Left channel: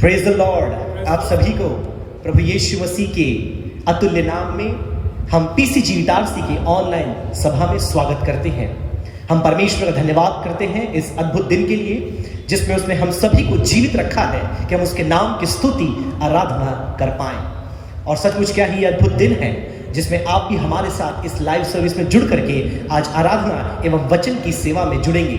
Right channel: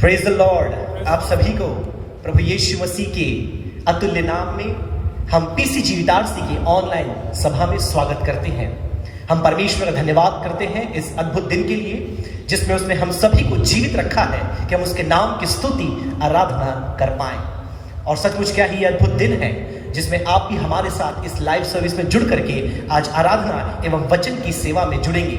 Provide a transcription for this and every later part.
Praise the Lord. आप सभी को प्रभु यीशु मसीह के अतुल्य नाम में हम पीसीजी इटारसी की ऑनलाइन सभा में स्वागत करते हैं। हम परमेश्वर का धन्यवाद करते हैं इस अद्भुत दिन के लिए जिसमें उसने हम सभी को जीवित रखा है कि हम उसके नाम की स्तुति आराधना कर पाए। और सचमुच क्या ही अद्भुत दिन है जिसमें आप भी हमारे साथ इस लाइव सर्विस में जुड़ करके आज आराधना एवं वचन की सेवा में जुड़ेंगे।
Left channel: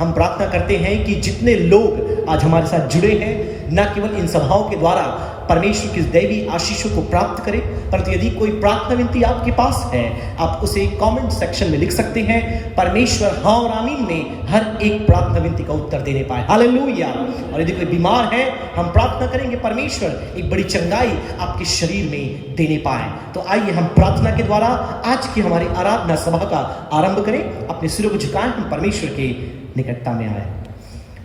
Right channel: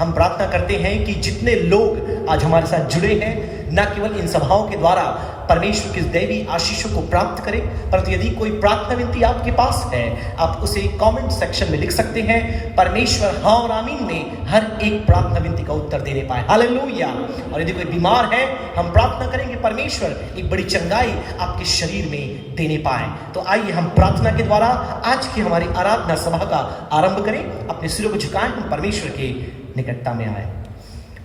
हम प्रार्थना करते हैं कि जितने लोग आज हमारे साथ जुड़े हैं न केवल इन सभाओं के द्वारा परमेश्वर की दैवी आशीषों को प्राप्त करें, परंतु यदि कोई प्रार्थना विनती आपके पास है आप उसे कमेंट सेक्शन में लिख सकते हैं। परमेश्वर हाँ और आमीन में हर एक प्रार्थना विनती का उत्तर देने पाए। हालेलुया। और यदि कोई बीमार है हम प्रार्थना करेंगे परमेश्वर एक बड़ी चंगाई आपके शरीर में देने पाए। तो आइए हम प्रार्थना के द्वारा आज की हमारी आराधना सभा का आरंभ करें। अपने सिरों को झुकाएं, हम परमेश्वर के निकटता में आए।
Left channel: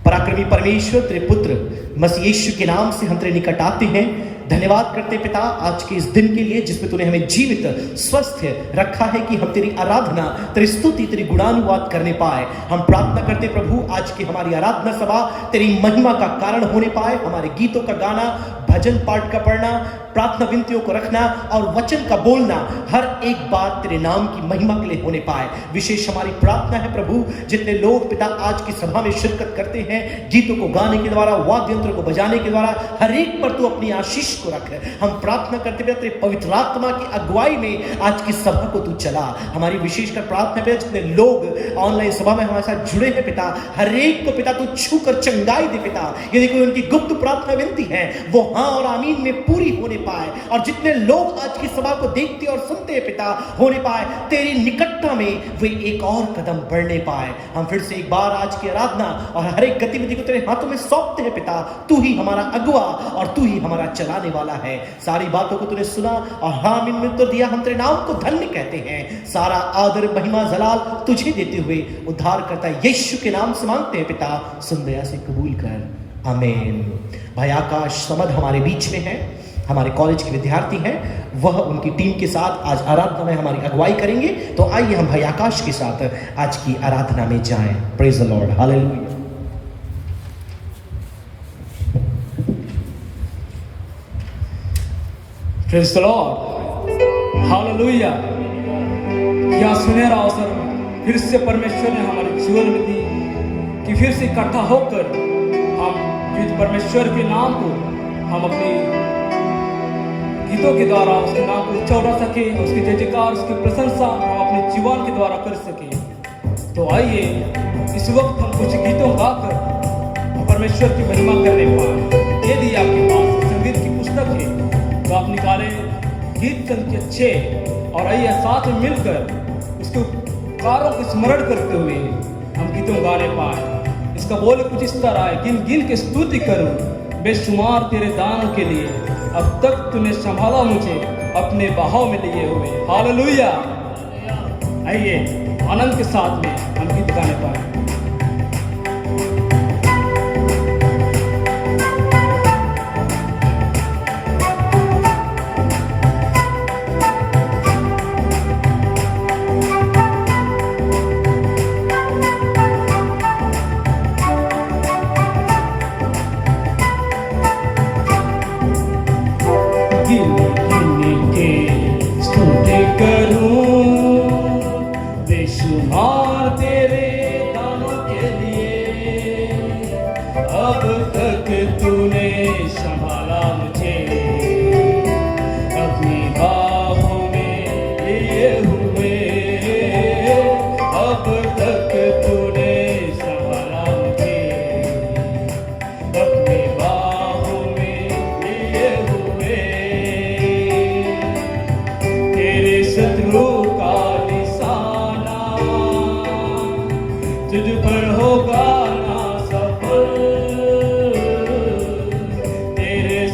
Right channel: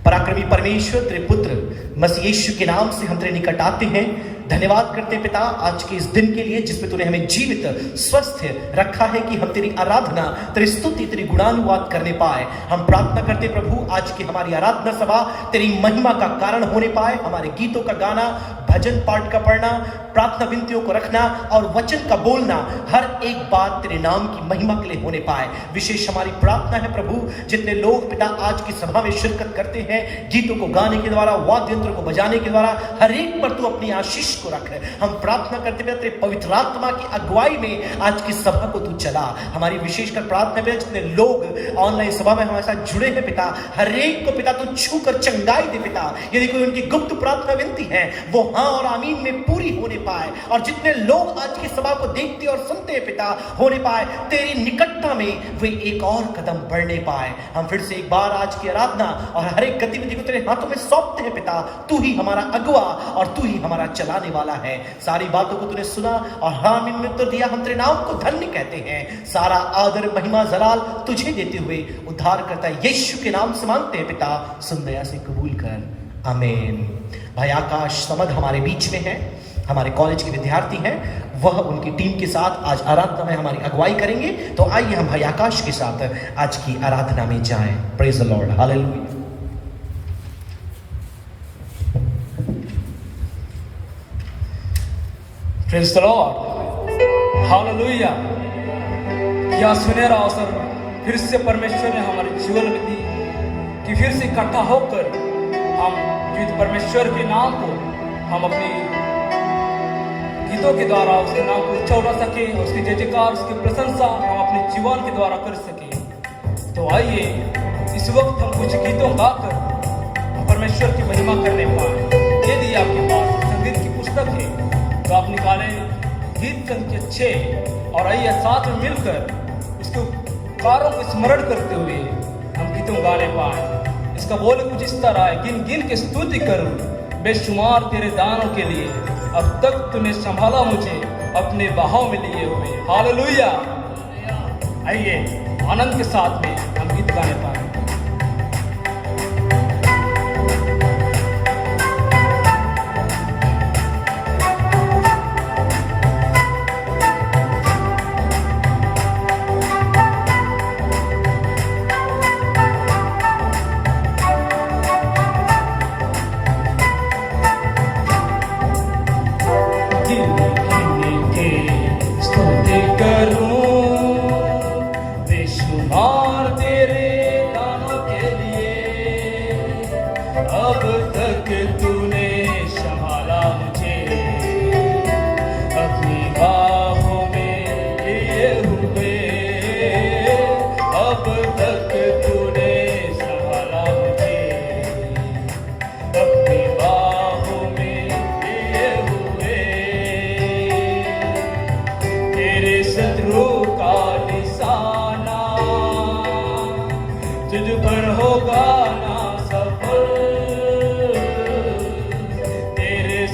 पराक्रमी परमेश्वर तेरे पुत्र मसीह यीशु के नाम से हम तेरे निकट आते हैं। धन्यवाद करते पिता आज के इस दिन के लिए जिसमें तूने हमें जीवित स्वस्थ रखा है कि हम तेरी आराधना तेरी स्तुति तेरी गुणानुवाद करने पाए। हम प्रार्थना करते प्रभु आज की हमारी आराधना सभा तेरी महिमा का कारण होने पाए। हमारे गीतों का गाना, भजन पाठ का पढ़ना, प्रार्थना विनतियों को रखना और वचन का बोलना हर एक बात तेरे नाम की महिमा के लिए होने पाए। विशेष हमारी प्रार्थना है प्रभु जितने लोग पिता आज की सभा में शिरकत करते हैं गीतों को गाने के द्वारा वाद्य यंत्र को बजाने के द्वारा हर एक पर तू अपनी आशीष को रख। हम प्रार्थना करते हुए तेरे पवित्र आत्मा की अगुवाई में आज की सभा को तू चला। हमारी विशेषकर प्रार्थना है जितने लोग ऑनलाइन सभा में हमारे साथ जुड़े हैं पिता हर एक को पिता तू छू कर चंगाई दे पिता। यदि कोई उनकी गुप्त प्रार्थना विनती है वो हाँ और आमीन में पूरी होने पाए। और जितने लोग आज की सभा को देखते और सुनते हैं पिता होने पाए तेरी निकटता में वे एक और कदम बढ़ने पाए। हम फिर से एक बार आज की आराधना और हर एक गतिविधि को तेरे हाथों में सौंपते हैं पिता। तू ही हमारा अगुआ और तू ही हमारा चलाने वाला है। सारी बातों को तूने सुना और हाँ आमीन में उत्तर दिया। हम तेरे नाम को धन्य कहते हैं। सारा आदर महिमा जलाल तुझे देते हुए उद्धार करता यीशु के नाम से मांगते हैं पिता। सुन दया से कबूल कर, आमीन। भाई आकाश समद हमारे बीच में है, हमारे कॉलेज के विद्यार्थी हैं, वह उनकी टीम के साथ आज आराधना में हमारी अगुवाई करेंगे। तो आइए हम भाई आकाश के साथ आज की आराधना में जाएं। Praise the Lord. Hallelujah. Praise the Lord. Hallelujah. क्या सुनहरा अवसर फिर से परमेश्वर ने हमारे जीवन में दी कि फिर से इकट्ठा होकर हम परमेश्वर के नाम को हम अपने गीतों के द्वारा उसके नाम को उच्चार सके, उसकी जय जयकार उसकी प्रशंसा हम अपने जीवन के द्वारा कर सके। तो आइए इस वक्त हम कुछ गीतों गाकर परमेश्वर की महिमा करने पाए। यदि आपके पास संगीत की पुस्तक है तो आप निकालें गीत के अच्छे और आइए साथ में मिलकर उसके कारों को स्मरण करते हुए हम गीतों गाने पाए। इसका बोल कुछ इस तरह है, गिन गिन के स्तुति करूं बेशुमार तेरे दानों के लिए, अब तक तूने संभाला मुझे अपने बहाव में लिए हुए। हालेलुया। आइए आनंद के साथ में हम गीत गाने पाए। तेरे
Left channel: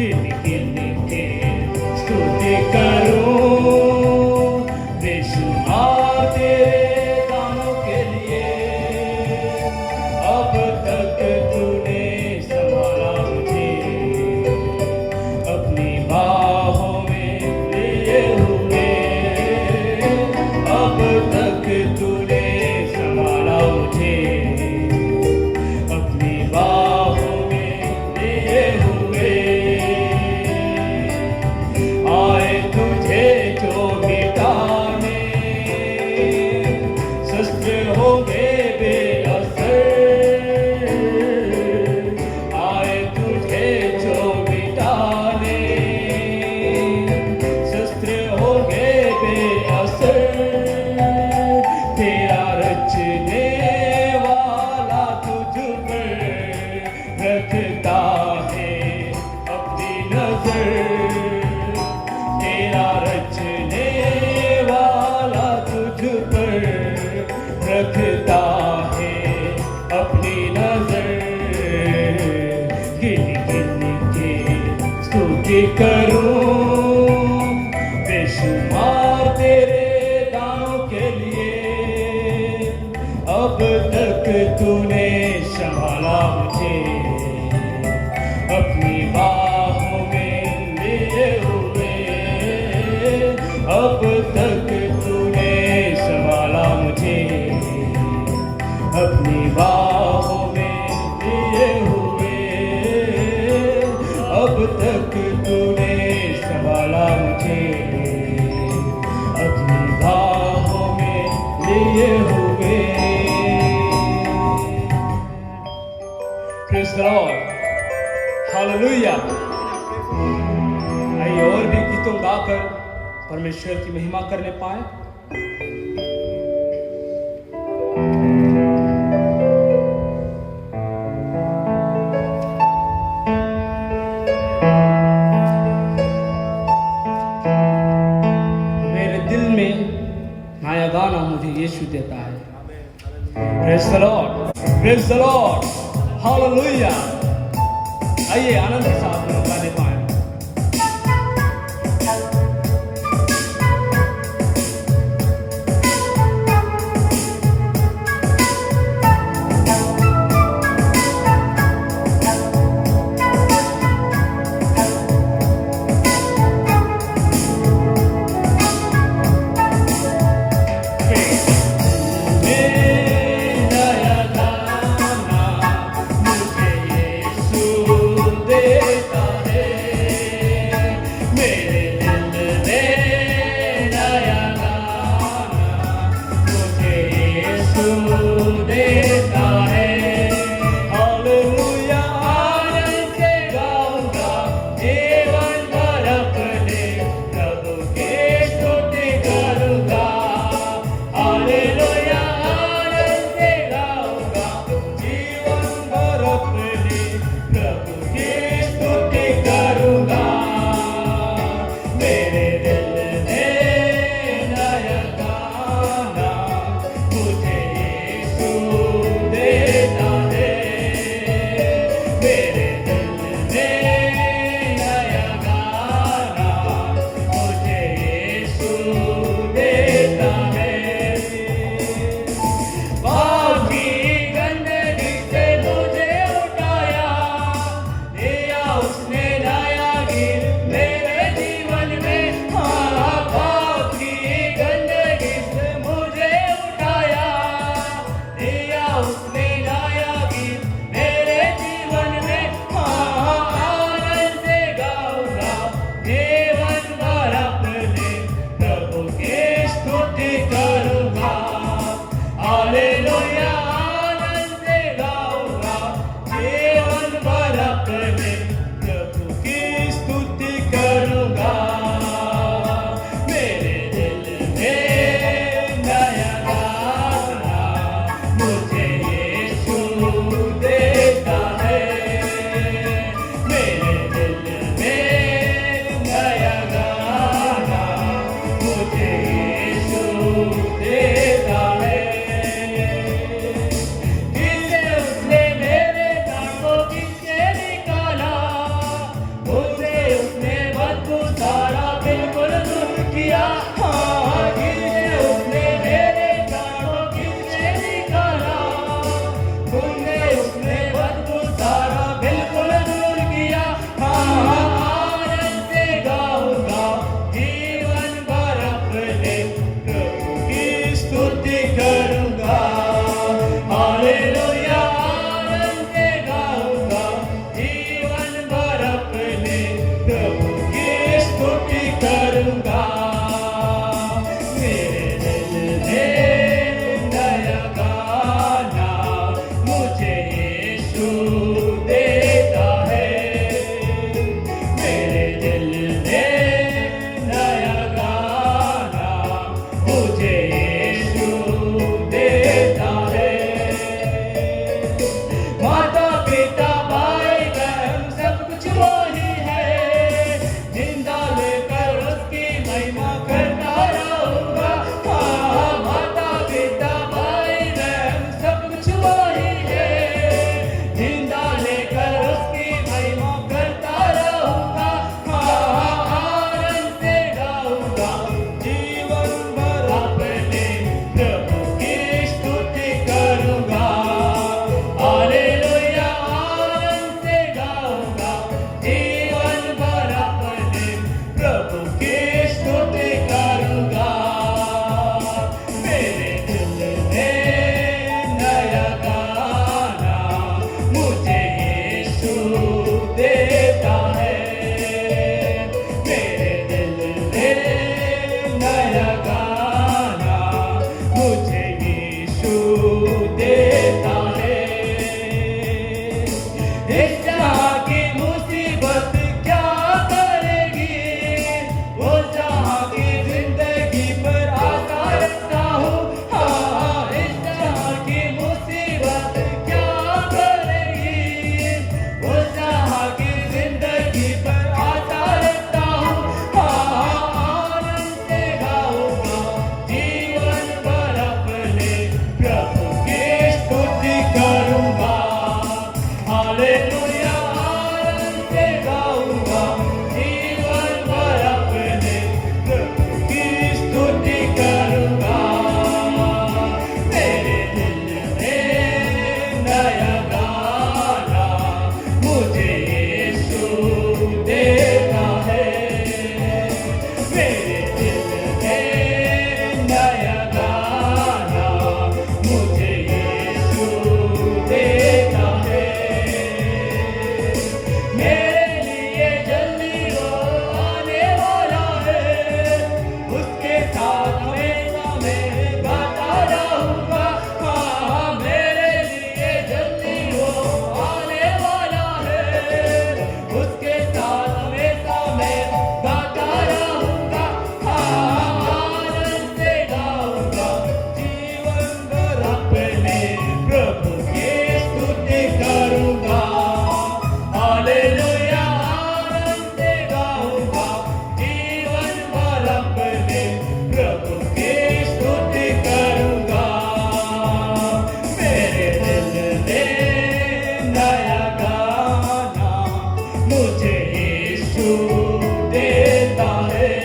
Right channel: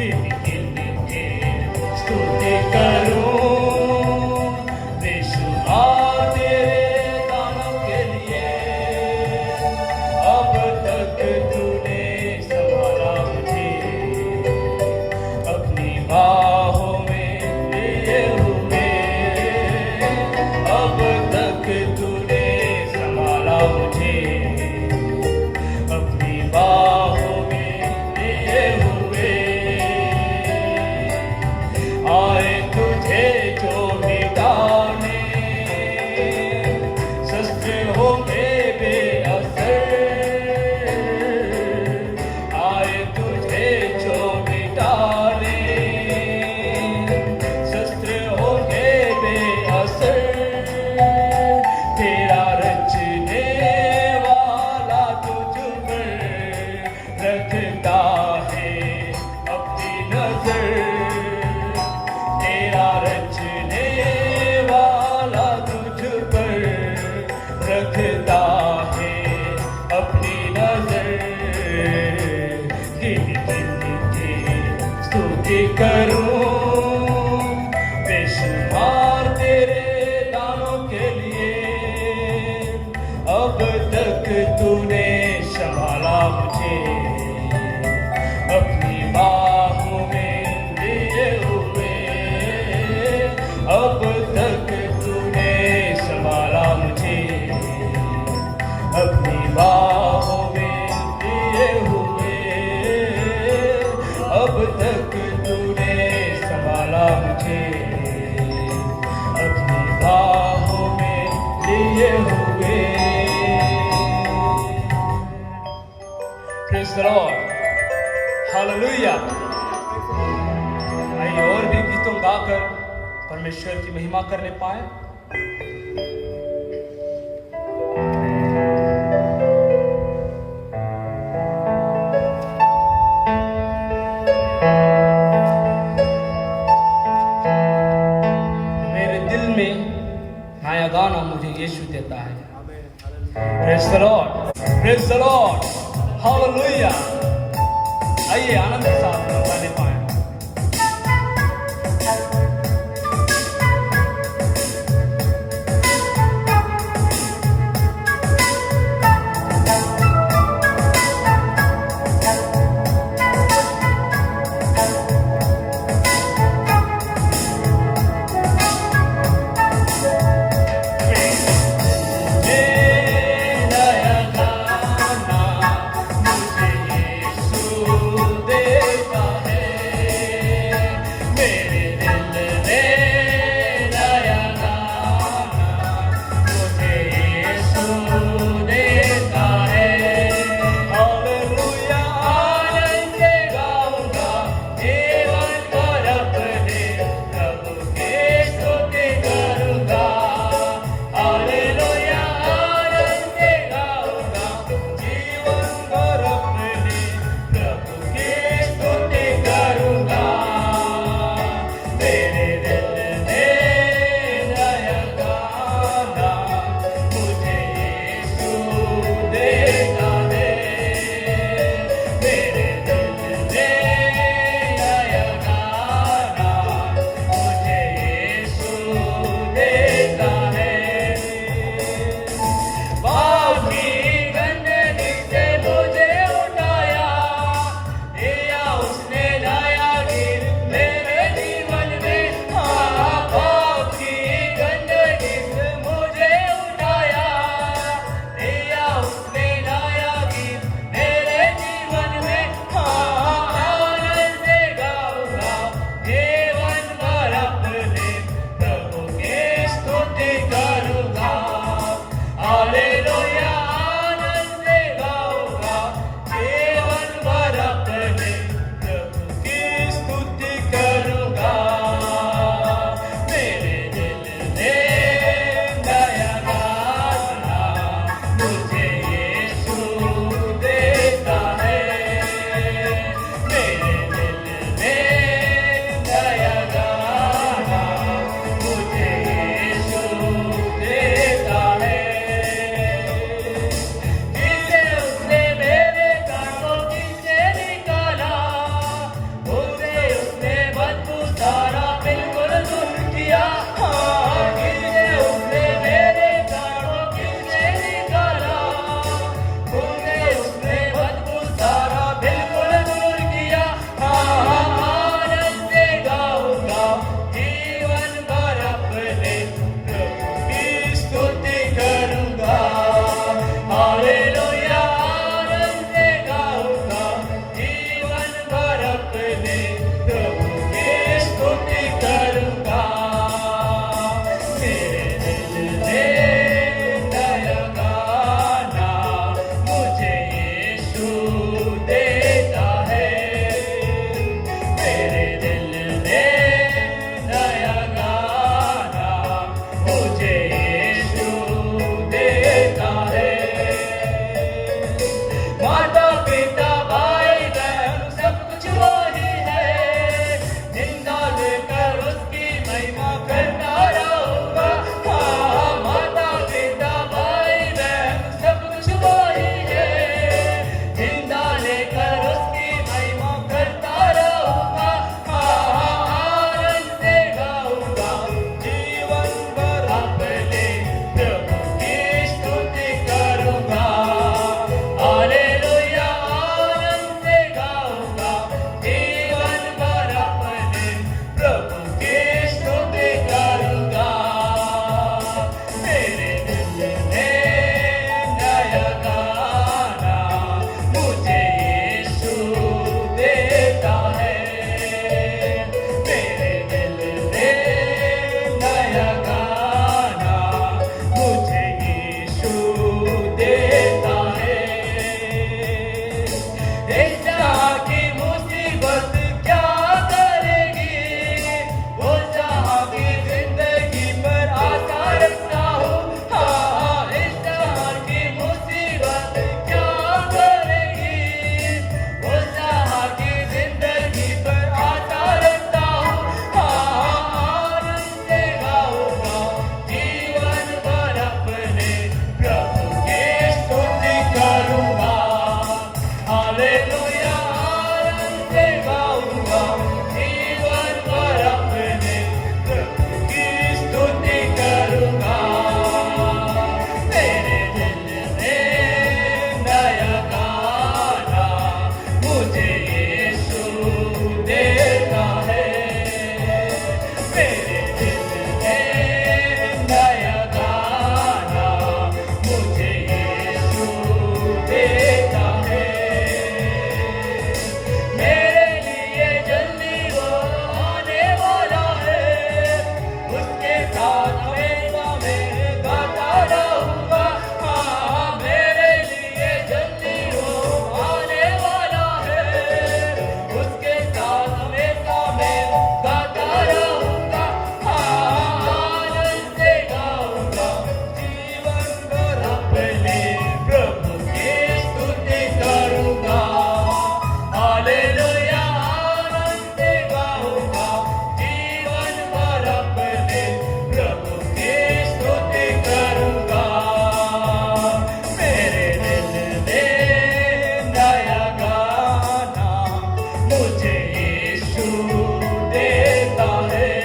गिन गिन के स्तुति करूं बेशुमार तेरे दानों के लिए। अब तक तूने संभाला मुझे अपनी बाहों में लिए हुए। अब तक तूने संभाला मुझे अपनी बाहों में लिए हुए। आए तुझे जो मिटाने शस्त्र हो गए बेअसर। आए तुझे जो मिटाने शस्त्र हो गए बेअसर। तेरा रचने वाला तुझ पर रखता है अपनी नजर। तेरा रचने वाला तुझ पर रखता है अपनी नजर। गिन गिन के स्तुति करूं बेशुमार तेरे नाम के लिए। अब तक तूने संभाला मुझे अपनी बाहों में लिए हुए। अब तक तूने संभाला मुझे अपनी बाहों में लिए हुए। अब तक तूने संभाला मुझे अपनी बाहों में लिए हुए। Praise the Lord. Hallelujah. आइए और भी गीतों गाकर परमेश्वर की महिमा करने पाए। मेरे दिल में नया गाना मुझे यीशु देता है। Praise the Lord. Praise the Lord. Hallelujah. आइए आनंद के साथ हम गाने पाएं। देता है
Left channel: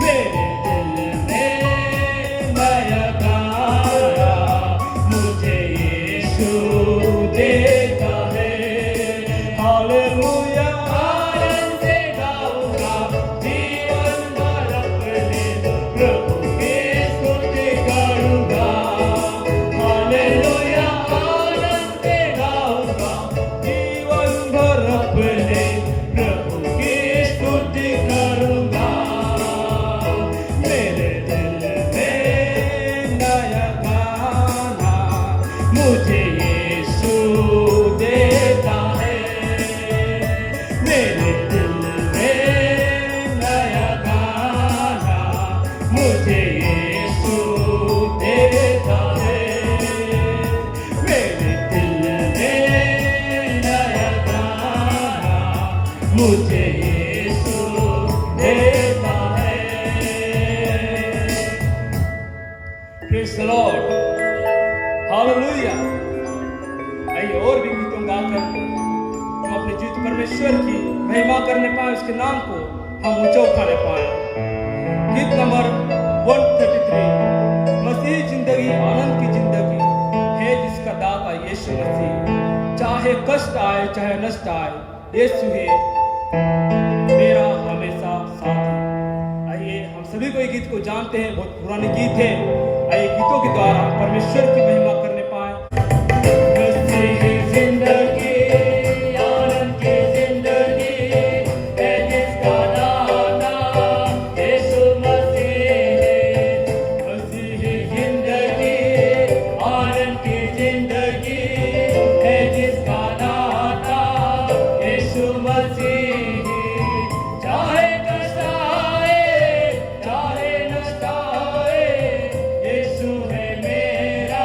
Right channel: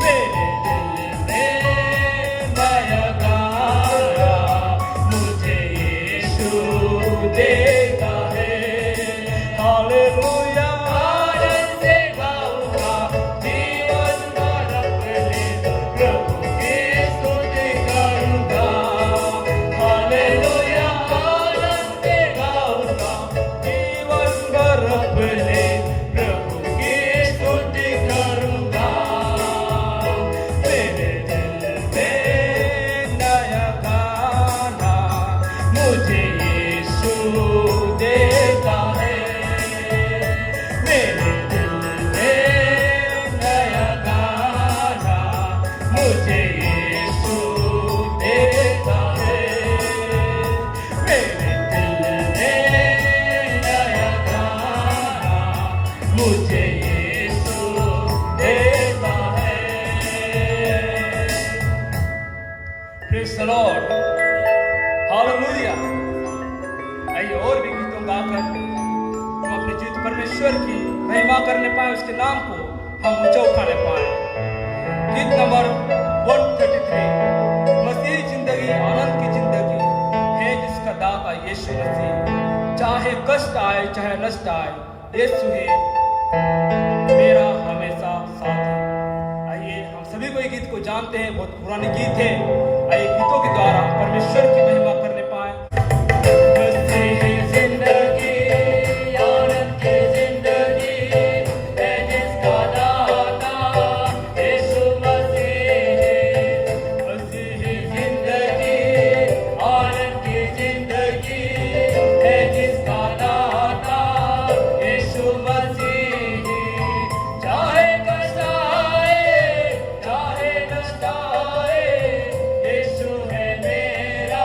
मेरे दिल में नया गाना मुझे यीशु देता है हालेलुया आनंद से गाऊंगा जीवन भर अपने प्रभु की स्तुति करूंगा हालेलुया आनंद से गाऊंगा जीवन भर अपने प्रभु की स्तुति करूंगा मेरे दिल में नया गाना मुझे यीशु देता है मेरे दिल में नया गाना मुझे यीशु देता है मेरे दिल में नया गाना मुझे यीशु देता है Praise the Lord. Hallelujah. आइए और भी गीतों गाकर हम अपने जीवित परमेश्वर की महिमा करने पाए उसके नाम को हम ऊंचा उठाने पाए गीत नंबर 133 मसीह जिंदगी आनंद की जिंदगी है जिसका दाता यीशु मसीह चाहे कष्ट आए चाहे नष्ट आए यीशु है मेरा हमेशा साथी आइए हम सभी को ये गीत को जानते हैं बहुत पुराने गीत है आइए गीतों के द्वारा परमेश्वर की महिमा करने पाए मसीह जिंदगी आनंद की जिंदगी है जिसका दाता यीशु मसीह है मसीह जिंदगी आनंद की जिंदगी है जिसका दाता यीशु मसीह है चाहे कष्ट आए चाहे नष्ट आए यीशु है मेरा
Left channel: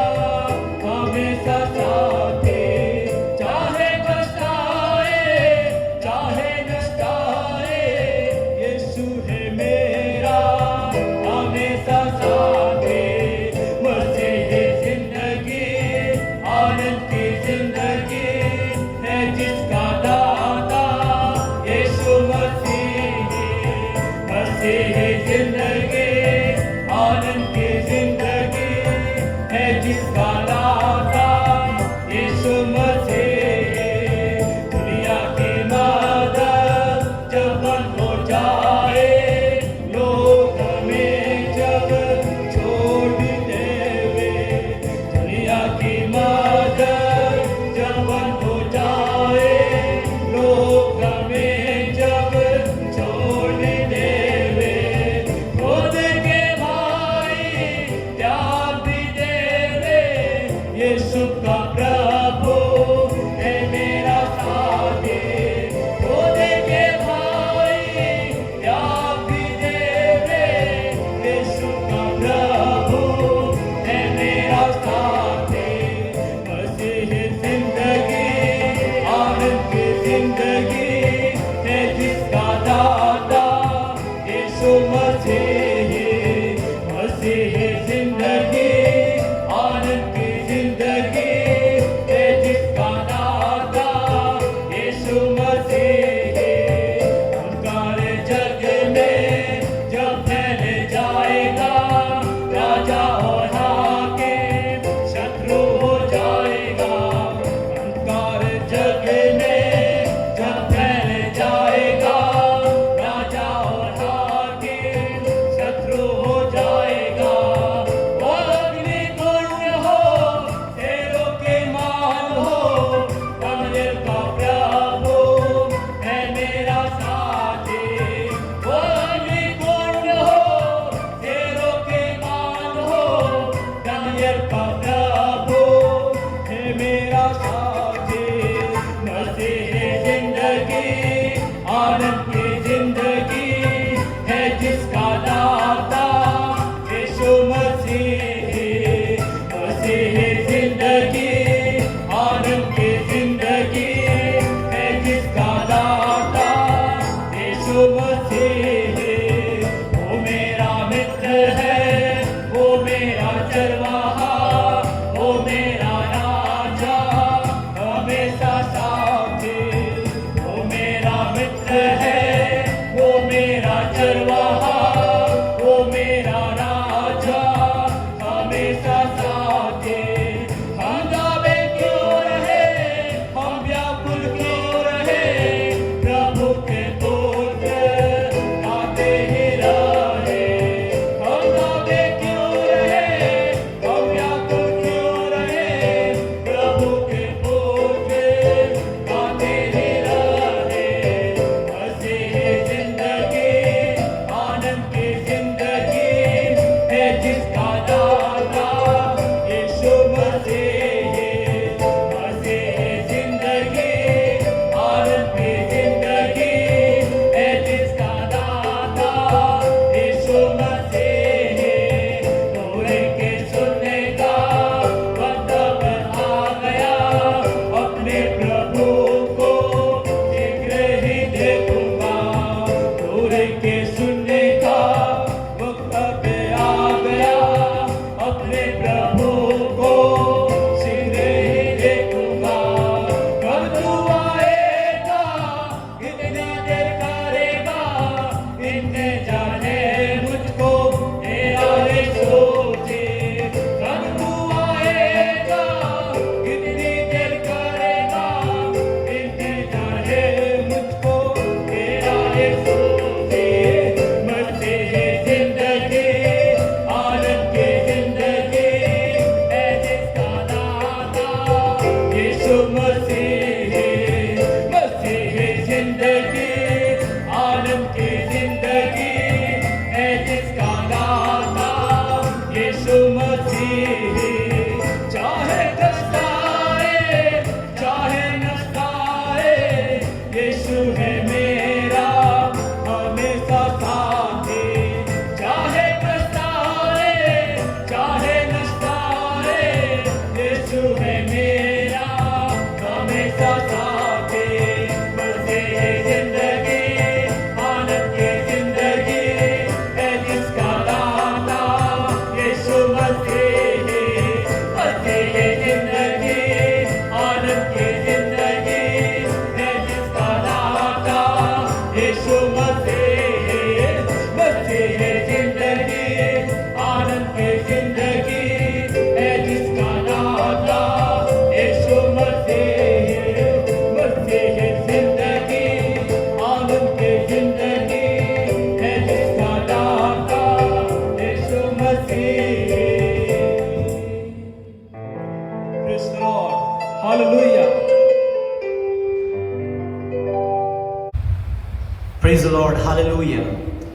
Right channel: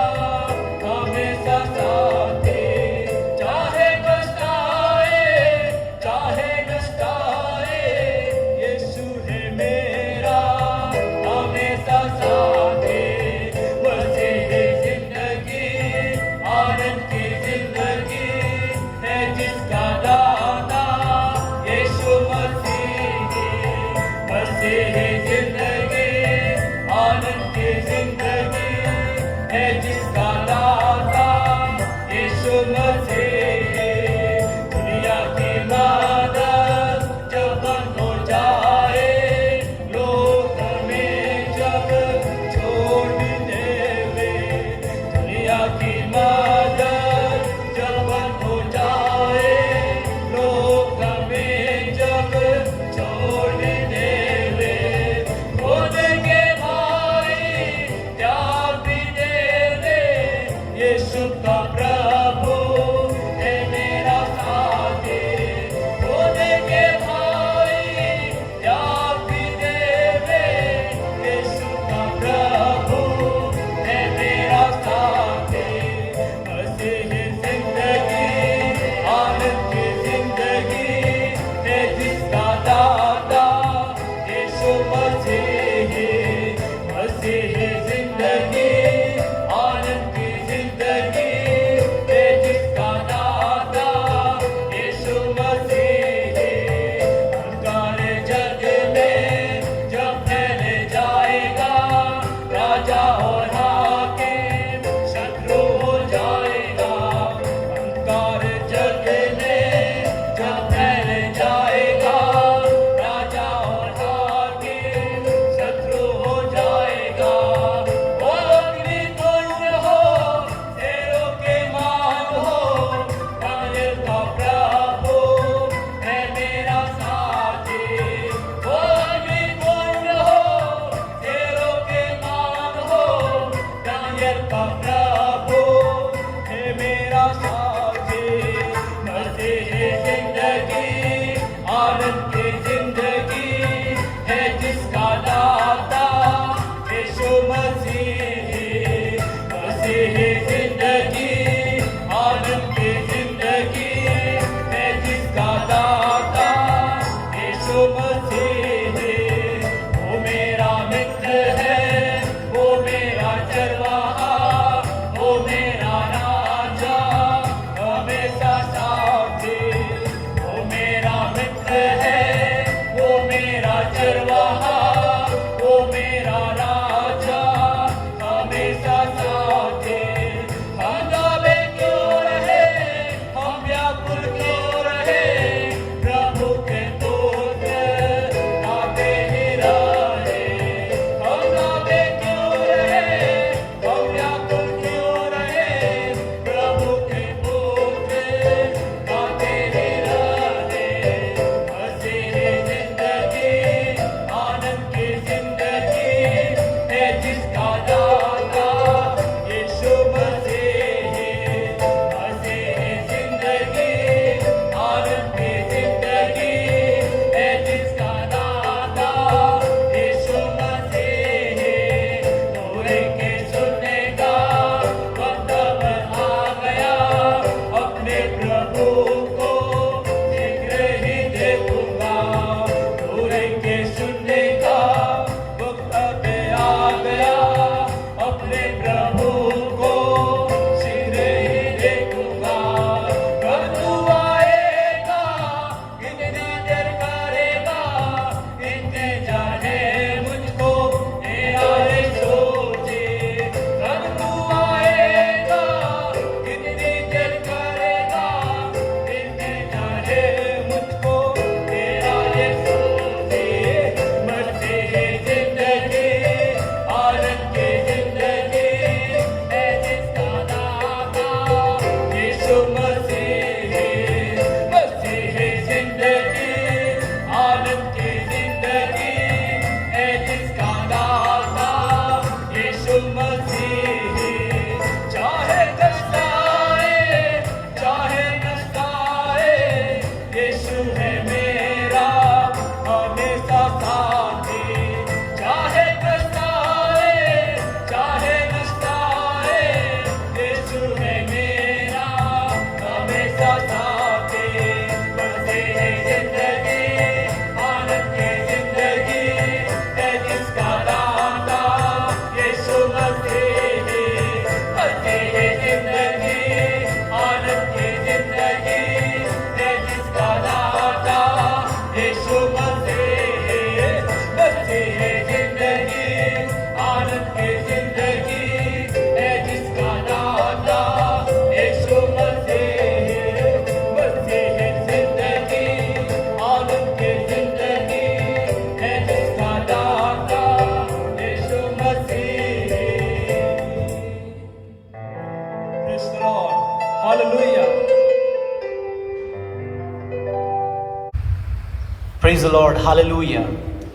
प्रेज द लॉर्ड, हालेलुया।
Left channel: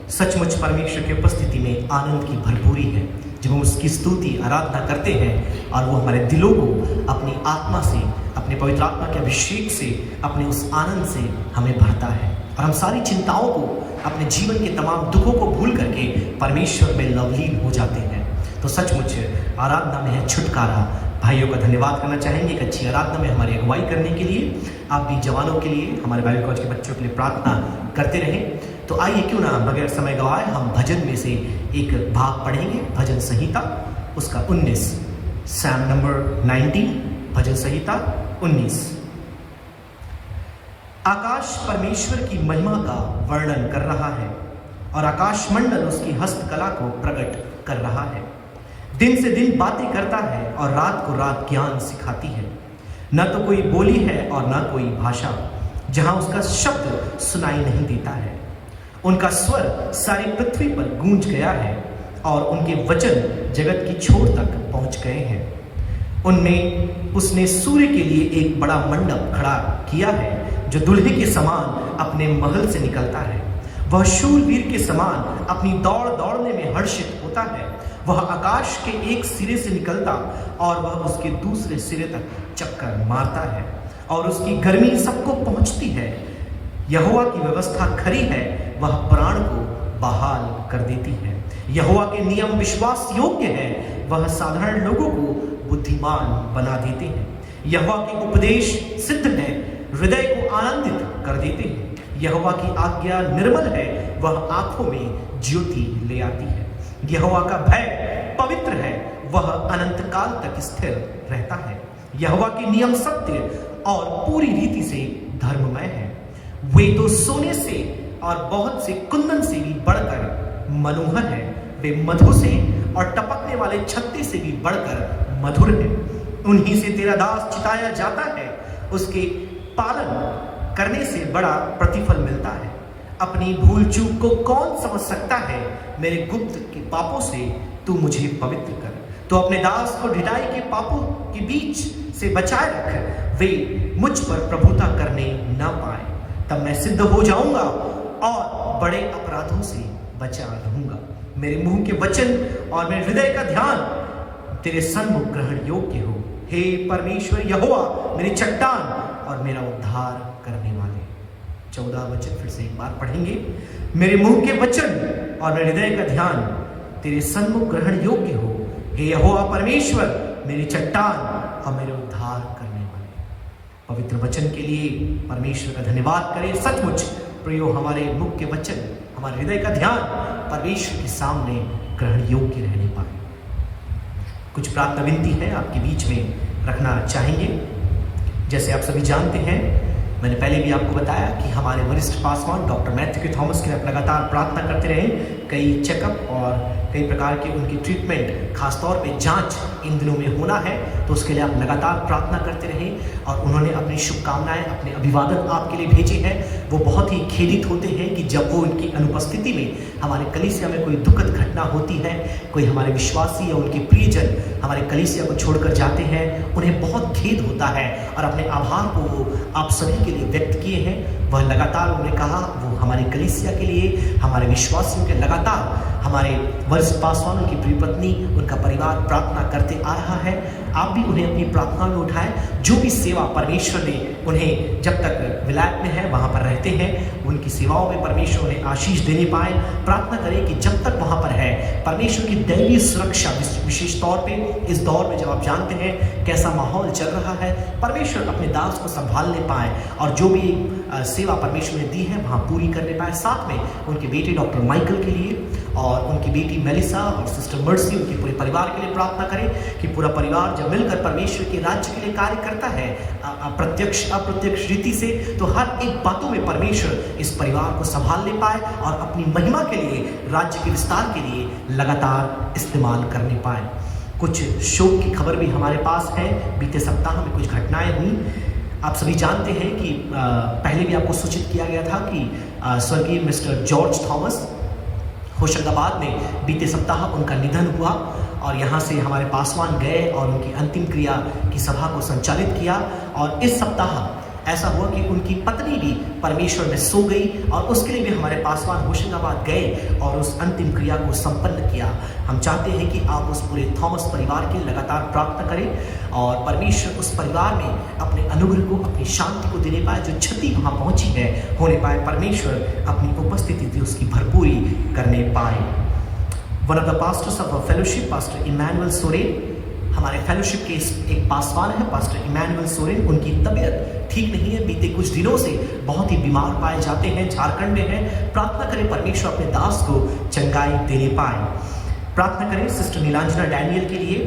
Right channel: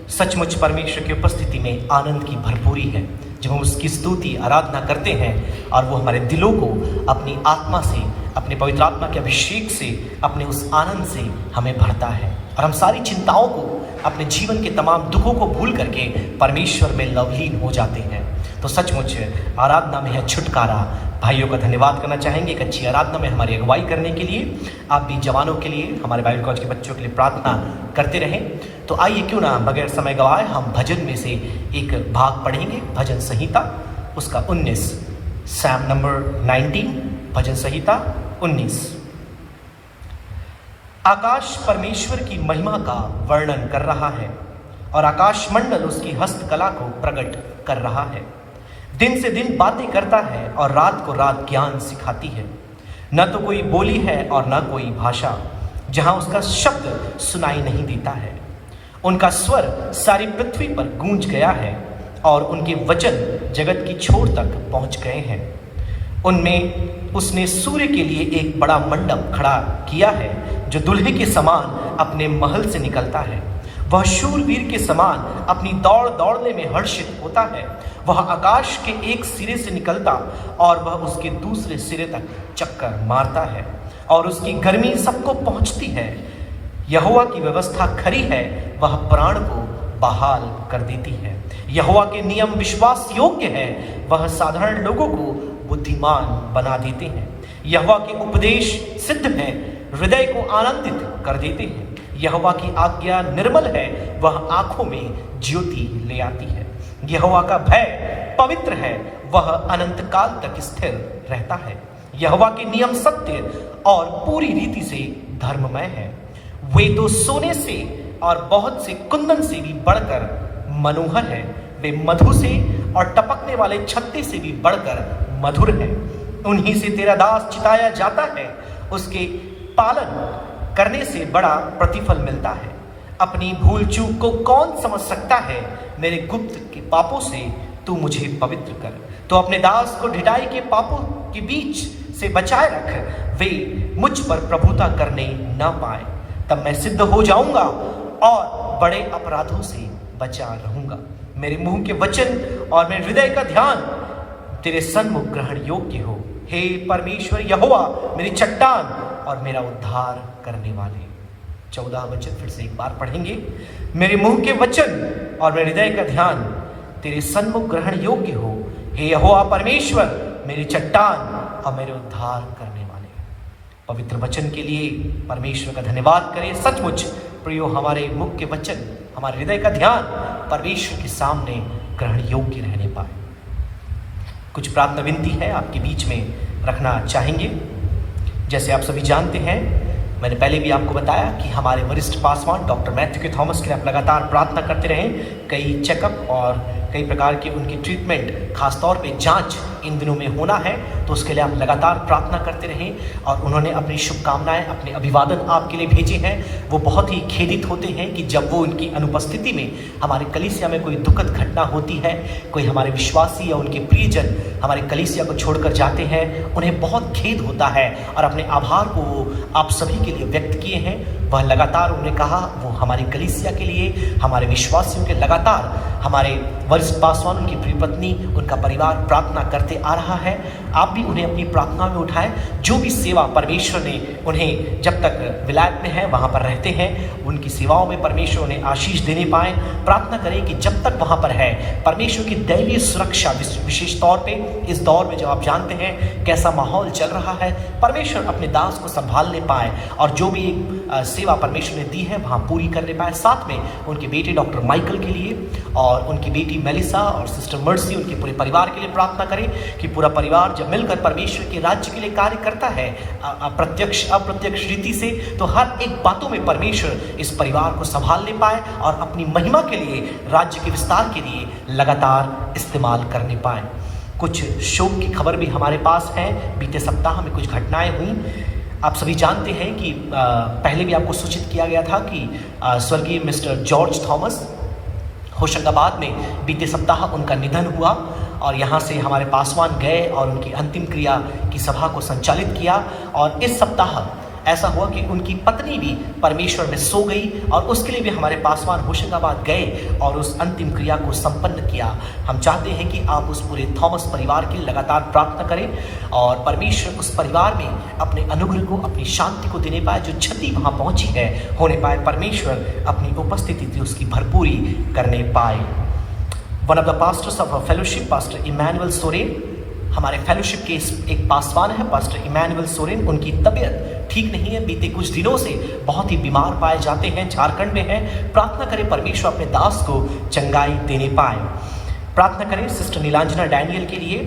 सचमुच परमेश्वर की उपस्थिति में आनंद की भरपूरी है जब हम उसकी स्तुति आराधना करते हैं और वो हमारे दिलों को अपनी आत्मा से, अपने पवित्र आत्मा के अभिषेक से, अपने उस आनंद से हमें भरता है और हम सारी चिंताओं को, अपने जीवन के तमाम दुखों को भूल करके परमेश्वर में लवलीन हो जाते हैं। तो सचमुच आराधना में है छुटकारा। भाइयों का धन्यवाद करना चाहेंगे एक अच्छी आराधना में हमारी अगुवाई करने के लिए। आप भी जवानों के लिए, हमारे बाइबल कॉलेज के बच्चों के लिए प्रार्थना करते रहें। तो आइए क्यों ना बगैर समय गवाए हम भजन में से एक भाग पढ़ेंगे। भजन संहिता उसका 19, साम नंबर 19, भजन संहिता 19। आकाश परमेश्वर की महिमा का वर्णन कर रहा है और आकाश मंडल उसकी हस्तकला को प्रकट कर रहा है। दिन से दिन बातें करता है और रात को रात ज्ञान सिखाती है। न तो कोई बोली है और न कोई भाषा जहां उसका शब्द सुनाई नहीं देता है। उनका स्वर सारी पृथ्वी पर गूंज गया है और उनके वचन जगत की छोर तक पहुंच गए हैं। उनमें उसने सूर्य के लिए एक बड़ा मंडप खड़ा किया है जो दुल्हे के समान अपने महल से निकलता है। वह शूरवीर के समान अपनी दौड़ दौड़ने में हर्षित होता है। वह आकाश के एक सिरे से निकलता और वह उसके दूसरे सिरे तक चक्कर मारता है और उसकी गर्मी सबको पहुंचती है। यहोवा की व्यवस्था खरी है, वह प्राण को बहाल कर देती है। यहोवा के नियम विश्वास योग्य है, वह साधारण लोगों को बुद्धिमान बना देते हैं। यहोवा के उपदेश सिद्ध है, हृदय को आनंदित कर देते हैं। यहोवा की आज्ञा निर्मल है, वह आंखों में ज्योति ले आती है। यहोवा का भय पवित्र है, वह अनंत काल तक स्थिर रहता है। यहोवा के नियम सत्य और पूरी रीति से धर्ममय है। वे तो सोने से और बहुत से कुंदन से भी बढ़कर मनोहर है। वे मधु से और टपकने वाले छत्ते से भी बढ़कर मधुर है। उन्हीं से तेरा दास चिताया जाता है, उसके पालन करने से बड़ा प्रतिफल मिलता है। अपनी भूल चूक को कौन समझ सकता है? मेरे गुप्त के पापों से तू मुझे पवित्र कर। तो अपने दास को ढिठाई के पापों के बीच से बचाए रख, वे मुझ पर प्रभुता करने ना पाए। तब मैं सिद्ध हो जाऊंगा और बड़े अपराधों से बचा रहूंगा। मेरे मुंह के वचन और मेरे हृदय का ध्यान तेरे सन्मुख ग्रहण योग्य हो। हे परमेश्वर यहोवा, मेरी चट्टान और मेरा उद्धार करने वाले। 14 वचन फिर से एक बार पढ़ेंगे। मेरे मुंह के वचन और मेरे हृदय का ध्यान तेरे सन्मुख ग्रहण योग्य हो। हे यहोवा परमेश्वर, मेरी चट्टान और मेरे उद्धार करने वाले। पवित्र वचन के लिए परमेश्वर का धन्यवाद करें। सचमुच प्रियो, हमारे मुख के वचन, हमारे हृदय का ध्यान परमेश्वर के सामने ग्रहण योग्य रहने पाए। कुछ प्रार्थना विनती है आपके बीच में रखना चाहेंगे। जैसे आप सभी जानते हैं, मैंने पहले भी आपको बताया कि हमारे वरिष्ठ पासवान डॉक्टर मैथ्यू के थॉमस के लिए आप लगातार प्रार्थना करते रहें। कई चेकअप और कई प्रकार की उनकी ट्रीटमेंट, खासतौर पे जांच इन दिनों में होना है, तो उसके लिए आप लगातार प्रार्थना करते रहें। और उन्होंने अपनी शुभकामनाएं, अपने अभिवादन आपके लिए भेजे हैं। वो बहुत ही खेदित होते हैं कि जब वो उनकी अनुपस्थिति में हमारे कलीसिया में कोई दुखद घटना होती है, कोई हमारे विश्वासी या उनके प्रियजन हमारे कलीसिया को छोड़कर जाते हैं, उन्हें बहुत खेद होता है और अपने आभार को आप सभी के लिए व्यक्त किए हैं। वह लगातार उन्होंने कहा, वो हमारे कलीसिया के लिए, हमारे विश्वासियों के लगातार, हमारे वरिष्ठ पासवान, उनकी प्रिय पत्नी, उनका परिवार प्रार्थना करते आ रहा है। आप भी उन्हें अपनी प्रार्थना में उठाएं। जो भी सेवा परमेश्वर ने उन्हें, जब तक विलायत में है वहाँ पर रहते हैं, उनकी सेवाओं में परमेश्वर उन्हें आशीष देने पाए। प्रार्थना करें कि जब तक वहाँ पर है, परमेश्वर की दैवीय सुरक्षा, विशेष तौर पे इस दौर में जब आप जानते हैं कैसा माहौल चल रहा है, परमेश्वर अपने दास को संभालने पाए और जो भी सेवा परमेश्वर ने दी है वहाँ पूरी करने पाए। साथ में उनके बेटे डॉक्टर माइकल के लिए और उनकी बेटी मेलिसा और सिस्टर मर्सी, उनके पूरे परिवार के लिए प्रार्थना करें कि पूरा परिवार जब मिलकर परमेश्वर के राज्य के लिए कार्य करता है, प्रत्यक्ष अप्रत्यक्ष रीति से, तो हर एक बातों में परमेश्वर इस परिवार को संभालने पाए और अपनी महिमा के लिए, राज्य के विस्तार के लिए लगातार इस्तेमाल करने पाए। कुछ शोक की खबर भी हमारे पास है। बीते सप्ताह में कुछ घटनाएं हुई। आप सभी जानते हैं कि पहले भी आपको सूचित किया गया था कि स्वर्गीय मिस्टर जॉर्ज थॉमस होशंगाबाद में बीते सप्ताह उनका निधन हुआ और यहाँ से हमारे पासवान गए और उनकी अंतिम क्रिया की सभा को संचालित किया। और इस सप्ताह ऐसा हुआ कि उनकी पत्नी भी परमेश्वर में सो गई और उसके लिए भी हमारे पासवान होशंगाबाद गए और उस अंतिम क्रिया को संपन्न किया। हम चाहते हैं कि आप उस पूरे थॉमस परिवार की लगातार प्रार्थना करें और परमेश्वर उस परिवार में अपने अनुग्रह को, अपनी शांति को देने पाए। जो क्षति वहाँ पहुँची है होने पाए, परमेश्वर अपनी उपस्थिति से उसकी भरपूरी करने पाए। One of the pastors of fellowship, pastor Emmanuel Soren, हमारे फेलोशिप के एक पासवान है पास्टर इमैनुअल सोरेन, उनकी तबीयत ठीक नहीं है। बीते कुछ दिनों से बहुत ही बीमार पाए जाते हैं, झारखंड में हैं। प्रार्थना करें परमेश्वर अपने दास को चंगाई देने पाए। प्रार्थना करें सिस्टर नीलांजना डैनियल के लिए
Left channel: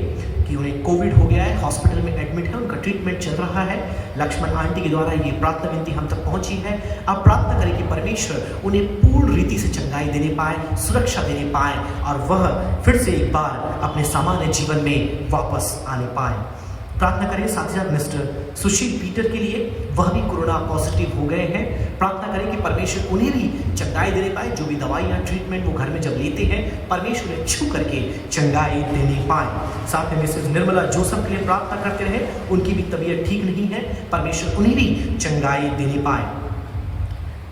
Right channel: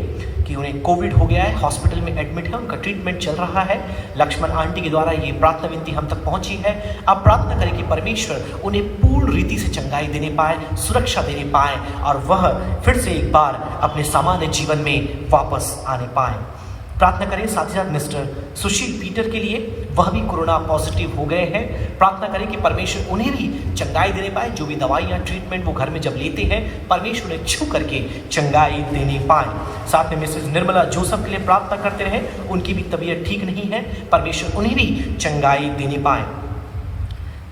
कि उन्हें कोविड हो गया है, हॉस्पिटल में एडमिट है, उनका ट्रीटमेंट चल रहा है। लक्ष्मण आंटी के द्वारा ये प्रार्थना विनती हम तक पहुंची है। अब प्रार्थना करें कि परमेश्वर उन्हें पूर्ण रीति से चंगाई देने पाए, सुरक्षा देने पाए और वह फिर से एक बार अपने सामान्य जीवन में वापस आने पाए। प्रार्थना करें साथ ही साथ मिस्टर सुशील पीटर के लिए, वह भी कोरोना पॉजिटिव हो गए हैं। प्रार्थना करें कि परमेश्वर उन्हें भी चंगाई देने पाए। जो भी दवाइयाँ, ट्रीटमेंट वो घर में जब लेते हैं, परमेश्वर उन्हें छू करके चंगाई देने पाए। साथ में मिसेस निर्मला जोसफ के लिए प्रार्थना करते रहे, उनकी भी तबीयत ठीक नहीं है, परमेश्वर उन्हें भी चंगाई देने पाए।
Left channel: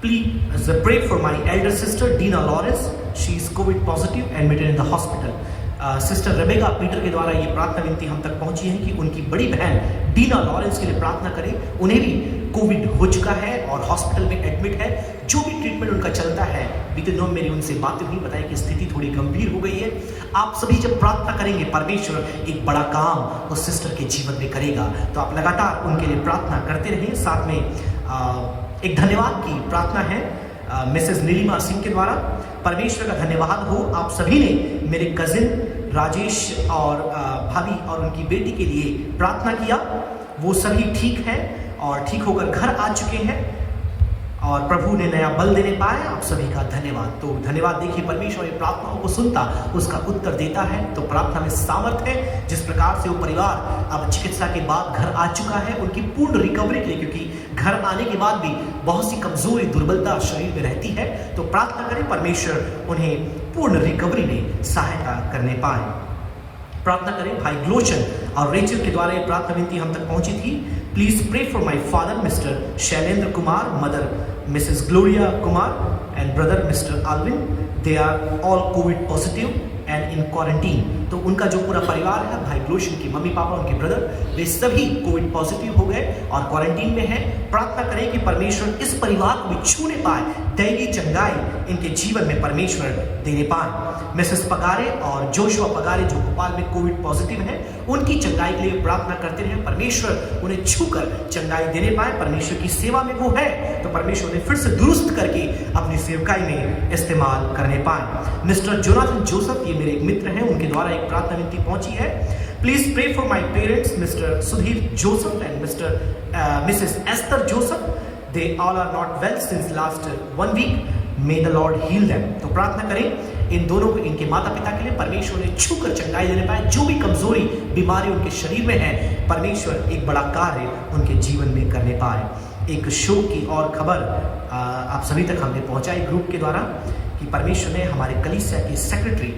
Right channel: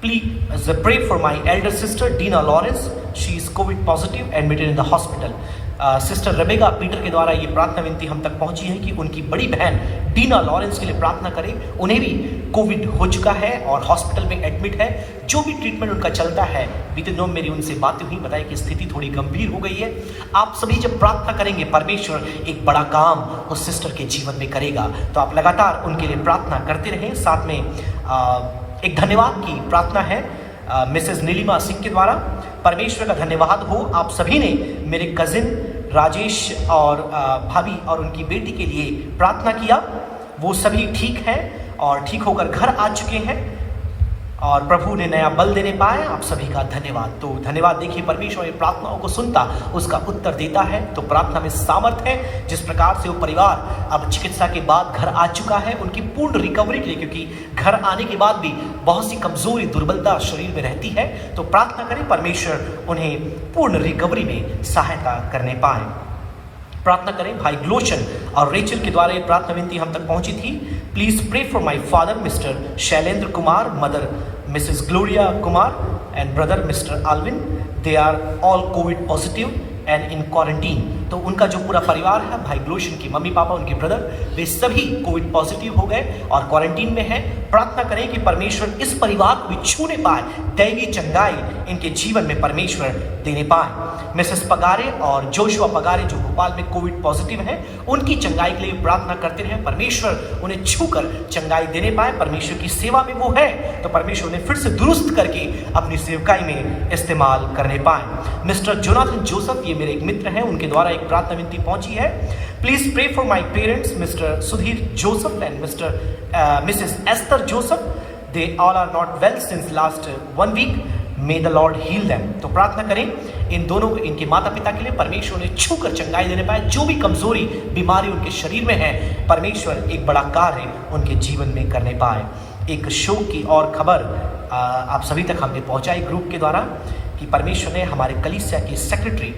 Please pray for my elder sister Dina Lawrence. She is COVID positive, admitted in the hospital. Sister Rebecca Peter के द्वारा ये प्रार्थना विनती हम तक पहुंची है कि उनकी बड़ी बहन डीना लॉरेंस के लिए प्रार्थना करें। उन्हें भी कोविड हो चुका है और हॉस्पिटल में एडमिट है। जो भी ट्रीटमेंट उनका चलता है, बीते दिनों मेरी उनसे बातें हुई, बताई कि स्थिति थोड़ी गंभीर हो गई है। आप सभी जब प्रार्थना करेंगे, परमेश्वर एक बड़ा काम उस सिस्टर के जीवन में करेगा। तो आप लगातार उनके लिए प्रार्थना करते रहें। साथ में एक धन्यवाद की प्रार्थना है मिसेस नीलिमा सिंह के द्वारा। परमेश्वर का धन्यवाद हो, आप सभी ने मेरे कजिन राजेश और भाभी और उनकी बेटी के लिए प्रार्थना किया। वो सभी ठीक हैं और ठीक होकर घर आ चुके हैं और प्रभु ने नया बल देने पाए। आप सभी का धन्यवाद। तो धन्यवाद। देखिए, परमेश्वर ये प्रार्थनाओं को सुनता, उसका उत्तर देता है। तो प्रार्थना में सामर्थ है। जिस प्रकार से वो परिवार अब चिकित्सा के बाद घर आ चुका है, उनकी पूर्ण रिकवरी के लिए, क्योंकि घर आने के बाद भी बहुत सी कमजोरी, दुर्बलता शरीर में रहती है। तो प्रार्थना करें परमेश्वर उन्हें पूर्ण रिकवरी में सहायता करने पाए। प्रार्थना करें भाई ग्लोशन और रेचल के द्वारा ये प्रार्थना विनती हम तक पहुंची थी। Please pray for my father mister Shailendra Kumar, mother missus Gloria Kumar and brother mister Alvin. They are all covid positive and in quarantine. तो उनका जो पूरा परिवार है, भाई ग्लोशन की मम्मी पापा, उनके ब्रदर, वे सभी कोविड पॉजिटिव हो गए और क्वारंटीन में हैं। प्रार्थना करें कि परमेश्वर इस परिवार को भी छूने पाए, दैवी चंगाई इनके जीवन में परमेश्वर देने पाए। मिसेस पगारे और जोशुआ पगारे जो भोपाल में कोविड पॉजिटिव है, उनकी चंगाई के लिए प्रार्थना करते रहे। परमेश्वर उन्हें छूकर चंगाई देने पाए। परमेश्वर की सेवा में वो है, तो परमेश्वर उन्हें फिर से दुरुस्त करके अपनी सेवकाई में इस्तेमाल करने पाए। मिस्टर जोनाथन जोसफ, ये मेरे एक मित्र हैं, उनके द्वारा एक प्रार्थना विनती पहुंची है। Please pray for my parents mister Sudhir Joseph and missus Esther Joseph. They all are not well since last 1 week. May the Lord heal them. तो प्रार्थना करें इन दोनों, इनके माता पिता के लिए, परमेश्वर उन्हें छूकर चंगाई देने पाए। जो भी कमजोरी, बीमारी उनके शरीर में है, परमेश्वर एक बड़ा कार्य उनके जीवन में करने पाए। एक शो की और खबर आप सभी तक हमने पहुंचाई ग्रुप के द्वारा कि परमेश्वर ने हमारे कलीसिया के सेक्रेटरी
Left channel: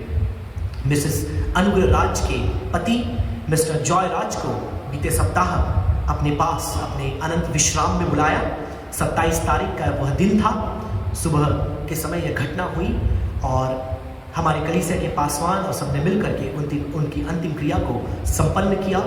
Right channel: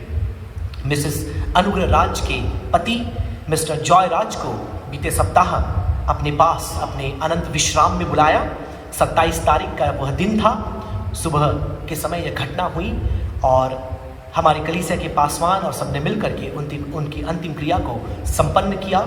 मिसेस अनुग्रह राज के पति मिस्टर जॉय राज को बीते सप्ताह अपने पास, अपने अनंत विश्राम में बुलाया। 27 तारीख का वह दिन था। सुबह के समय यह घटना हुई और हमारे कलीसिया के पासवान और सबने मिलकर के उनकी अंतिम क्रिया को संपन्न किया।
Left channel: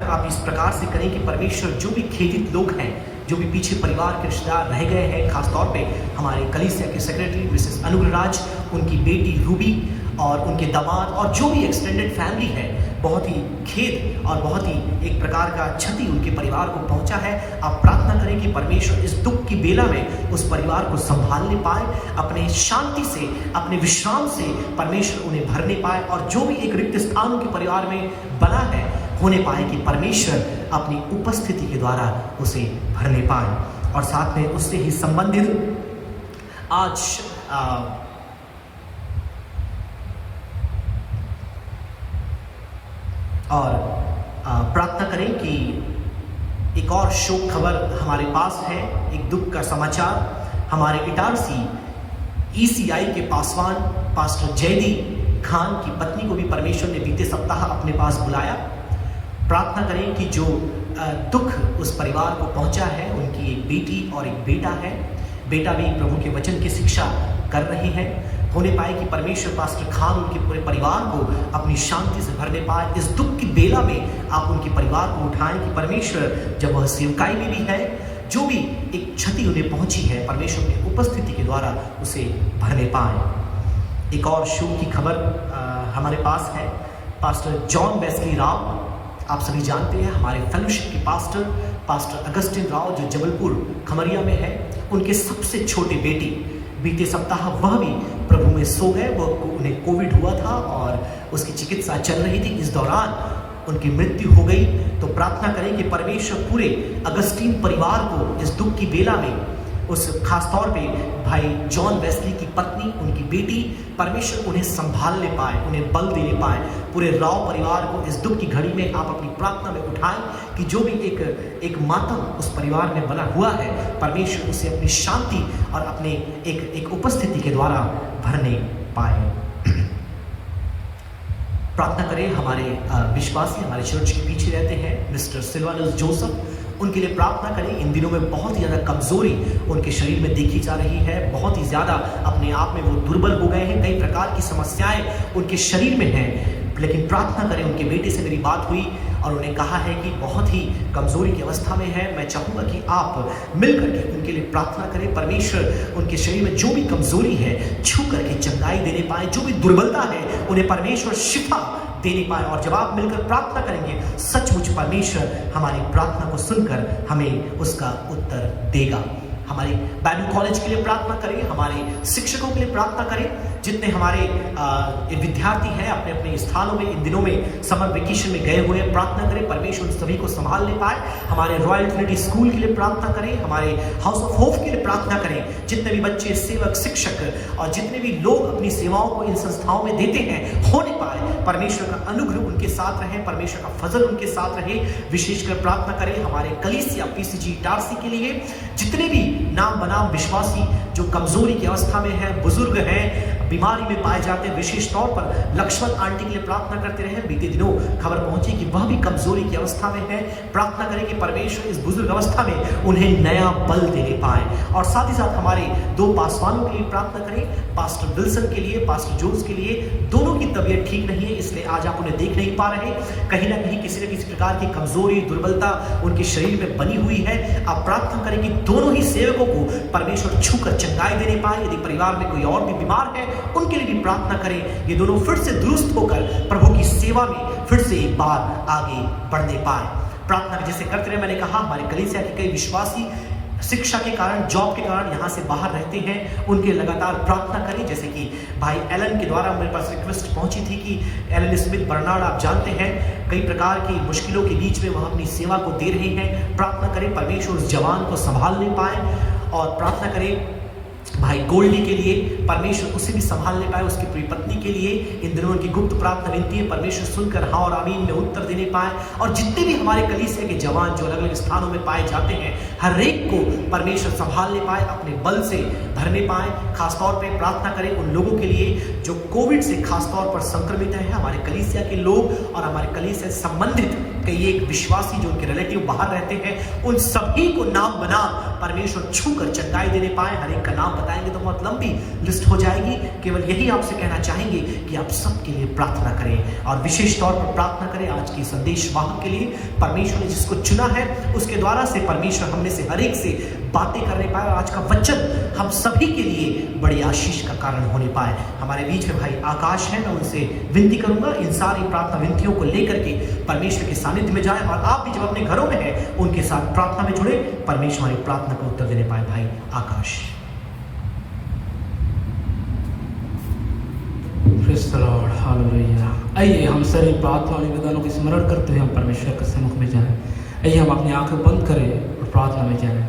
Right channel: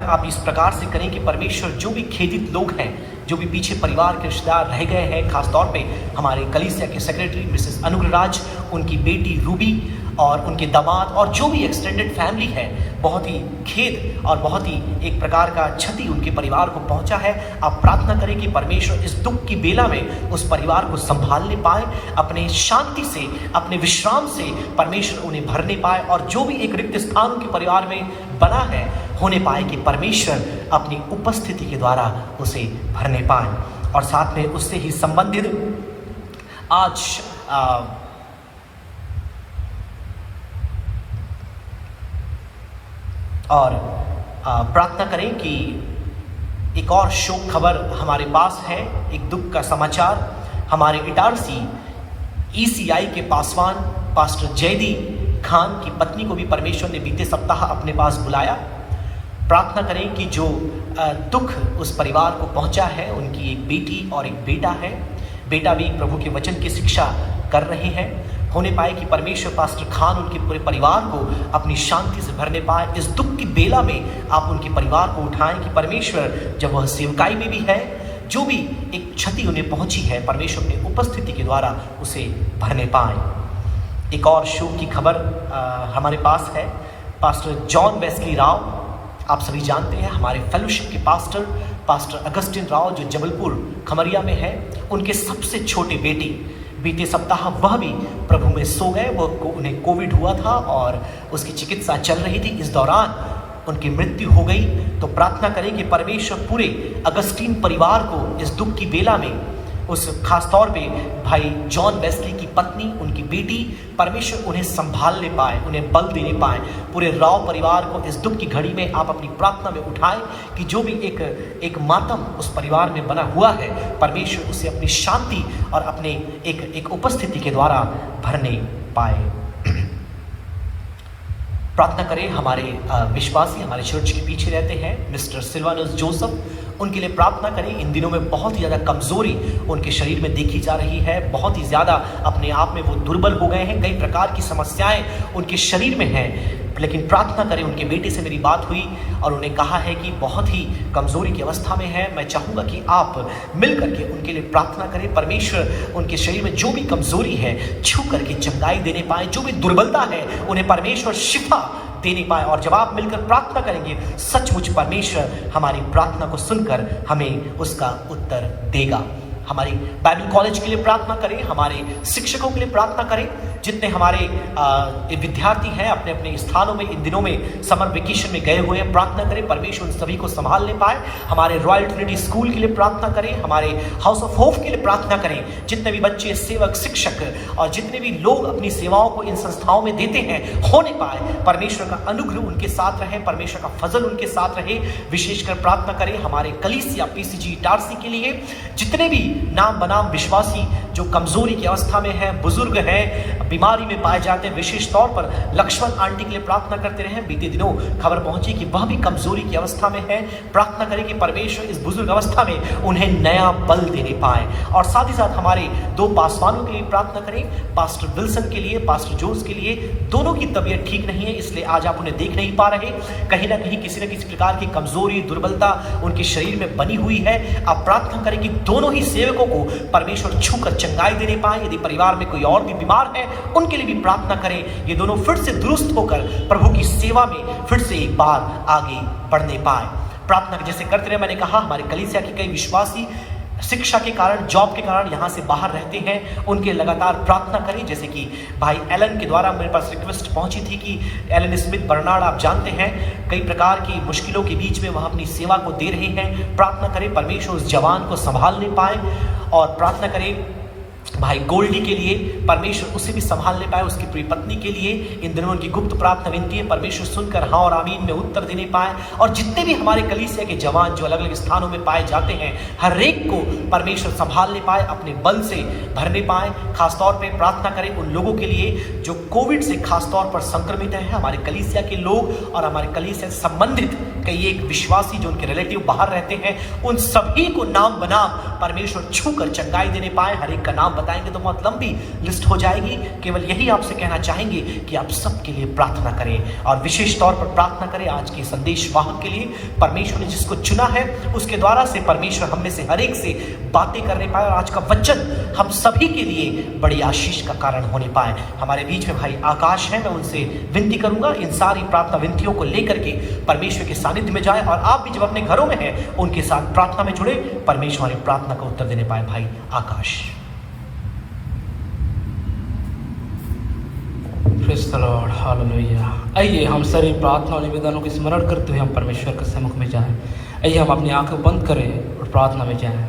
आप इस प्रकार से करें कि परमेश्वर जो भी खेदित लोग हैं, जो भी पीछे परिवार के रिश्तेदार रह गए हैं, खासतौर पे हमारे कलीसिया के सेक्रेटरी मिसेस अनुग्रह राज, उनकी बेटी रूबी और उनके दामाद और जो भी एक्सटेंडेड फैमिली है, बहुत ही खेद और बहुत ही एक प्रकार का क्षति उनके परिवार को पहुंचा है। आप प्रार्थना करें कि परमेश्वर इस दुख की बेला में उस परिवार को संभालने पाए, अपने शांति से, अपने विश्राम से परमेश्वर उन्हें भरने पाए और जो भी एक रिक्त स्थान उनके परिवार में बना है होने पाए कि परमेश्वर अपनी उपस्थिति के द्वारा उसे भरने पाए। और साथ में उससे ही संबंधित आज प्रार्थना करें कि एक और शोक खबर हमारे पास है, एक दुख का समाचार। हमारे इटारसी ECI के पासवान पास्टर जयदीप खान की पत्नी को भी परमेश्वर ने बीते सप्ताह अपने पास बुलाया। प्रार्थना करें कि जो दुख उस परिवार को पहुंचा है, उनकी एक बेटी और एक बेटा है, बेटा भी प्रभु के वचन की शिक्षा कर रहे हैं, होने पाए कि परमेश्वर पास्टर खान उनके पूरे परिवार को अपनी शांति से भरने पाए। इस दुख की बेला में आप उनके परिवार को उठाएं कि परमेश्वर जब वह सेवकाई में भी है, जो भी एक क्षति उन्हें पहुंची है, परमेश्वर की उपस्थिति के द्वारा उसे भरने पाए। एक और शोक की खबर हमारे पास है। पास्टर जॉन वेस्ली राव, आप सभी जानते हैं, हमारे फेलोशिप के पास्टर अगस्टिन राव जो जबलपुर खमरिया में है, उनके सबसे छोटे बेटी बीते सप्ताह वह भी प्रभु में सो गए। उन्हें कोविड हुआ था और उसकी चिकित्सा चल रही थी। इस दौरान उनकी मृत्यु हो गई। तो प्रार्थना करें कि परमेश्वर पूरे अगस्टीन परिवार को इस दुख की बेला में, उस खास तौर पे भाई जॉन वेस्ली की पत्नी, उनकी बेटी, परमेश्वर उन्हें संभालने पाए, उन्हें बल देने पाए। पूरे राव परिवार को इस दुख की घड़ी में आप अपनी प्रार्थना में उठाएं कि जो भी एक मातम उस परिवार में बना हुआ है, परमेश्वर उसे अपनी शांति और अपने एक उपस्थिति के द्वारा भरने पाए। प्रार्थना करें हमारे विश्वासी हमारे चर्च के पीछे रहते हैं, मिस्टर सिल्वानस जोसेफ, उनके लिए प्रार्थना करें। इन दिनों में बहुत ही ज़्यादा कमज़ोरी उनके शरीर में देखी जा रही है, बहुत ही ज़्यादा अपने आप में वो दुर्बल हो गए हैं, कई प्रकार की समस्याएं उनके शरीर में हैं। लेकिन प्रार्थना करें, उनके बेटे से मेरी बात हुई और उन्हें कहा है कि बहुत ही कमज़ोरी की अवस्था में है। मैं चाहूँगा कि आप मिल करके उनके लिए प्रार्थना करें। परमेश्वर उनके शरीर में जो भी कमज़ोरी है छू करके चंगाई देने पाए, जो भी दुर्बलता है उन्हें परमेश्वर शिफा देने पाए। और जब आप मिलकर प्रार्थना करेंगे, सचमुच परमेश्वर हमारी प्रार्थना को सुनकर हमें उसका उत्तर देगा। हमारी बाइबल कॉलेज के लिए प्रार्थना करें, हमारे शिक्षकों के लिए प्रार्थना करें, जितने हमारे विद्यार्थी हैं अपने अपने स्थानों में इन दिनों में समर वेकेशन में गए हुए हैं, प्रार्थना करें परमेश्वर उन सभी को संभालने पाए। हमारे रॉयल ट्रिनिटी स्कूल के लिए प्रार्थना करें, हमारे हाउस ऑफ होप के लिए प्रार्थना करें। जितने भी बच्चे, सेवक, शिक्षक और जितने भी लोग अपनी सेवाओं को इन संस्थाओं में देते हैं, होने पाए परमेश्वर का अनुग्रह उनके साथ रहे, परमेश्वर का फजल उनके साथ रहे। विशेषकर प्रार्थना करें हमारे कलीसिया पीसीजी इटारसी के लिए, जितने भी नाम बनाम विश्वासी जो कमजोरी की अवस्था में है, बुजुर्ग हैं, बीमारी में पाए जाते हैं। विशेष तौर पर लक्ष्मण आंटी के लिए प्रार्थना करते रहे। बीते दिनों खबर पहुंची कि वह भी कमजोरी की अवस्था में है। प्रार्थना करें कि परमेश्वर इस बुजुर्ग अवस्था में उन्हें नया बल देने पाए। और साथ ही साथ हमारे दो पासवानों के लिए प्रार्थना करें, पास्टर विल्सन के लिए, पास्टर जोन्स के लिए। दोनों की तबीयत ठीक नहीं है, इसलिए आज आप उन्हें देख नहीं पा रहे। कहीं ना कहीं किसी न किसी प्रकार की कमजोरी, दुर्बलता उनके शरीर में बनी हुई है। आप प्रार्थना करें कि दोनों ही सेवकों को परमेश्वर छूकर चंगाई देने पाए। यदि परिवार में कोई और भी बीमार है, उनके लिए भी प्रार्थना करें, ये दोनों फिर से दुरुस्त होकर प्रभु की सेवा में फिर से एक बार आगे बढ़ने पाए। प्रार्थना जैसे करते रहे, मैंने कहा हमारे कलीसिया के कई विश्वासी शिक्षा के कारण, जॉब के कारण यहाँ से बाहर रहते हैं, उनके लगातार प्रार्थना करें। जैसे कि भाई एलन के द्वारा मेरे पास रिक्वेस्ट पहुंची थी कि एलन स्मिथ बर्नार्ड, आप जानते हैं कई प्रकार की मुश्किलों के बीच में वह अपनी सेवा को दे रहे हैं। प्रार्थना करें परमेश्वर उस जवान को संभालने पाए। और प्रार्थना करें भाई गोल्डी के लिए, परमेश्वर उसे भी संभालने पाए, उसकी पूरी पत्नी के लिए। इन दिनों उनकी गुप्त प्रार्थना विनती है, परमेश्वर सुनकर हाँ और आमीन में उत्तर देने पाए। और जितने भी हमारे कलीसिया के जवान जो अलग अलग स्थानों में पाए जाते हैं, हर एक को परमेश्वर संभालने पाए, अपने बल से भरने पाए। खासतौर पर प्रार्थना करें उन लोगों के लिए जो कोविड से खासतौर पर संक्रमित हैं, हमारे कलीसिया के लोग और हमारे कलीसिया से संबंधित कई एक विश्वासी जो उनके रिलेटिव बाहर रहते हैं, उन सभी को नाम बना परमेश्वर छूकर चंगाई देने पाए। हर एक का नाम बताएंगे तो बहुत लंबी लिस्ट हो जाएगी। केवल यही आपसे कहना चाहेंगे कि आप सबके लिए प्रार्थना करें। और विशेष तौर पर प्रार्थना करें आज के संदेश वाहक के लिए, परमेश्वर ने जिसको चुना है उसके द्वारा से परमेश्वर हम में से हर एक से बातें करने पाए और आज का वचन हम सभी के लिए बड़ी आशीष का कारण होने पाए। हमारे बीच में भाई आकाश है, मैं उनसे विनती करूंगा इन सारी प्रार्थना विनतियों को लेकर के परमेश्वर के सानिध्य में जाए। और आप भी जब अपने घरों में हैं उनके साथ प्रार्थना में जुड़े, परमेश्वर हमारी प्रार्थना का उत्तर देने पाए। भाई Akash. Praise the Lord, hallelujah. आइए हम सारे प्रार्थना और निवेदनों को स्मरण करते हुए हम परमेश्वर के सम्मुख में जाएं। आइए हम अपनी आंखें बंद करें और प्रार्थना में जाएं।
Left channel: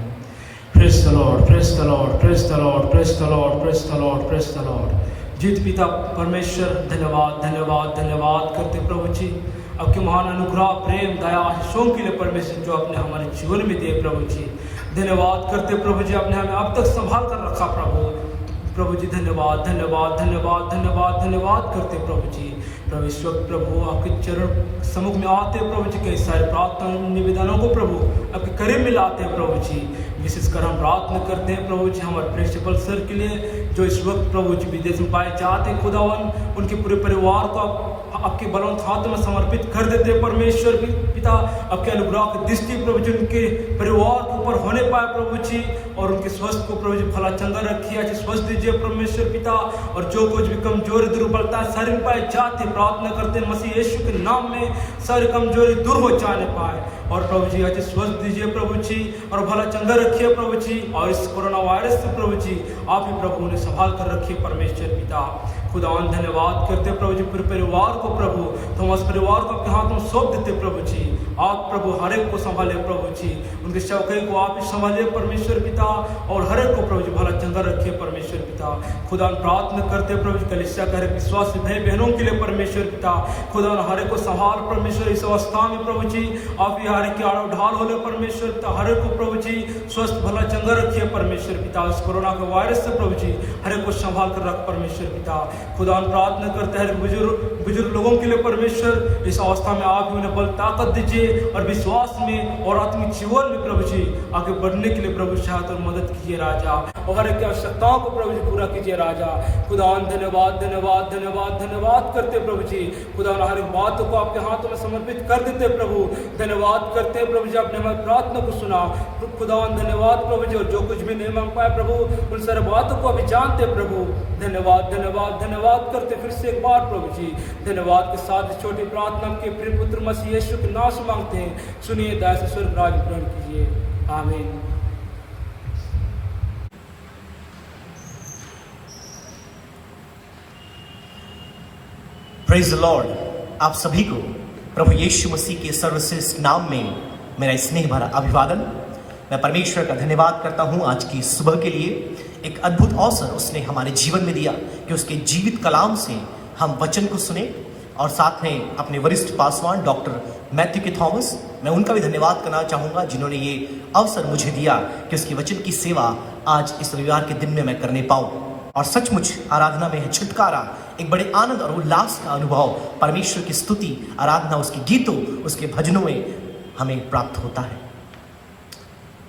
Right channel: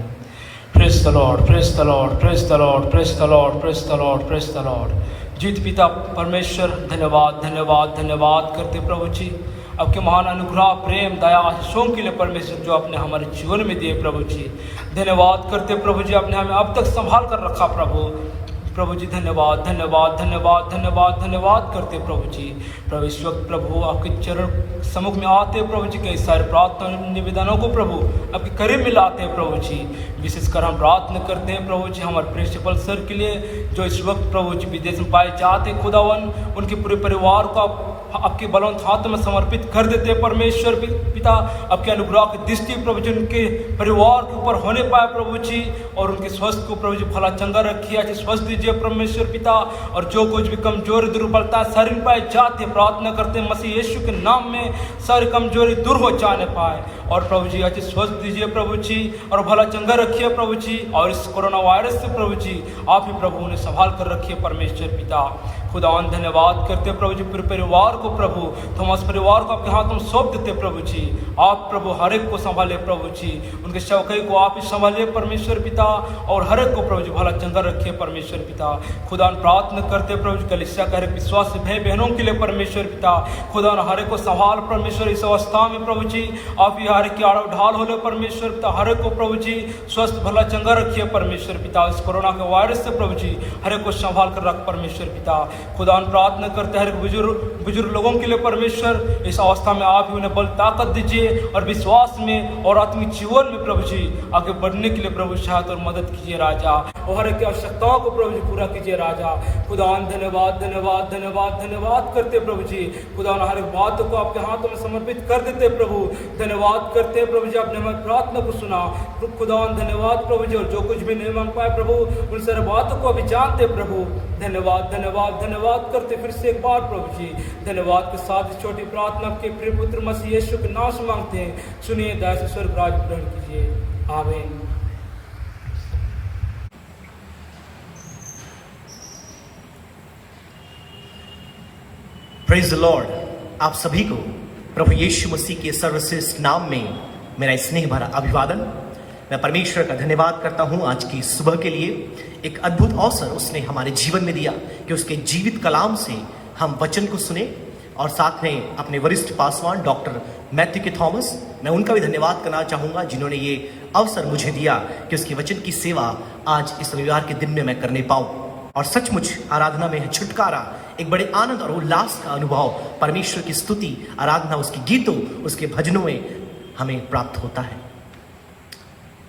Praise the Lord, praise the Lord, praise the Lord, praise the Lord, praise the Lord, praise the Lord. जीवित पिता परमेश्वर, धन्यवाद धन्यवाद धन्यवाद करते प्रभु जी आपके महान अनुग्रह, प्रेम, दया, आशीषों के लिए परमेश्वर जो आपने हमारे जीवन में दिए प्रभु जी। धन्यवाद करते प्रभु जी, आपने हमें अब तक संभाल कर रखा प्रभु। प्रभु जी धन्यवाद धन्यवाद धन्यवाद धन्यवाद धन्यवाद करते हैं प्रभु जी। प्रभु इस वक्त प्रभु आपके चरण सम्मुख में आते हैं प्रभु जी, कई सारे प्रार्थना निवेदनों को प्रभु आपके करीब में लाते हैं प्रभु जी। विशेषकर हम प्रार्थना करते हैं प्रभु जी हमारे प्रिंसिपल सर के लिए जो इस वक्त प्रभु जी विदेश में पाए जाते हैं, खुदावन उनके पूरे परिवार को आपके बलवंत हाथ में समर्पित कर देते हैं परमेश्वर पिता। आपके अनुग्रह की दृष्टि प्रभु जी उनके परिवार के ऊपर होने पाए प्रभु जी, और उनके स्वास्थ्य को प्रभु जी भला चंगा रखिए, अच्छे स्वस्थ दीजिए परमेश्वर पिता। और जो कुछ भी कमजोरी दुर्बलता शरीर पाए जाते प्रार्थना करते हैं मसीह यीशु के नाम में सारी कमजोरी दूर हो जाने पाए, और प्रभु जी अच्छे स्वस्थ दीजिए प्रभु जी, और भला चंगा रखिए प्रभु जी। और इस कोरोना वायरस से प्रभु जी आप ही प्रभु उन्हें संभाल कर रखिए परमेश्वर पिता। खुदावन धन्यवाद करते प्रभु जी पूरे परिवार को प्रभु, तो हम उस परिवार को आपके हाथ में सौंप देते प्रभु जी। आप प्रभु हर एक को संभाले प्रभु जी, उनके सेवकाई को आप ही संभालिए परमेश्वर पिता, और हर एक को प्रभु जी भला चंगा रखिए परमेश्वर पिता। खुदावन प्रार्थना करते प्रभु जी कलीसिया का हर एक विश्वासी भाई बहनों के लिए परमेश्वर पिता। खुदावन हर एक को संभाल परमेश्वर इस अवस्था में प्रभु जी आप ही हर एक की आड़ ढाल हो परमेश्वर पिता। हर एक को प्रभु जी स्वस्थ भला चंगा रखिए परमेश्वर पिता। इस कोरोना के वायरस से प्रभु जी हर एक को संभाल कर रख परमेश्वर पिता। खुदावन प्रार्थना करते हैं बुजुर्ग लोगों के लिए परमेश्वर इस अवस्था में आप ही उन्हें बल ताकत दीजिए, और विश्वास में और आत्मिक जीवन में प्रभु जी आगे बढ़ने के लिए प्रभु सहायता और मदद कीजिए राजा, और हर एक की आवश्यकताओं को प्रभु जी पूरा कीजिए राजा। खुदावन धन्यवाद धन्यवाद धन्यवाद धन्यवाद करते प्रभु जी। खुदावन हर एक बात को आपके हाथों में समर्पित कर देते प्रभु। धन्यवाद करते प्रभु जी आपने हमारी प्रार्थना को सुना। खुदावन धन्यवाद प्रभु जी, और जो कुछ भी नहीं मांग पाए प्रभु उन सारे बातों को अभी जानते प्रभु। धन्यवाद धन्यवाद धन्यवाद करते फिर से एक बार प्रभु जी। धन्यवाद के साथ इस छोटी प्रार्थना के प्रिय पुत्र मसीह यीशु के नाम से मांगते हैं, सुनिए दया से स्वर्ग राज ग्रहण कीजिए आमीन। Praise the Lord. आप सभी को प्रभु यीशु मसीह के सर्वश्रेष्ठ नाम में मेरा स्नेह भरा अभिवादन। मैं परमेश्वर का धन्यवाद करता हूं आज की सुबह के लिए। एक अद्भुत अवसर उसने हमारे जीवन में दिया कि उसके जीवित कलाम से हम वचन को सुने, और साथ में अपने वरिष्ठ पासवान डॉक्टर मैथ्यू के थॉमस, मैं उनका भी धन्यवाद करना चाहूँगा जिन्होंने ये अवसर मुझे दिया कि उसकी वचन की सेवा आज इस रविवार के दिन में मैं करने पाऊँ। और सचमुच आराधना में छुटकारा, एक बड़े आनंद और उल्लास का अनुभव, परमेश्वर की स्तुति आराधना उसके गीतों उसके भजनों में हमें प्राप्त होता है।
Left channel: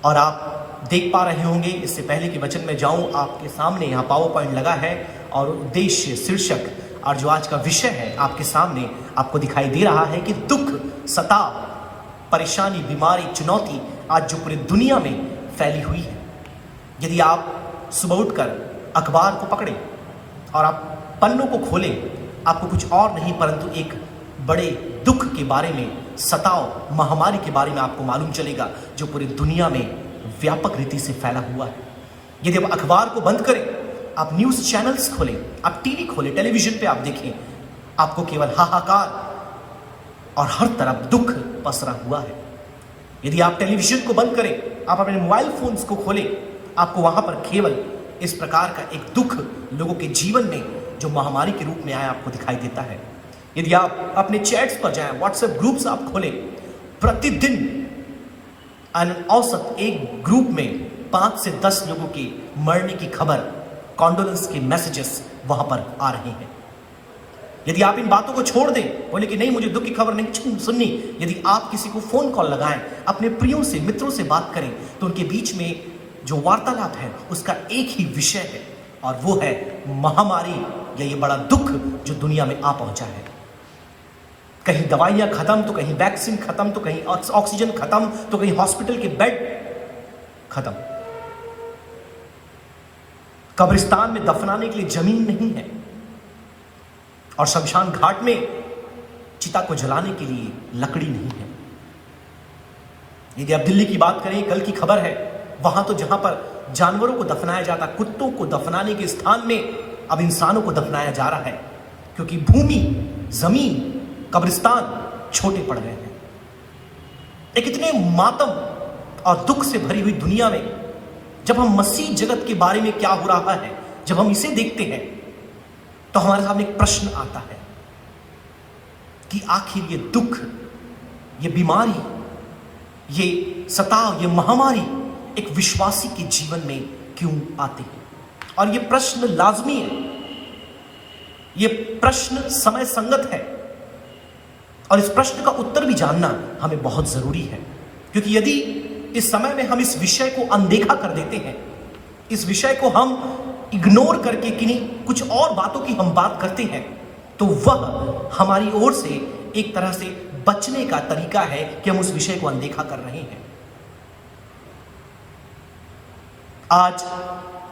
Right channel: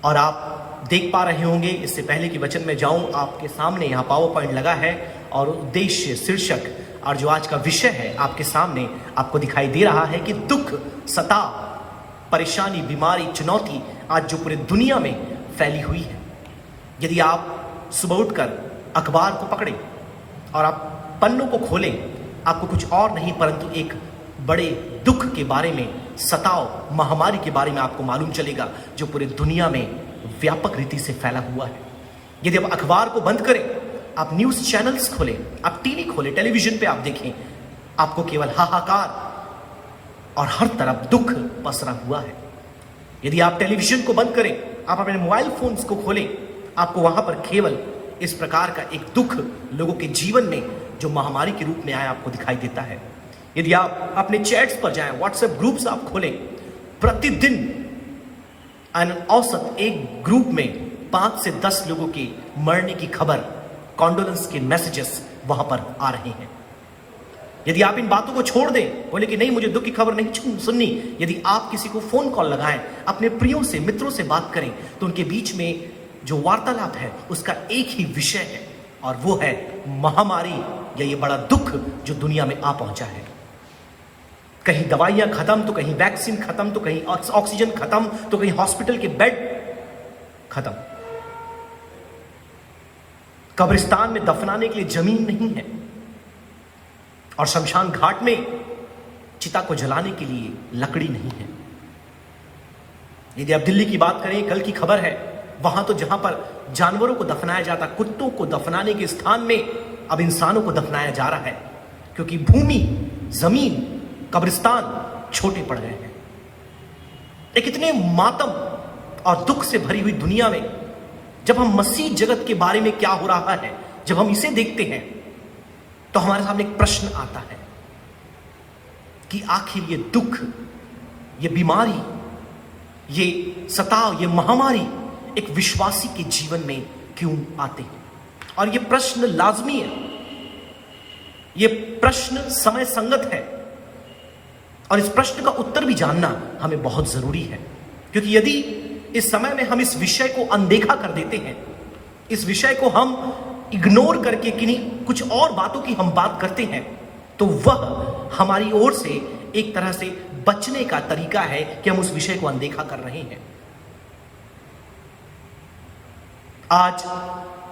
और आप देख पा रहे होंगे, इससे पहले कि वचन में जाऊं, आपके सामने यहाँ पावर पॉइंट लगा है और उद्देश्य शीर्षक और जो आज का विषय है आपके सामने आपको दिखाई दे रहा है कि दुख, सताव, परेशानी, बीमारी, चुनौती आज जो पूरी दुनिया में फैली हुई है। यदि आप सुबह उठकर अखबार को पकड़े और आप पन्नों को खोलें, आपको कुछ और नहीं परंतु एक बड़े दुख के बारे में, सताव, महामारी के बारे में आपको मालूम चलेगा जो पूरी दुनिया में व्यापक रीति से फैला हुआ है। यदि आप अखबार को बंद करें, आप न्यूज़ चैनल्स खोलें, आप टीवी खोलें, टेलीविजन पे आप देखें, आपको केवल हाहाकार और हर तरफ दुख पसरा हुआ है। यदि आप टेलीविजन को बंद करें, आप अपने मोबाइल फोन्स को खोलें, आपको वहां पर केवल इस प्रकार का एक दुख लोगों के जीवन में जो महामारी के रूप में आया आपको दिखाई देता है। यदि आप अपने चैट्स पर जाएं, व्हाट्सएप ग्रुप्स आप खोलें, प्रतिदिन औसत एक ग्रुप में 5 से 10 लोगों के मरने की खबर, कॉन्डोलेंस के मैसेजेस वहां पर आ रहे हैं। यदि आप इन बातों को छोड़ दें, बोले कि नहीं मुझे दुख की खबर नहीं सुननी, यदि आप किसी को फोन कॉल लगाएं, अपने प्रियों से, मित्रों से बात करें, तो उनके बीच में जो वार्तालाप है उसका एक ही विषय है, और वो है महामारी या ये बड़ा दुख जो दुनिया में आ पहुंचा है। कहीं दवाइयां खत्म, तो कहीं वैक्सीन खत्म, तो कहीं ऑक्सीजन खत्म, तो कहीं हॉस्पिटल के बेड खत्म। कब्रिस्तान में दफनाने के लिए जमीन नहीं है, और शमशान घाट में चिता को जलाने के लिए लकड़ी नहीं है। यदि आप दिल्ली की बात करें, कल की खबर है, वहां तो जहां पर जानवरों को दफनाया जाता, कुत्तों को दफनाने के स्थान में अब इंसानों को दफनाया जा रहा है, क्योंकि भूमि, जमीन, कब्रिस्तान छोटे पड़ रहे हैं। एक इतने मातम और दुख से भरी हुई दुनिया में जब हम मसीह जगत के बारे में क्या हो रहा है, जब हम इसे देखते हैं, तो हमारे सामने एक प्रश्न आता है कि आखिर ये दुख, ये बीमारी, ये सताव, ये महामारी एक विश्वासी के जीवन में क्यों आते हैं। और यह प्रश्न लाजमी है, यह प्रश्न समय संगत है और इस प्रश्न का उत्तर भी जानना हमें बहुत जरूरी है। क्योंकि यदि इस समय में हम इस विषय को अनदेखा कर देते हैं, इस विषय को हम इग्नोर करके किन्हीं कुछ और बातों की हम बात करते हैं, तो वह हमारी ओर से एक तरह से बचने का तरीका है कि हम उस विषय को अनदेखा कर रहे हैं। आज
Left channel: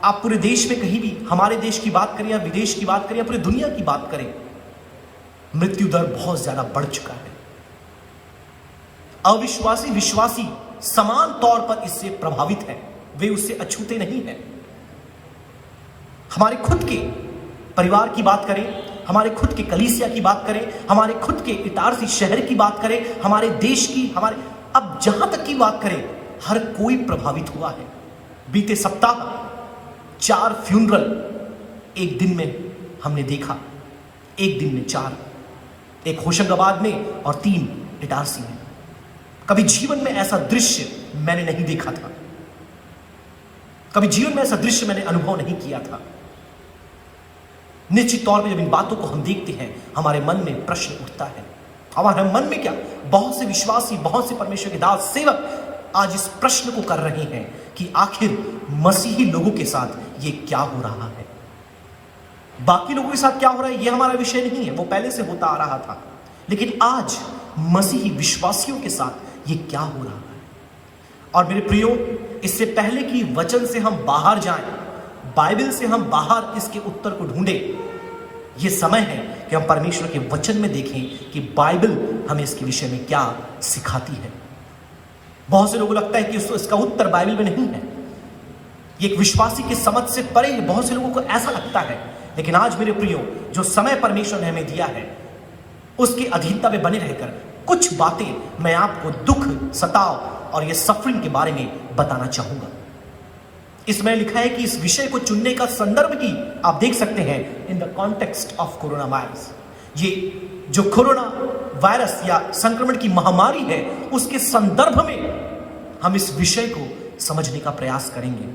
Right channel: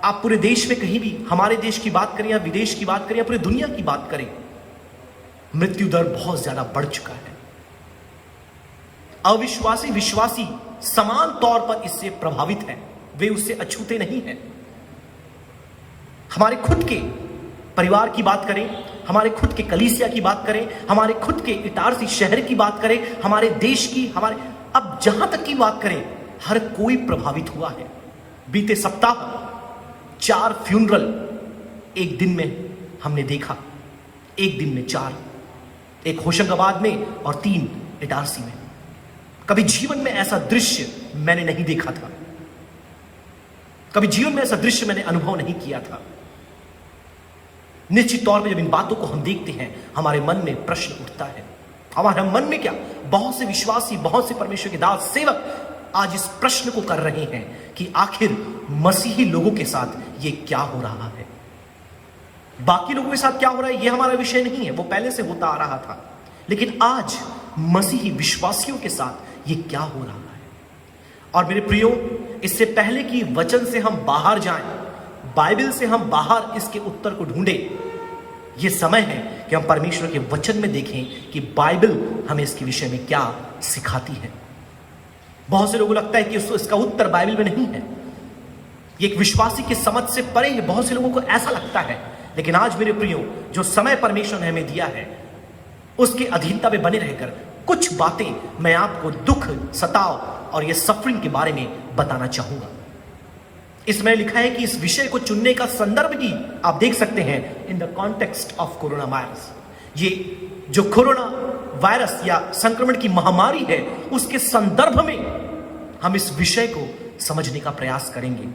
आप पूरे देश में कहीं भी, हमारे देश की बात करें या विदेश की बात करें या पूरी दुनिया की बात करें, मृत्यु दर बहुत ज्यादा बढ़ चुका है। अविश्वासी विश्वासी समान तौर पर इससे प्रभावित है, वे उससे अछूते नहीं हैं। हमारे खुद के परिवार की बात करें, हमारे खुद के कलीसिया की बात करें, हमारे खुद के इटारसी शहर की बात करें, हमारे देश की, हमारे अब जहां तक की बात करें, हर कोई प्रभावित हुआ है। बीते सप्ताह 4 फ्यूनरल एक दिन में हमने देखा, एक दिन में 4, एक होशंगाबाद में और 3 इटारसी में। कभी जीवन में ऐसा दृश्य मैंने नहीं देखा था, कभी जीवन में ऐसा दृश्य मैंने अनुभव नहीं किया था। निश्चित तौर पर जब इन बातों को हम देखते हैं, हमारे मन में प्रश्न उठता है। हमारे मन में क्या, बहुत से विश्वासी, बहुत से परमेश्वर के दास सेवक आज इस प्रश्न को कर रहे हैं कि आखिर मसीही लोगों के साथ ये क्या हो रहा है। बाकी लोगों के साथ क्या हो रहा है ये हमारा विषय नहीं है, वो पहले से होता आ रहा था, लेकिन आज मसीही विश्वासियों के साथ ये क्या हो रहा है। और मेरे प्रियो, इससे पहले कि वचन से हम बाहर जाएं, बाइबल से हम बाहर इसके उत्तर को ढूंढें, यह समय है कि हम परमेश्वर के वचन में देखें कि बाइबल हमें इसके विषय में क्या सिखाती है। बहुत से लोगों को लगता है कि इसका उत्तर बाइबल में नहीं है, ये एक विश्वासी की समझ से परे है, बहुत से लोगों को ऐसा लगता है। लेकिन आज मेरे प्रियो, जो समय परमेश्वर ने हमें दिया है, उसकी अधीनता में बने रहकर कुछ बातें मैं आपको दुख, सताव और ये सफरिंग के बारे में बताना चाहूंगा। इसमें लिखा है कि इस विषय को चुनने का संदर्भ ही आप देख सकते हैं in the context of corona virus. ये जो कोरोना वायरस या संक्रमण की महामारी है, उसके संदर्भ में हम इस विषय को समझने का प्रयास करेंगे।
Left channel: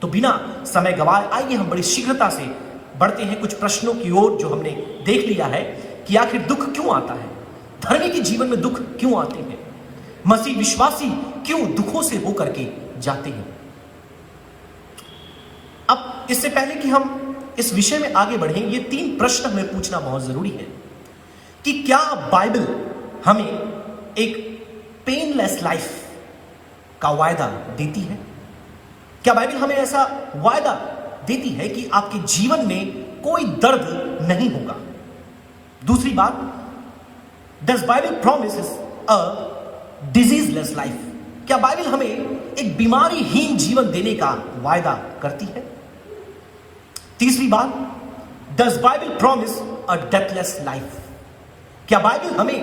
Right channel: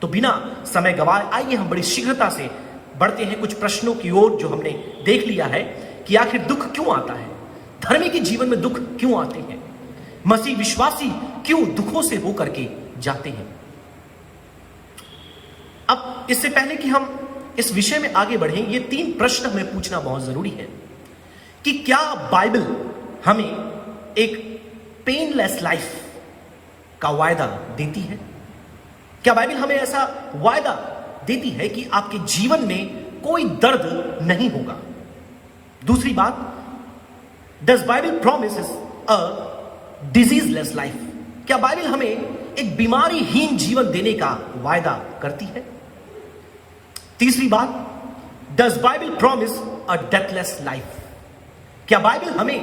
तो बिना समय गवाए आइए हम बड़ी शीघ्रता से बढ़ते हैं कुछ प्रश्नों की ओर जो हमने देख लिया है कि आखिर दुख क्यों आता है, धर्मी के जीवन में दुख क्यों आते हैं, मसीह विश्वासी क्यों दुखों से होकर के जाते हैं। अब इससे पहले कि हम इस विषय में आगे बढ़ें, ये 3 प्रश्न हमें पूछना बहुत जरूरी है कि क्या बाइबल हमें एक पेनलेस लाइफ का वायदा देती है? क्या बाइबल हमें ऐसा वायदा देती है कि आपके जीवन में कोई दर्द नहीं होगा? दूसरी बात, does Bible promises a diseaseless life? क्या बाइबल हमें एक बीमारीहीन जीवन देने का वायदा करती है? तीसरी बात, does Bible promise a deathless life? क्या बाइबल हमें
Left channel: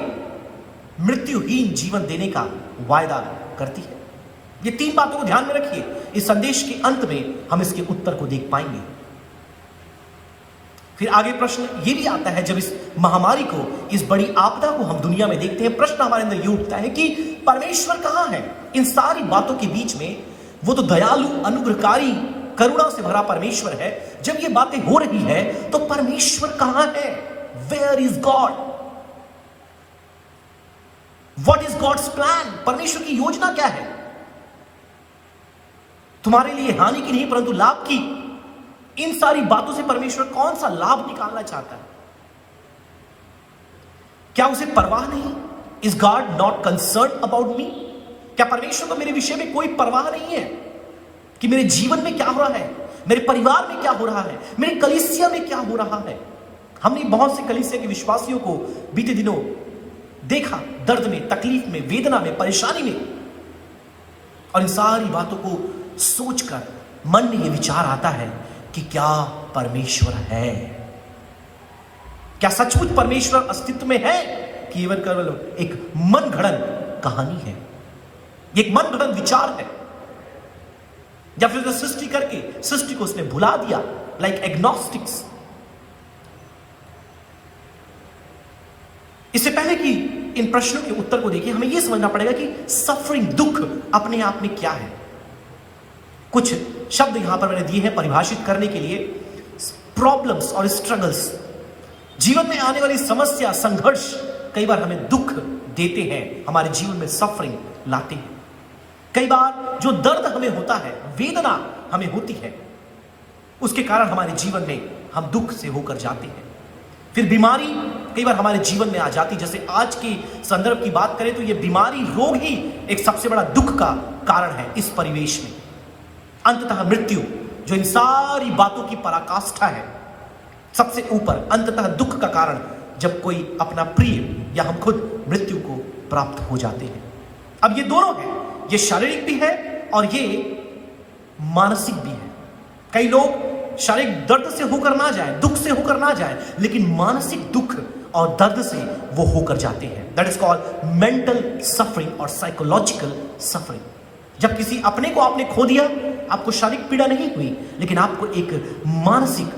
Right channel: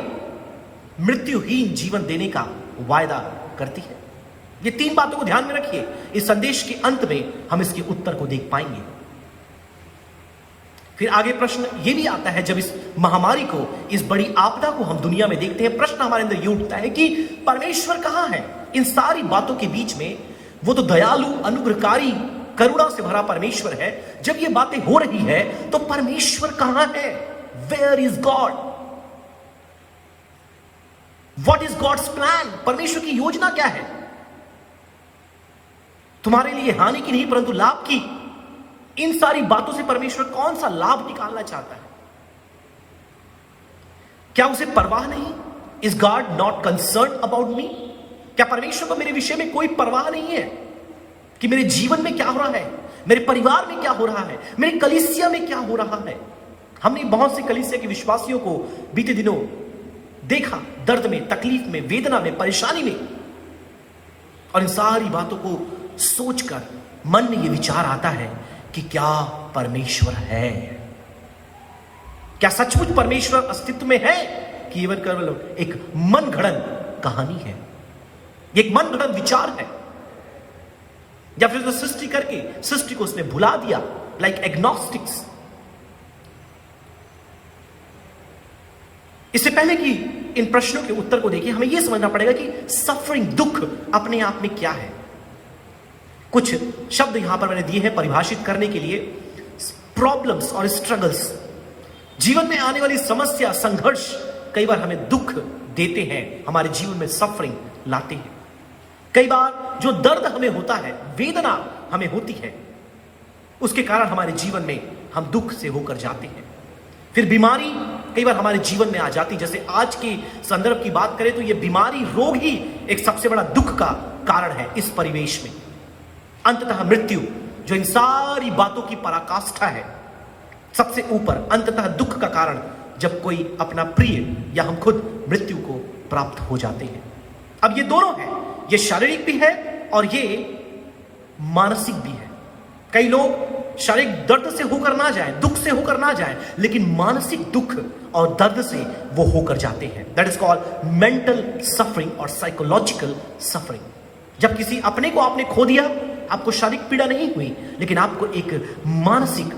मृत्युहीन जीवन देने का वायदा करती है? ये 3 बातों को ध्यान में रखिए। इस संदेश के अंत में हम इसके उत्तर को देख पाएंगे। फिर आगे प्रश्न ये भी आता है, जब इस महामारी को, इस बड़ी आपदा को हम दुनिया में देखते हैं, प्रश्न हमारे अंदर ये उठता है कि परमेश्वर कहां है इन सारी बातों के बीच में? वो तो दयालु, अनुग्रहकारी, करुणा से भरा परमेश्वर है। जब ये बातें हो रही है तो परमेश्वर कहां है? Where is God? What is God's plan? परमेश्वर की योजना क्या है तुम्हारे लिए? हानि की नहीं परंतु लाभ की। इन सारी बातों से परमेश्वर कौन सा लाभ निकालना चाहता है? क्या उसे परवाह नहीं? Is God not concern about me? क्या परमेश्वर को मेरे विषय में कोई परवाह नहीं है कि मेरे जीवन में क्या हो रहा है, मेरे परिवार में क्या हो रहा है, मेरे कलीसिया में क्या हो रहा है? हमने बहुत से कलीसिया के विश्वासियों को बीते दिनों देखा, दर्द में, तकलीफ में, वेदना में, परेशानी में। और इन सारी बातों को सोचकर मन में यह विचार आता है कि क्या परमेश्वर है? क्या सचमुच परमेश्वर अस्तित्व में है कि केवल एक मन गढ़ंत कहानी है, एक मन गढ़ंत विचार है, या फिर तो सृष्टि करके सृष्टि को उसने भुला दिया, लाइक एग्नोस्टिक्स। इससे पहले कि इन प्रश्नों के उत्तर को देखें, हमें यह समझना पड़ेगा कि सफरिंग, दुख अपने आप में क्या है। कुछ शब्द यहां पर मैंने दिए हैं परिभाषित करने के लिए। प्रॉब्लम्स और स्ट्रगल्स, जीवन में आने वाली समस्या, संघर्ष कई बार हमें दुख देते हैं, हमारे जीवन में सफरिंग लाते हैं। कई बार जो दर्द हमें होता है, वेदना हमें होती है, उसके कारण हमारे जीवन में हम दुख से होकर जाते हैं। फिर बीमारी कई बार हमारे जीवन में आ जाती, जैसे आज के संदर्भ की बात करें तो यह बीमारी, रोग ही एक सबसे बड़ा दुख का कारण है इस परिवेश में। अंततः मृत्यु, जो इन सारी बातों की पराकाष्ठा है, सबसे ऊपर अंततः दुख का कारण जब कोई अपना प्रिय या हम खुद मृत्यु को प्राप्त हो जाते हैं। अब ये दोनों है, ये शारीरिक भी है और ये मानसिक भी है। कई लोग शारीरिक दर्द से होकर ना जाए, दुख से होकर ना जाए, लेकिन मानसिक दुख और दर्द से वो होकर जाते हैं। That is called mental suffering और साइकोलॉजिकल सफरिंग। जब किसी अपने को आपने खो दिया, आपको शारीरिक पीड़ा नहीं हुई, लेकिन आपको एक मानसिक,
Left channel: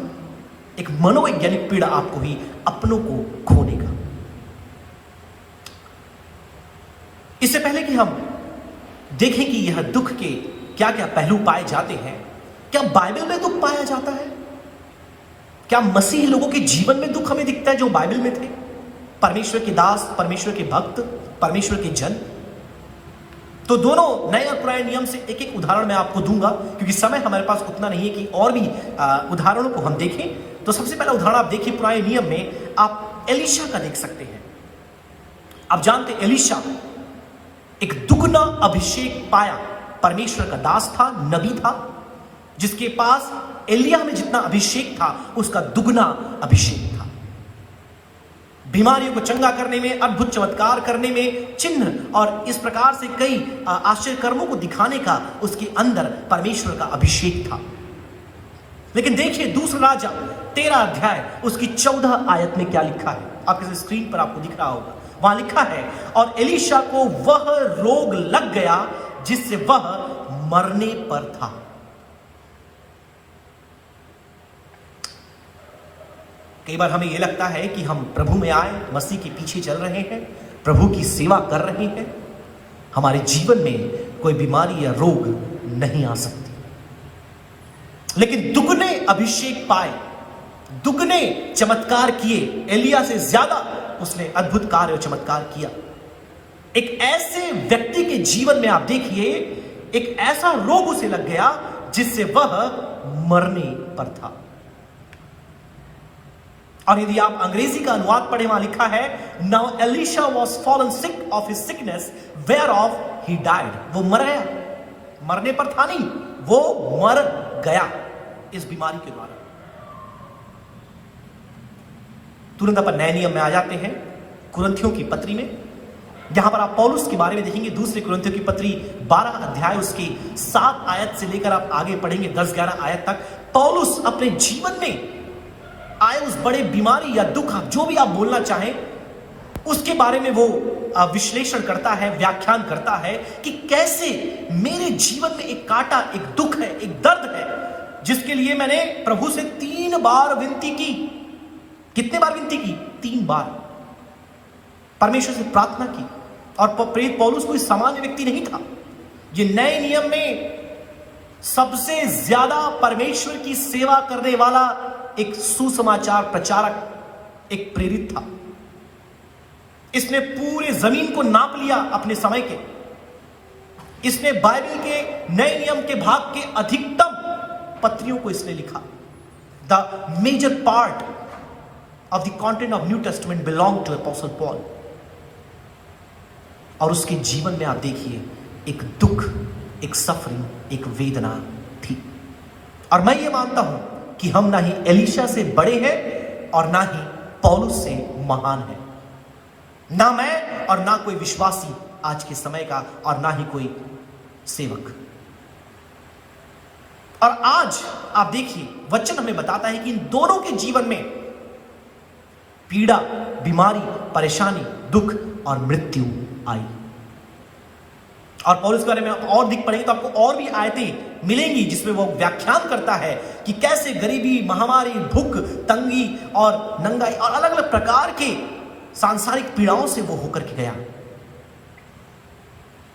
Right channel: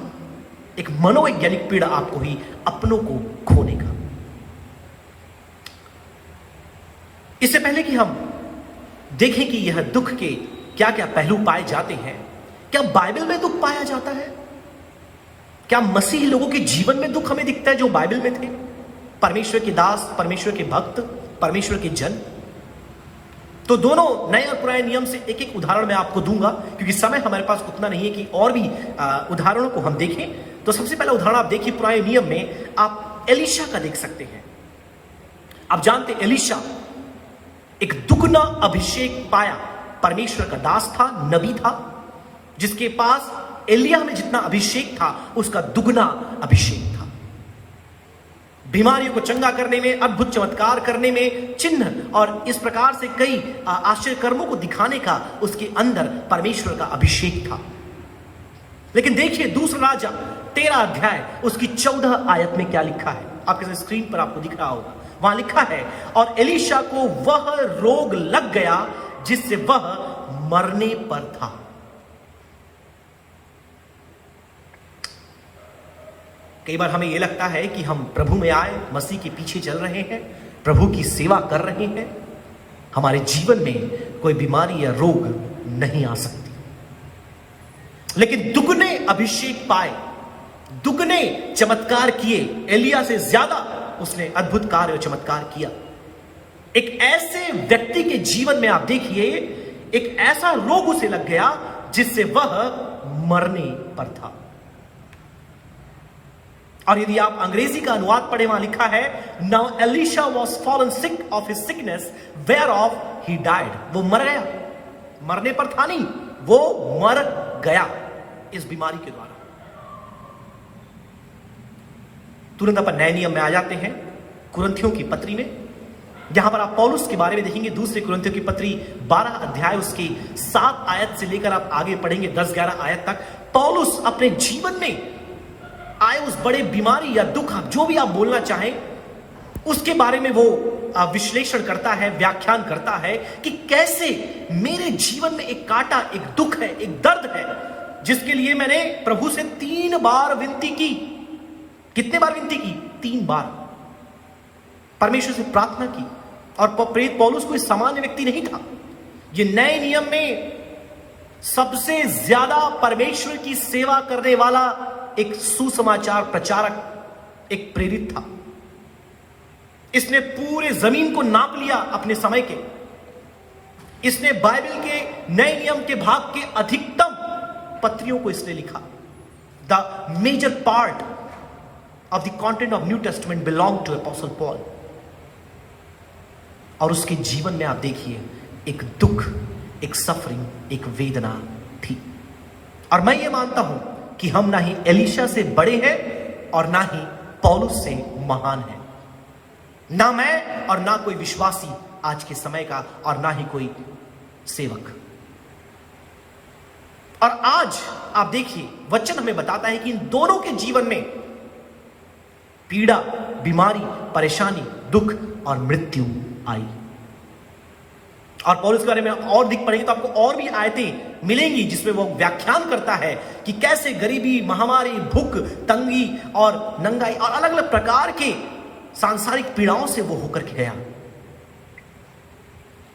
एक मनोवैज्ञानिक पीड़ा आपको हुई अपनों को खोने का। इससे पहले कि हम देखें कि यह दुख के क्या क्या पहलू पाए जाते हैं, क्या बाइबल में दुख पाया जाता है? क्या मसीही लोगों के जीवन में दुख हमें दिखता है जो बाइबल में थे? परमेश्वर के दास, परमेश्वर के भक्त, परमेश्वर के जन। तो दोनों नए और पुराने नियम से एक एक उदाहरण मैं आपको दूंगा, क्योंकि समय हमारे पास उतना नहीं है कि और भी उदाहरणों को हम देखें। तो सबसे पहला उदाहरण आप देखिए, पुराने नियम में आप एलीशा का देख सकते हैं। आप जानते एलीशा एक दुगना अभिषेक पाया, परमेश्वर का दास था, नबी था, जिसके पास एलिया में जितना अभिषेक था उसका दुगना अभिषेक था। बीमारियों को चंगा करने में, अद्भुत चमत्कार करने में, चिन्ह और इस प्रकार से कई आश्चर्य कर्मों को दिखाने का उसके अंदर परमेश्वर का अभिषेक था। लेकिन देखिए दूसरा राजा 13 अध्याय उसकी 14 आयत में क्या लिखा है, आपके स्क्रीन पर आपको दिख रहा होगा। वहां लिखा है, और एलीशा को वह रोग लग गया जिससे वह मरने पर था। कई बार हमें यह लगता है कि हम प्रभु में आए, मसीह के पीछे चल रहे हैं, प्रभु की सेवा कर रहे हैं, हमारे जीवन में कोई बीमारी या रोग नहीं आ सकती। लेकिन दुगने अभिषेक पाए, दुगने चमत्कार किए, एलिया से ज्यादा उसने अद्भुत कार्य और चमत्कार किया। एक ऐसे व्यक्ति के जीवन में आप देखिए, एक ऐसा रोग उसे लग गया जिससे वह मरने पर था। और यदि आप अंग्रेजी का अनुवाद पढ़े, वहां लिखा है, now Elisha was fallen sick of his sickness where of he died. वो मर गया, मरने पर था नहीं, वो मर गया इस बीमारी के द्वारा। तुरंत अपन नए नियम में आ जाते हैं, कुरिन्थियों की पत्री में। यहां पर आप पौलुस के बारे में देखेंगे, दूसरे कुरिन्थियों की पत्री 12 अध्याय उसकी 7 आयत से लेकर आप आगे पढ़ेंगे 10-11 आयत तक। पौलुस अपने जीवन में आए उस बड़े बीमारी या दुख, जो भी आप बोलना चाहें, उसके बारे में वो विश्लेषण करता है, व्याख्यान करता है कि कैसे मेरे जीवन में एक कांटा, एक दुख है, एक दर्द है, जिसके लिए मैंने प्रभु से 3 बार विनती की। कितने बार विनती की? 3 बार परमेश्वर से प्रार्थना की। और प्रेरित पौलुस कोई सामान्य व्यक्ति नहीं था। ये नए नियम में सबसे ज्यादा परमेश्वर की सेवा करने वाला एक सुसमाचार प्रचारक, एक प्रेरित था। इसने पूरे जमीन को नाप लिया अपने समय के। इसने बाइबल के नए नियम के भाग के अधिकतम पत्रियों को इसने लिखा। The major part of the content of New Testament belong to apostle Paul. और उसके जीवन में आप देखिए एक दुख, एक सफरिंग, एक वेदना थी। और मैं ये मानता हूं कि हम ना ही एलीशा से बड़े हैं और ना ही पौलुस से महान हैं। ना मैं और ना कोई विश्वासी आज के समय का, और ना ही कोई सेवक। और आज आप देखिए वचन हमें बताता है कि इन दोनों के जीवन में पीड़ा, बीमारी, परेशानी, दुख और मृत्यु आई। और पौलुस के बारे में और दिख पड़ेंगे तो आपको और भी आयतें मिलेंगी जिसमें वो व्याख्यान करता है कि कैसे गरीबी, महामारी, भूख, तंगी और नंगाई और अलग अलग प्रकार के सांसारिक पीड़ाओं से वो होकर के गया।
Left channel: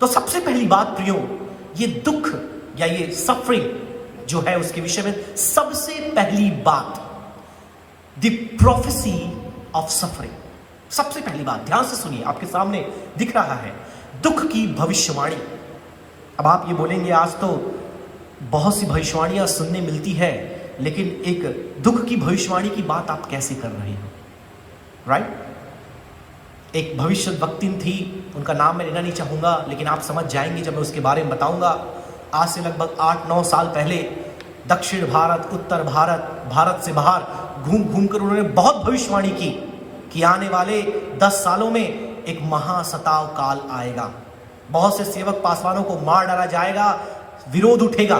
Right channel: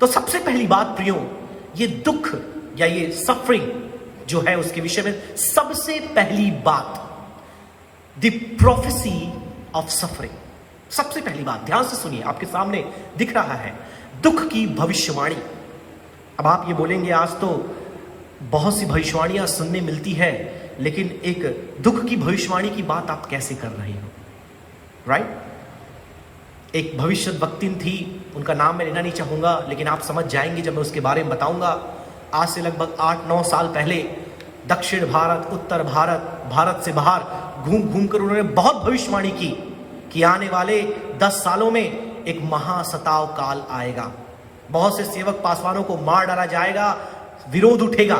तो सबसे पहली बात प्रियो, ये दुख या ये सफरिंग जो है उसके विषय में सबसे पहली बात, द प्रोफेसी ऑफ सफरिंग। सबसे पहली बात ध्यान से सुनिए, आपके सामने दिख रहा है दुख की भविष्यवाणी। अब आप ये बोलेंगे आज तो बहुत सी भविष्यवाणियां सुनने मिलती है, लेकिन एक दुख की भविष्यवाणी की बात आप कैसे कर रहे हैं? राइट? एक भविष्य वक्तिन थी, उनका नाम मैं लेना नहीं चाहूंगा, लेकिन आप समझ जाएंगे जब मैं उसके बारे में बताऊंगा। आज से लगभग 8-9 साल पहले दक्षिण भारत, उत्तर भारत, भारत से बाहर घूम घूम कर उन्होंने बहुत भविष्यवाणी की कि आने वाले 10 सालों में एक महासताव काल आएगा, बहुत से सेवक पासवानों को मार डाला जाएगा, विरोध उठेगा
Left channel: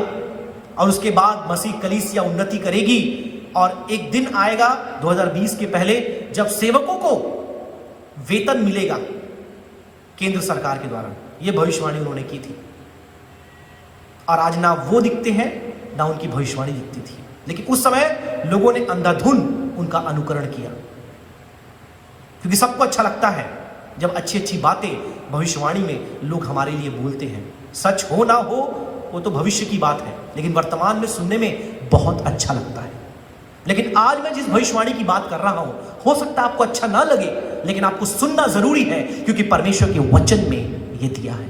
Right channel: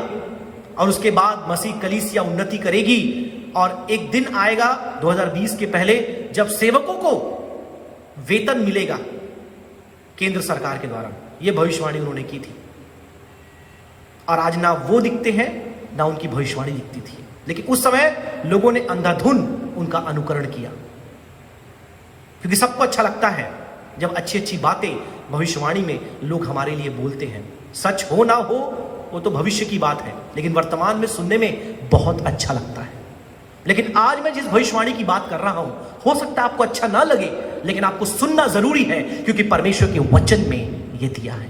और उसके बाद मसीह कलीसिया उन्नति करेगी और एक दिन आएगा 2020 के पहले जब सेवकों को वेतन मिलेगा केंद्र सरकार के द्वारा। यह भविष्यवाणी उन्होंने की थी और आज ना वो दिखते हैं ना उनकी भविष्यवाणी दिखती थी, लेकिन उस समय लोगों ने अंधाधुन उनका अनुकरण किया, क्योंकि सबको अच्छा लगता है जब अच्छी अच्छी बातें भविष्यवाणी में लोग हमारे लिए बोलते हैं। सच हो ना हो वो तो भविष्य की बात है, लेकिन वर्तमान में सुनने में बहुत अच्छा लगता है। लेकिन आज मैं जिस भविष्यवाणी की बात कर रहा हूं, हो सकता है आपको अच्छा ना लगे, लेकिन आपको सुनना जरूरी है, क्योंकि परमेश्वर के वचन में यह दिया है,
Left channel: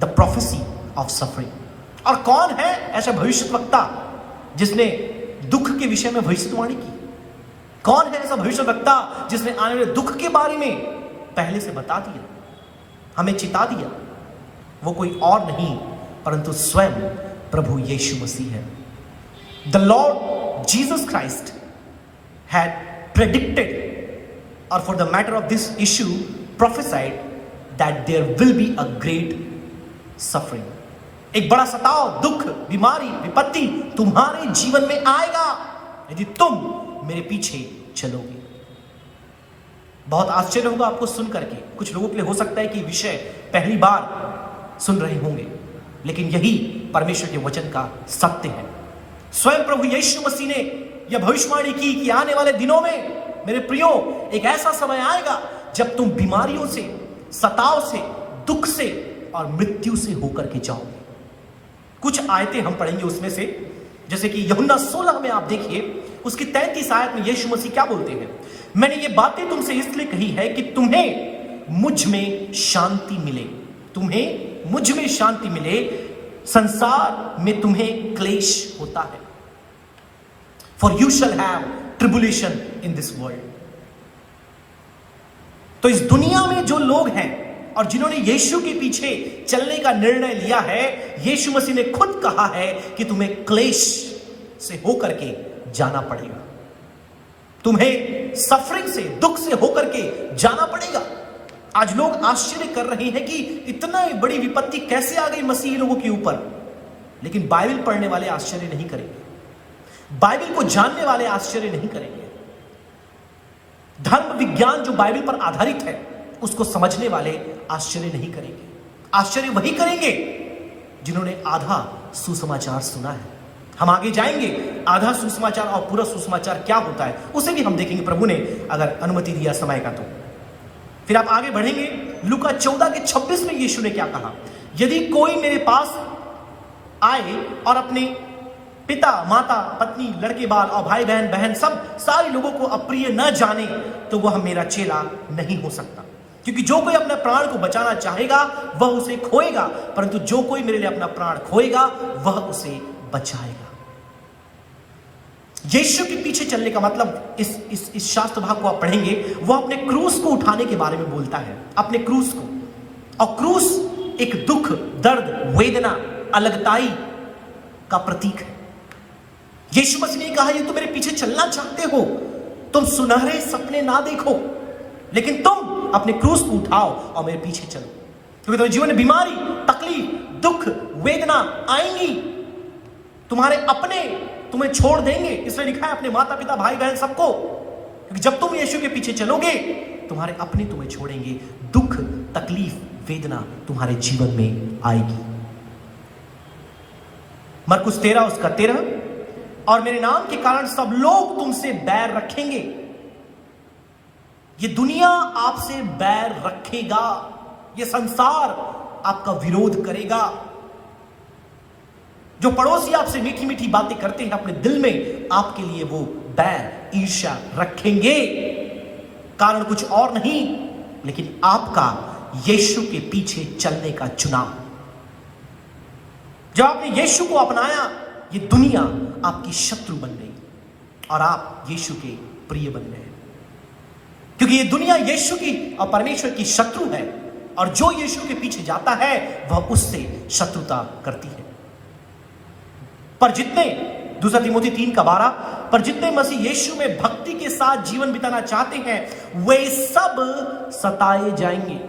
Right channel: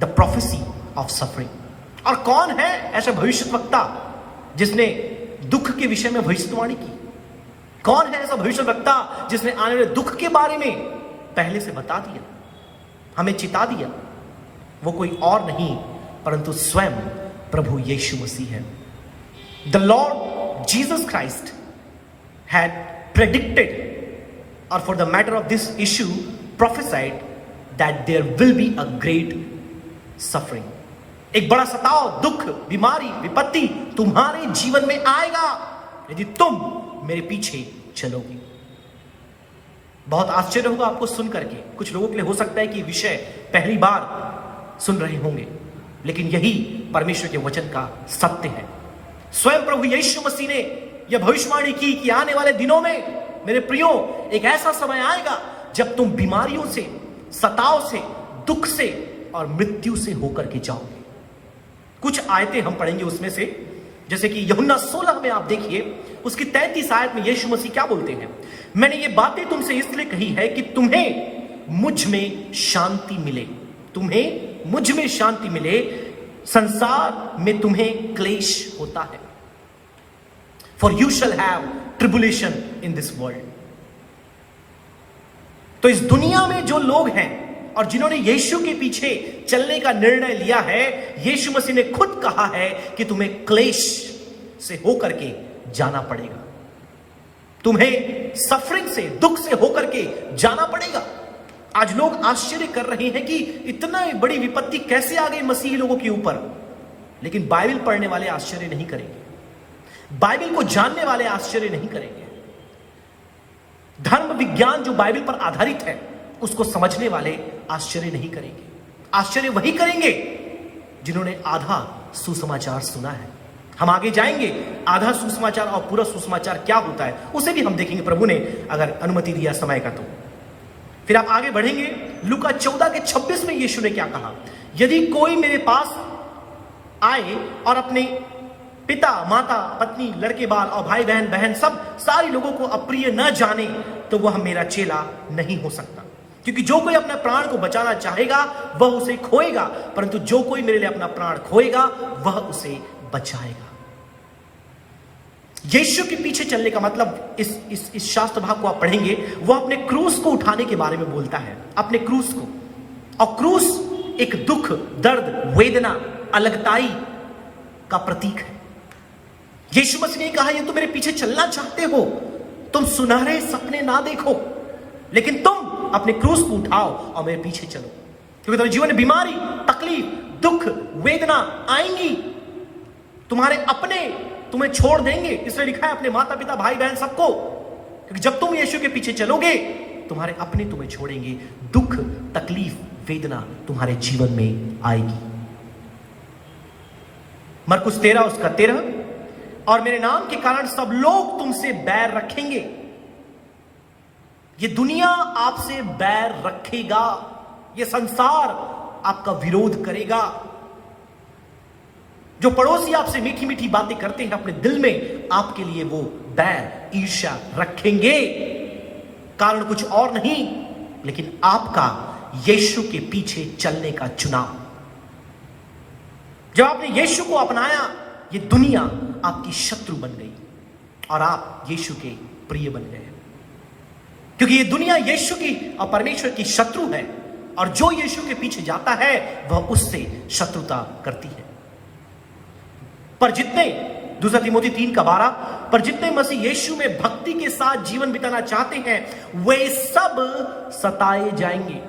द प्रोफेसी ऑफ सफरिंग। और कौन है ऐसा भविष्यवक्ता जिसने दुख के विषय में भविष्यवाणी की? कौन है ऐसा भविष्यवक्ता जिसने आने वाले दुख के बारे में पहले से बता दिया, हमें चिता दिया? वो कोई और नहीं परंतु स्वयं प्रभु यीशु मसीह है। The Lord Jesus Christ had predicted, और for the matter of this issue prophesied that there will be a great suffering. एक बड़ा सताव, दुख, बीमारी, विपत्ति तुम्हारे जीवन में आएगा यदि तुम मेरे पीछे चलोगे। बहुत आश्चर्य होगा आपको सुन करके। कुछ लोगों के लिए हो सकता है कि विषय पहली बार सुन रहे होंगे, लेकिन यही परमेश्वर के वचन का सत्य है। स्वयं प्रभु यीशु मसीह ने यह भविष्यवाणी की कि आने वाले दिनों में मेरे प्रियो एक ऐसा समय आएगा जब तुम बीमारियों से, सताव से, दुख से और मृत्यु से होकर के जाओगे। कुछ आयतें हम पढ़ेंगे उसमें से, जैसे कि यूहन्ना 16 में आप देखिए, उसकी 33 आयत में यीशु मसीह क्या बोलते हैं? मैंने ये बातें तुमसे इसलिए कही है कि तुम्हें मुझ में शांति मिले, तुम्हें मुझ में शांति मिले। संसार में तुम्हें क्लेश होता है, for you shall have tribulation in this world. तो इस दुनिया में जो लोग हैं और जिन्होंने यीशु के पीछे चलने का निर्णय लिया है, यीशु मसीह ने खुद कहा है कि तुम्हें क्लेश से होकर के जाना पड़ेगा, तुम्हें सफरिंग से, दुख से होकर के जाना पड़ेगा। आज लोग आश्चर्य कर रहे हैं कि इतना बड़ी विपत्ति कैसे आ गई मसीही लोगों के ऊपर, लेकिन बाइबल पढ़ने वाले आश्चर्य नहीं करेंगे, बाइबल को जानने वाले आश्चर्य नहीं करेंगे। धर्म विज्ञान जो बाइबल पर आधारित है उसको समझने वाले आश्चर्य नहीं करेंगे। आश्चर्य वही करेंगे जिन्होंने आधा सुसमाचार सुना है। हम आगे जाएंगे, आधा सुसमाचार और पूरा सुसमाचार क्या होता है उसे भी हम देखेंगे, प्रभु ने अगर अनुमति दिया समय का तो। फिर आप आगे बढ़ेंगे, लूका 14 के 26 में यीशु ने क्या कहा? यदि कोई मेरे पास आए और अपने पिता, माता, पत्नी, लड़के बाल और भाई बहन, बहन सब सारे लोगों को अप्रिय न जाने, तो वह मेरा चेला नहीं हो सकता। क्योंकि जो कोई अपने प्राण को बचाना चाहेगा वह उसे खोएगा, परंतु जो कोई मेरे लिए अपना प्राण खोएगा वह उसे बचाएगा। यीशु के पीछे चलने का मतलब, इस शास्त्र भाग को आप पढ़ेंगे, वह अपने क्रूस को उठाने के बारे में बोलता है, अपने क्रूस को। और क्रूस एक दुख, दर्द, वेदना, अलगताई का प्रतीक है। यीशु मसीह ने कहा, ये तुम मेरे पीछे चलना चाहते हो, तुम सुनहरे सपने ना देखो, लेकिन तुम अपने क्रूस को उठाओ और मेरे पीछे चलो। क्योंकि तुम्हारे जीवन में बीमारी, तकलीफ, दुख, वेदना आएंगी। तुम्हारे अपने तुम्हें छोड़ देंगे, इसलिए लिखा है अपने माता पिता, भाई बहन सबको। क्योंकि जब तुम यीशु के पीछे चलोगे तुम्हारे अपने तुम्हें छोड़ेंगे, दुख, तकलीफ, वेदना तुम्हारे जीवन में आएगी। मरकुस 13 उसका 13, और मेरे नाम के कारण सब लोग तुमसे बैर रखेंगे। ये दुनिया आपसे बैर रखेगा, ये संसार आपका विरोध करेगा, जो पड़ोसी आपसे मीठी मीठी बातें करते हैं, अपने दिल में आपके लिए वो बैर, ईर्ष्या रखेंगे। कारण कुछ और नहीं लेकिन आपका यीशु के पीछे चलने का चुनाव। जब आपने यीशु को अपनाया, ये दुनिया आपकी शत्रु बन गई और आप यीशु के प्रिय बन गए, क्योंकि ये दुनिया यीशु की और परमेश्वर की शत्रु है, और जो यीशु के पीछे जाता है वह उससे शत्रुता करती है। पर जितने, दूसरा तिमोथी 3:12, पर जितने मसीह यीशु में भक्ति के साथ जीवन बिताना चाहते हैं वे सब सताए जाएंगे,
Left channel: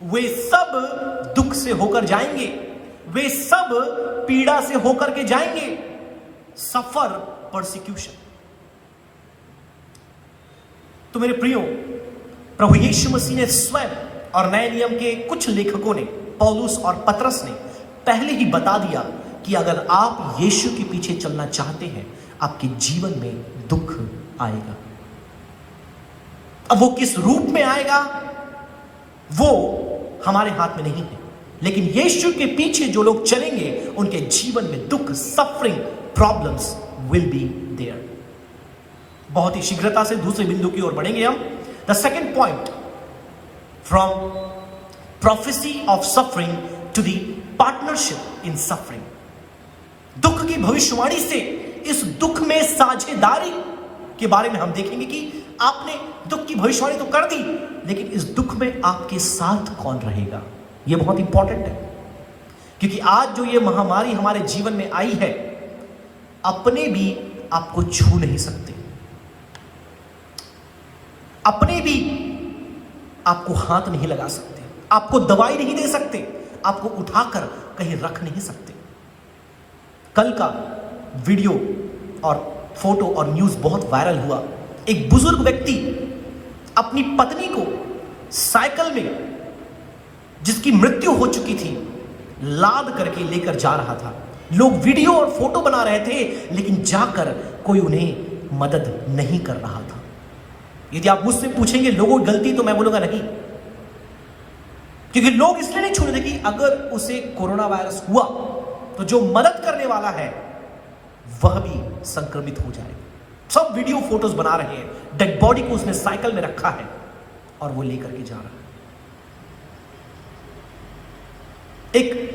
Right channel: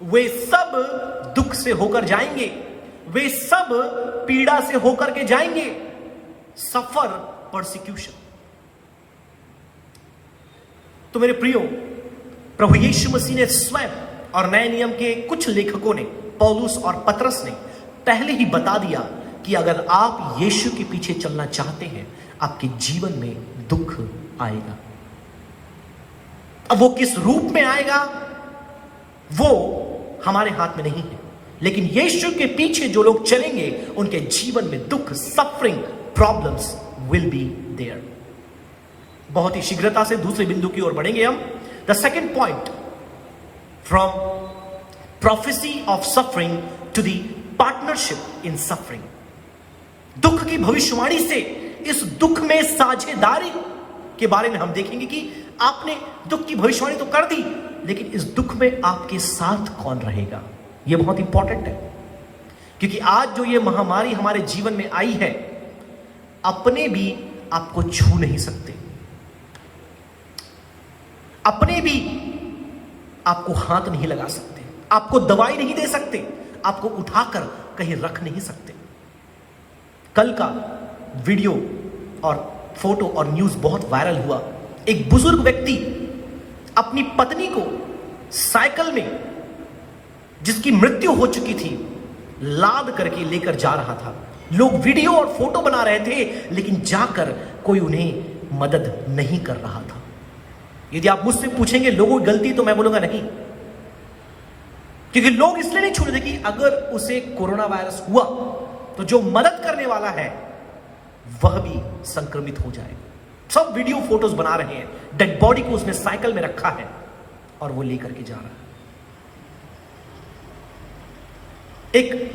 वे सब दुख से होकर जाएंगे, वे सब पीड़ा से होकर के जाएंगे। सफर परसिक्यूशन। तो मेरे प्रियो, प्रभु यीशु मसीह ने स्वयं और नए नियम के कुछ लेखकों ने, पौलुस और पतरस ने पहले ही बता दिया कि अगर आप यीशु के पीछे चलना चाहते हैं, आपके जीवन में दुख आएगा। अब वो किस रूप में आएगा वो हमारे हाथ में नहीं है, लेकिन यीशु के पीछे जो लोग चलेंगे उनके जीवन में दुख, suffering, problems will be there. बहुत ही शीघ्रता से दूसरे बिंदु की ओर बढ़ेंगे हम। The second point, from prophecy of suffering to the partnership in suffering. दुख की भविष्यवाणी से इस दुख में साझेदारी के बारे में हम देखेंगे कि आपने दुख की भविष्यवाणी तो कर दी, लेकिन इस दुख में आपके साथ कौन रहेगा। यह बहुत इंपॉर्टेंट है, क्योंकि आज जो ये महामारी हमारे जीवन में आई है, अपने भी आपको छू नहीं सकते, अपने भी आपको हाथ नहीं लगा सकते, आपको दवाई नहीं दे सकते, आपको उठाकर कहीं रख नहीं सकते। कल का वीडियो और फोटो और न्यूज बहुत वायरल हुआ। एक बुजुर्ग व्यक्ति अपनी पत्नी को साइकिल में, जिसकी मृत्यु हो चुकी थी, लाद करके लेकर जा रहा था। लोग वीडियो और फोटो बना रहे थे, लेकिन जाकर कोई उन्हें मदद नहीं कर रहा था। यदि आप मुझसे पूछेंगे लोगों की गलती, तो मैं बोलूंगा नहीं, क्योंकि लोग इसलिए नहीं छू रहे कि अगर उसे कोरोना वायरस हुआ तो जो मदद करने वाला है वह भी संक्रमित हो जाए। सब वीडियो फोटोज बना रहे हैं, डेड बॉडी को उसने साइकिल में रखा है और वो लेकर के जा रहा है।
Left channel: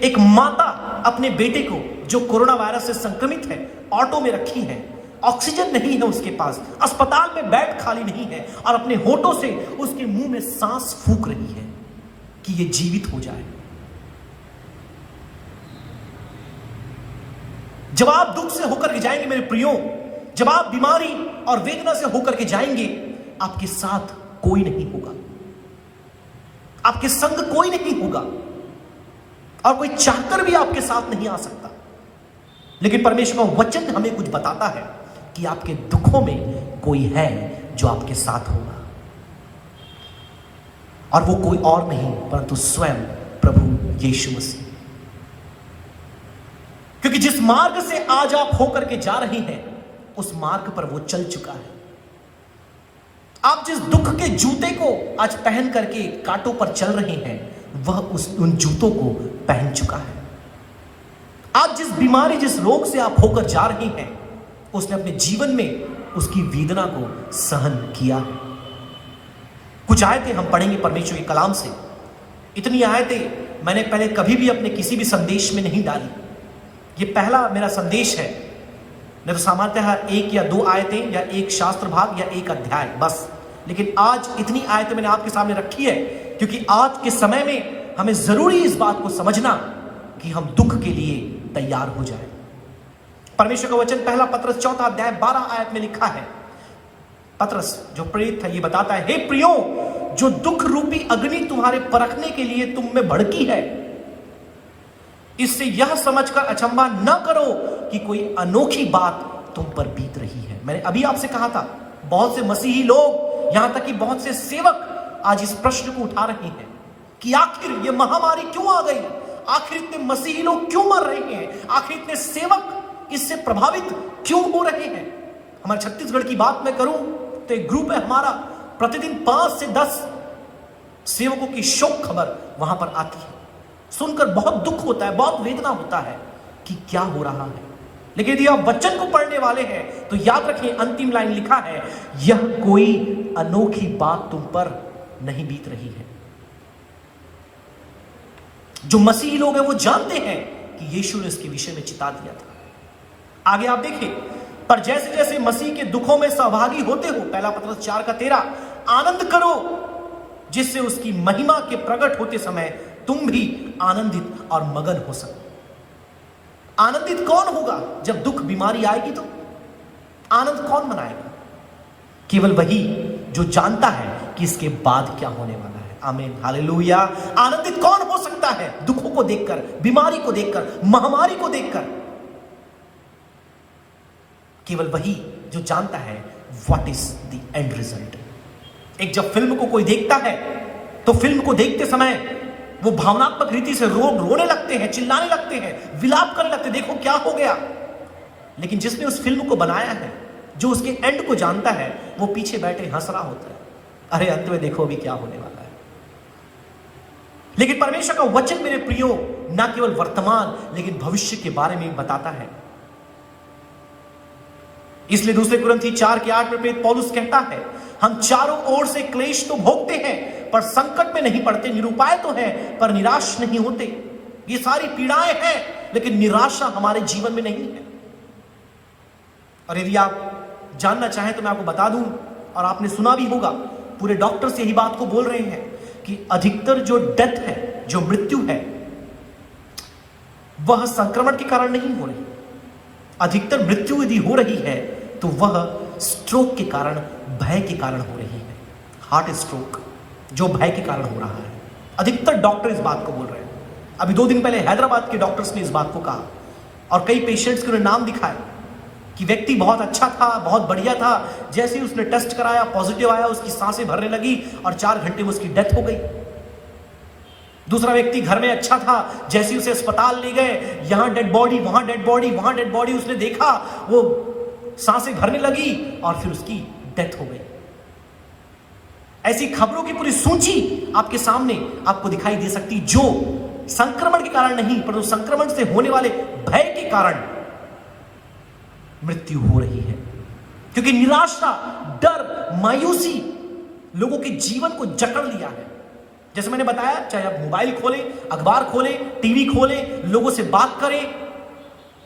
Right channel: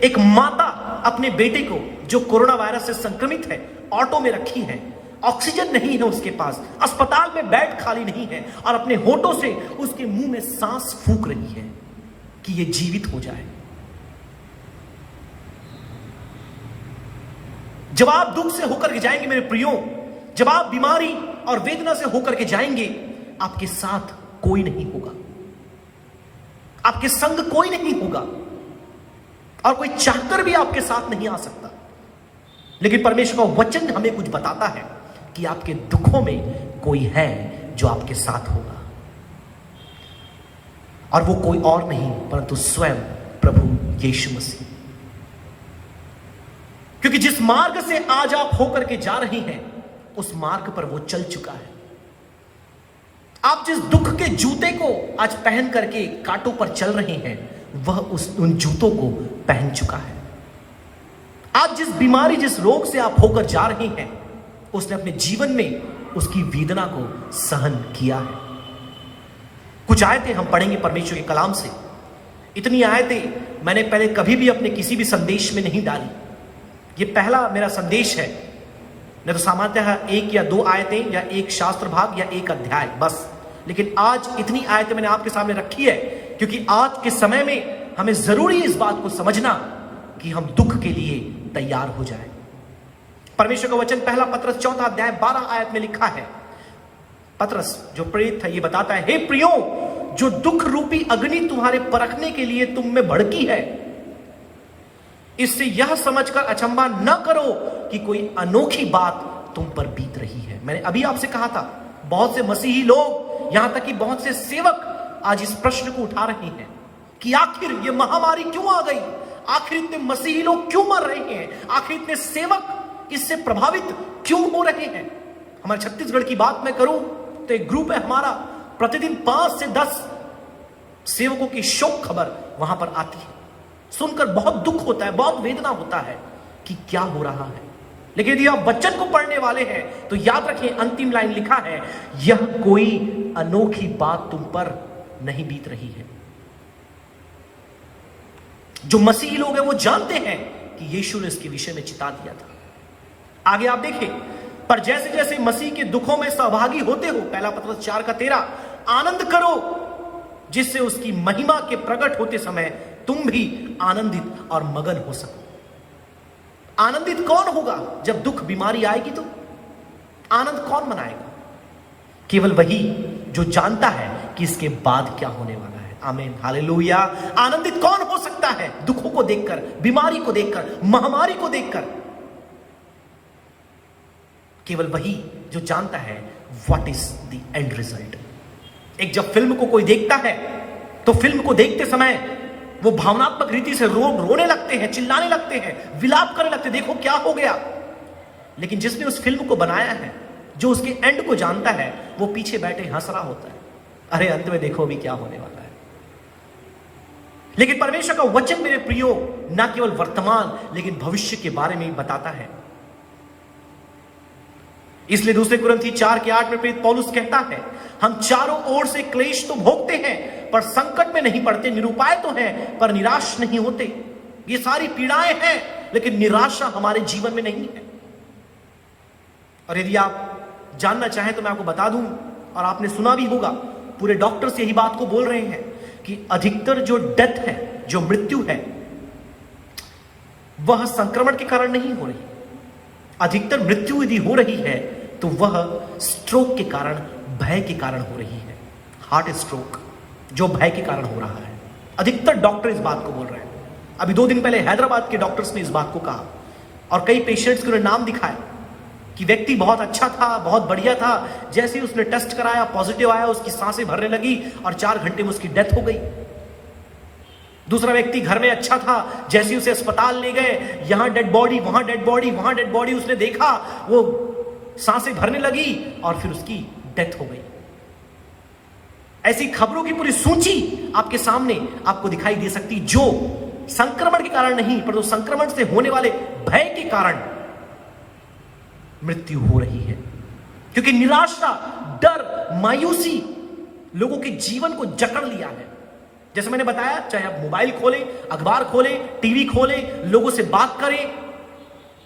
एक माता अपने बेटे को जो कोरोना वायरस से संक्रमित है ऑटो में रखी है, ऑक्सीजन नहीं है उसके पास, अस्पताल में बेड खाली नहीं है, और अपने होठों से उसके मुंह में सांस फूंक रही है कि ये जीवित हो जाए। जब आप दुख से होकर के जाएंगे मेरे प्रियो, जब आप बीमारी और वेदना से होकर के जाएंगे, आपके साथ कोई नहीं होगा, आपके संग कोई नहीं होगा, और कोई चाहकर भी आपके साथ नहीं आ सकता। लेकिन परमेश्वर का वचन हमें कुछ बताता है कि आपके दुखों में कोई है जो आपके साथ होगा, और वो कोई और नहीं परंतु स्वयं प्रभु यीशु मसीह। क्योंकि जिस मार्ग से आज आप होकर के जा रहे हैं, उस मार्ग पर वो चल चुका है। आप जिस दुख के जूते को आज पहन करके कांटों पर चल रहे हैं, वह उन जूतों को पहन चुका है। आज जिस बीमारी, जिस रोग से आप होकर जा रहे हैं, उसने अपने जीवन में उसकी वेदना को सहन किया है। कुछ आयतें हम पढ़ेंगे परमेश्वर के कलाम से। इतनी आयतें मैंने पहले कभी भी अपने किसी भी संदेश में नहीं डाली। ये पहला मेरा संदेश है। नहीं तो सामान्यतः 1 या 2 आयतें या एक शास्त्र भाग या एक अध्याय बस, लेकिन आज इतनी आयतें मैंने आपके सामने रखी है क्योंकि आज के समय में हमें जरूरी इस बात को समझना कि हम दुख के लिए तैयार हो जाए। परमेश्वर का वचन पहला पतरस 4 अध्याय 12 आयत में लिखा है। पतरस जो प्रेरित है ये बताता है, हे प्रियो, जो दुख रूपी अग्नि तुम्हारे परखने के लिए तुम में भड़की है, इससे यह समझकर अचंभा न करो कि कोई अनोखी बात तुम पर बीत रही है। मैंने अभी आपसे कहा था, बहुत से मसीही लोग, यहां तक कि बहुत से सेवक आज इस प्रश्न को उठा रहे हैं कि आखिर ये महामारी क्यों आ गई, आखिर इतने मसीही लोग क्यों मर रहे हैं, आखिर इतने सेवक इससे प्रभावित क्यों हो रहे हैं। हमारे छत्तीसगढ़ की बात मैं करूं तो एक ग्रुप है हमारा, प्रतिदिन 5 से 10 सेवकों की शोक खबर वहां पर आती है। सुनकर बहुत दुख होता है, बहुत वेदना होता है कि क्या हो रहा है। लेकिन यदि आप वचन को पढ़ने वाले हैं तो याद रखिए, अंतिम लाइन लिखा है, यह कोई अनोखी बात तुम पर नहीं बीत रही है। जो मसीही लोग हैं वो जानते हैं कि यीशु ने इसके विषय में चिता दिया था। आगे आप देखिए, पर जैसे जैसे मसीह के दुखों में सहभागी होते हो, पहला पत्रस 4:13, आनंद करो जिससे उसकी महिमा के प्रकट होते समय तुम भी आनंदित और मगन हो सको। आनंदित कौन होगा जब दुख बीमारी आएगी? तो आनंद कौन मनाएगा? केवल वही जो जानता है कि इसके बाद क्या होने वाला है। आमीन, हालेलुया। आनंदित कौन हो सकता है दुखों को देखकर, बीमारी को देखकर, महामारी को देखकर? केवल वही जो जानता है what is the end result. एक जब फिल्म को कोई देखता है तो फिल्म को देखते समय वो भावनात्मक रीति से रोने लगते हैं, चिल्लाने लगते हैं, विलाप करने लगते हैं, देखो क्या हो गया। लेकिन जिसने उस फिल्म को बनाया है, जो उसके एंड को जानता है, वो पीछे बैठे हंस रहा होता है, अरे अंत में देखो अभी क्या होने वाला है। लेकिन परमेश्वर का वचन मेरे प्रियो ना केवल वर्तमान लेकिन भविष्य के बारे में बताता है। इसलिए दूसरे कुरिन्थी 4:8 में प्रेरित पौलुस कहता है, हम चारों ओर से क्लेश तो भोगते हैं पर संकट में नहीं पड़ते, निरुपाय तो हैं पर निराश नहीं होते। ये सारी पीड़ाएं हैं लेकिन निराशा हमारे जीवन में नहीं है। और यदि आप जानना चाहें तो मैं आपको बता दूं, और आपने सुना भी होगा, पूरे डॉक्टर्स यही बात को बोल रहे हैं कि अधिकतर जो डेथ है, जो मृत्यु है, वह संक्रमण के कारण नहीं हो रही। अधिकतर मृत्यु यदि हो रही है तो वह स्ट्रोक के कारण, भय के कारण हो रही है। हार्ट स्ट्रोक जो भय के कारण हो रहा है। अधिकतर डॉक्टर इस बात को बोल रहे हैं। अभी 2 दिन पहले हैदराबाद के डॉक्टर्स ने इस बात को कहा और कई पेशेंट्स के नाम दिखाए कि व्यक्ति बहुत अच्छा था, बहुत बढ़िया था, जैसे ही उसने टेस्ट कराया पॉजिटिव आया, उसकी सांसें भरने लगी और 4 घंटे में उसकी डेथ हो गई। दूसरा व्यक्ति घर में अच्छा था, जैसे उसे अस्पताल ले गए, यहां डेड बॉडी, वहां डेड बॉडी, वहां डेड बॉडी, उसने देखा वो सांसें भरने लगी और फिर उसकी डेथ हो गई। ऐसी खबरों की पूरी सूची आपके सामने आपको दिखाई दे सकती, जो संक्रमण के कारण नहीं परंतु संक्रमण से होने वाले भय के कारण मृत्यु हो रही है। क्योंकि निराशा, डर, मायूसी लोगों के जीवन को जकड़ लिया है। जैसे मैंने बताया, चाहे आप मोबाइल खोलें, अखबार खोलें, टीवी खोलें, लोगों से बात करें,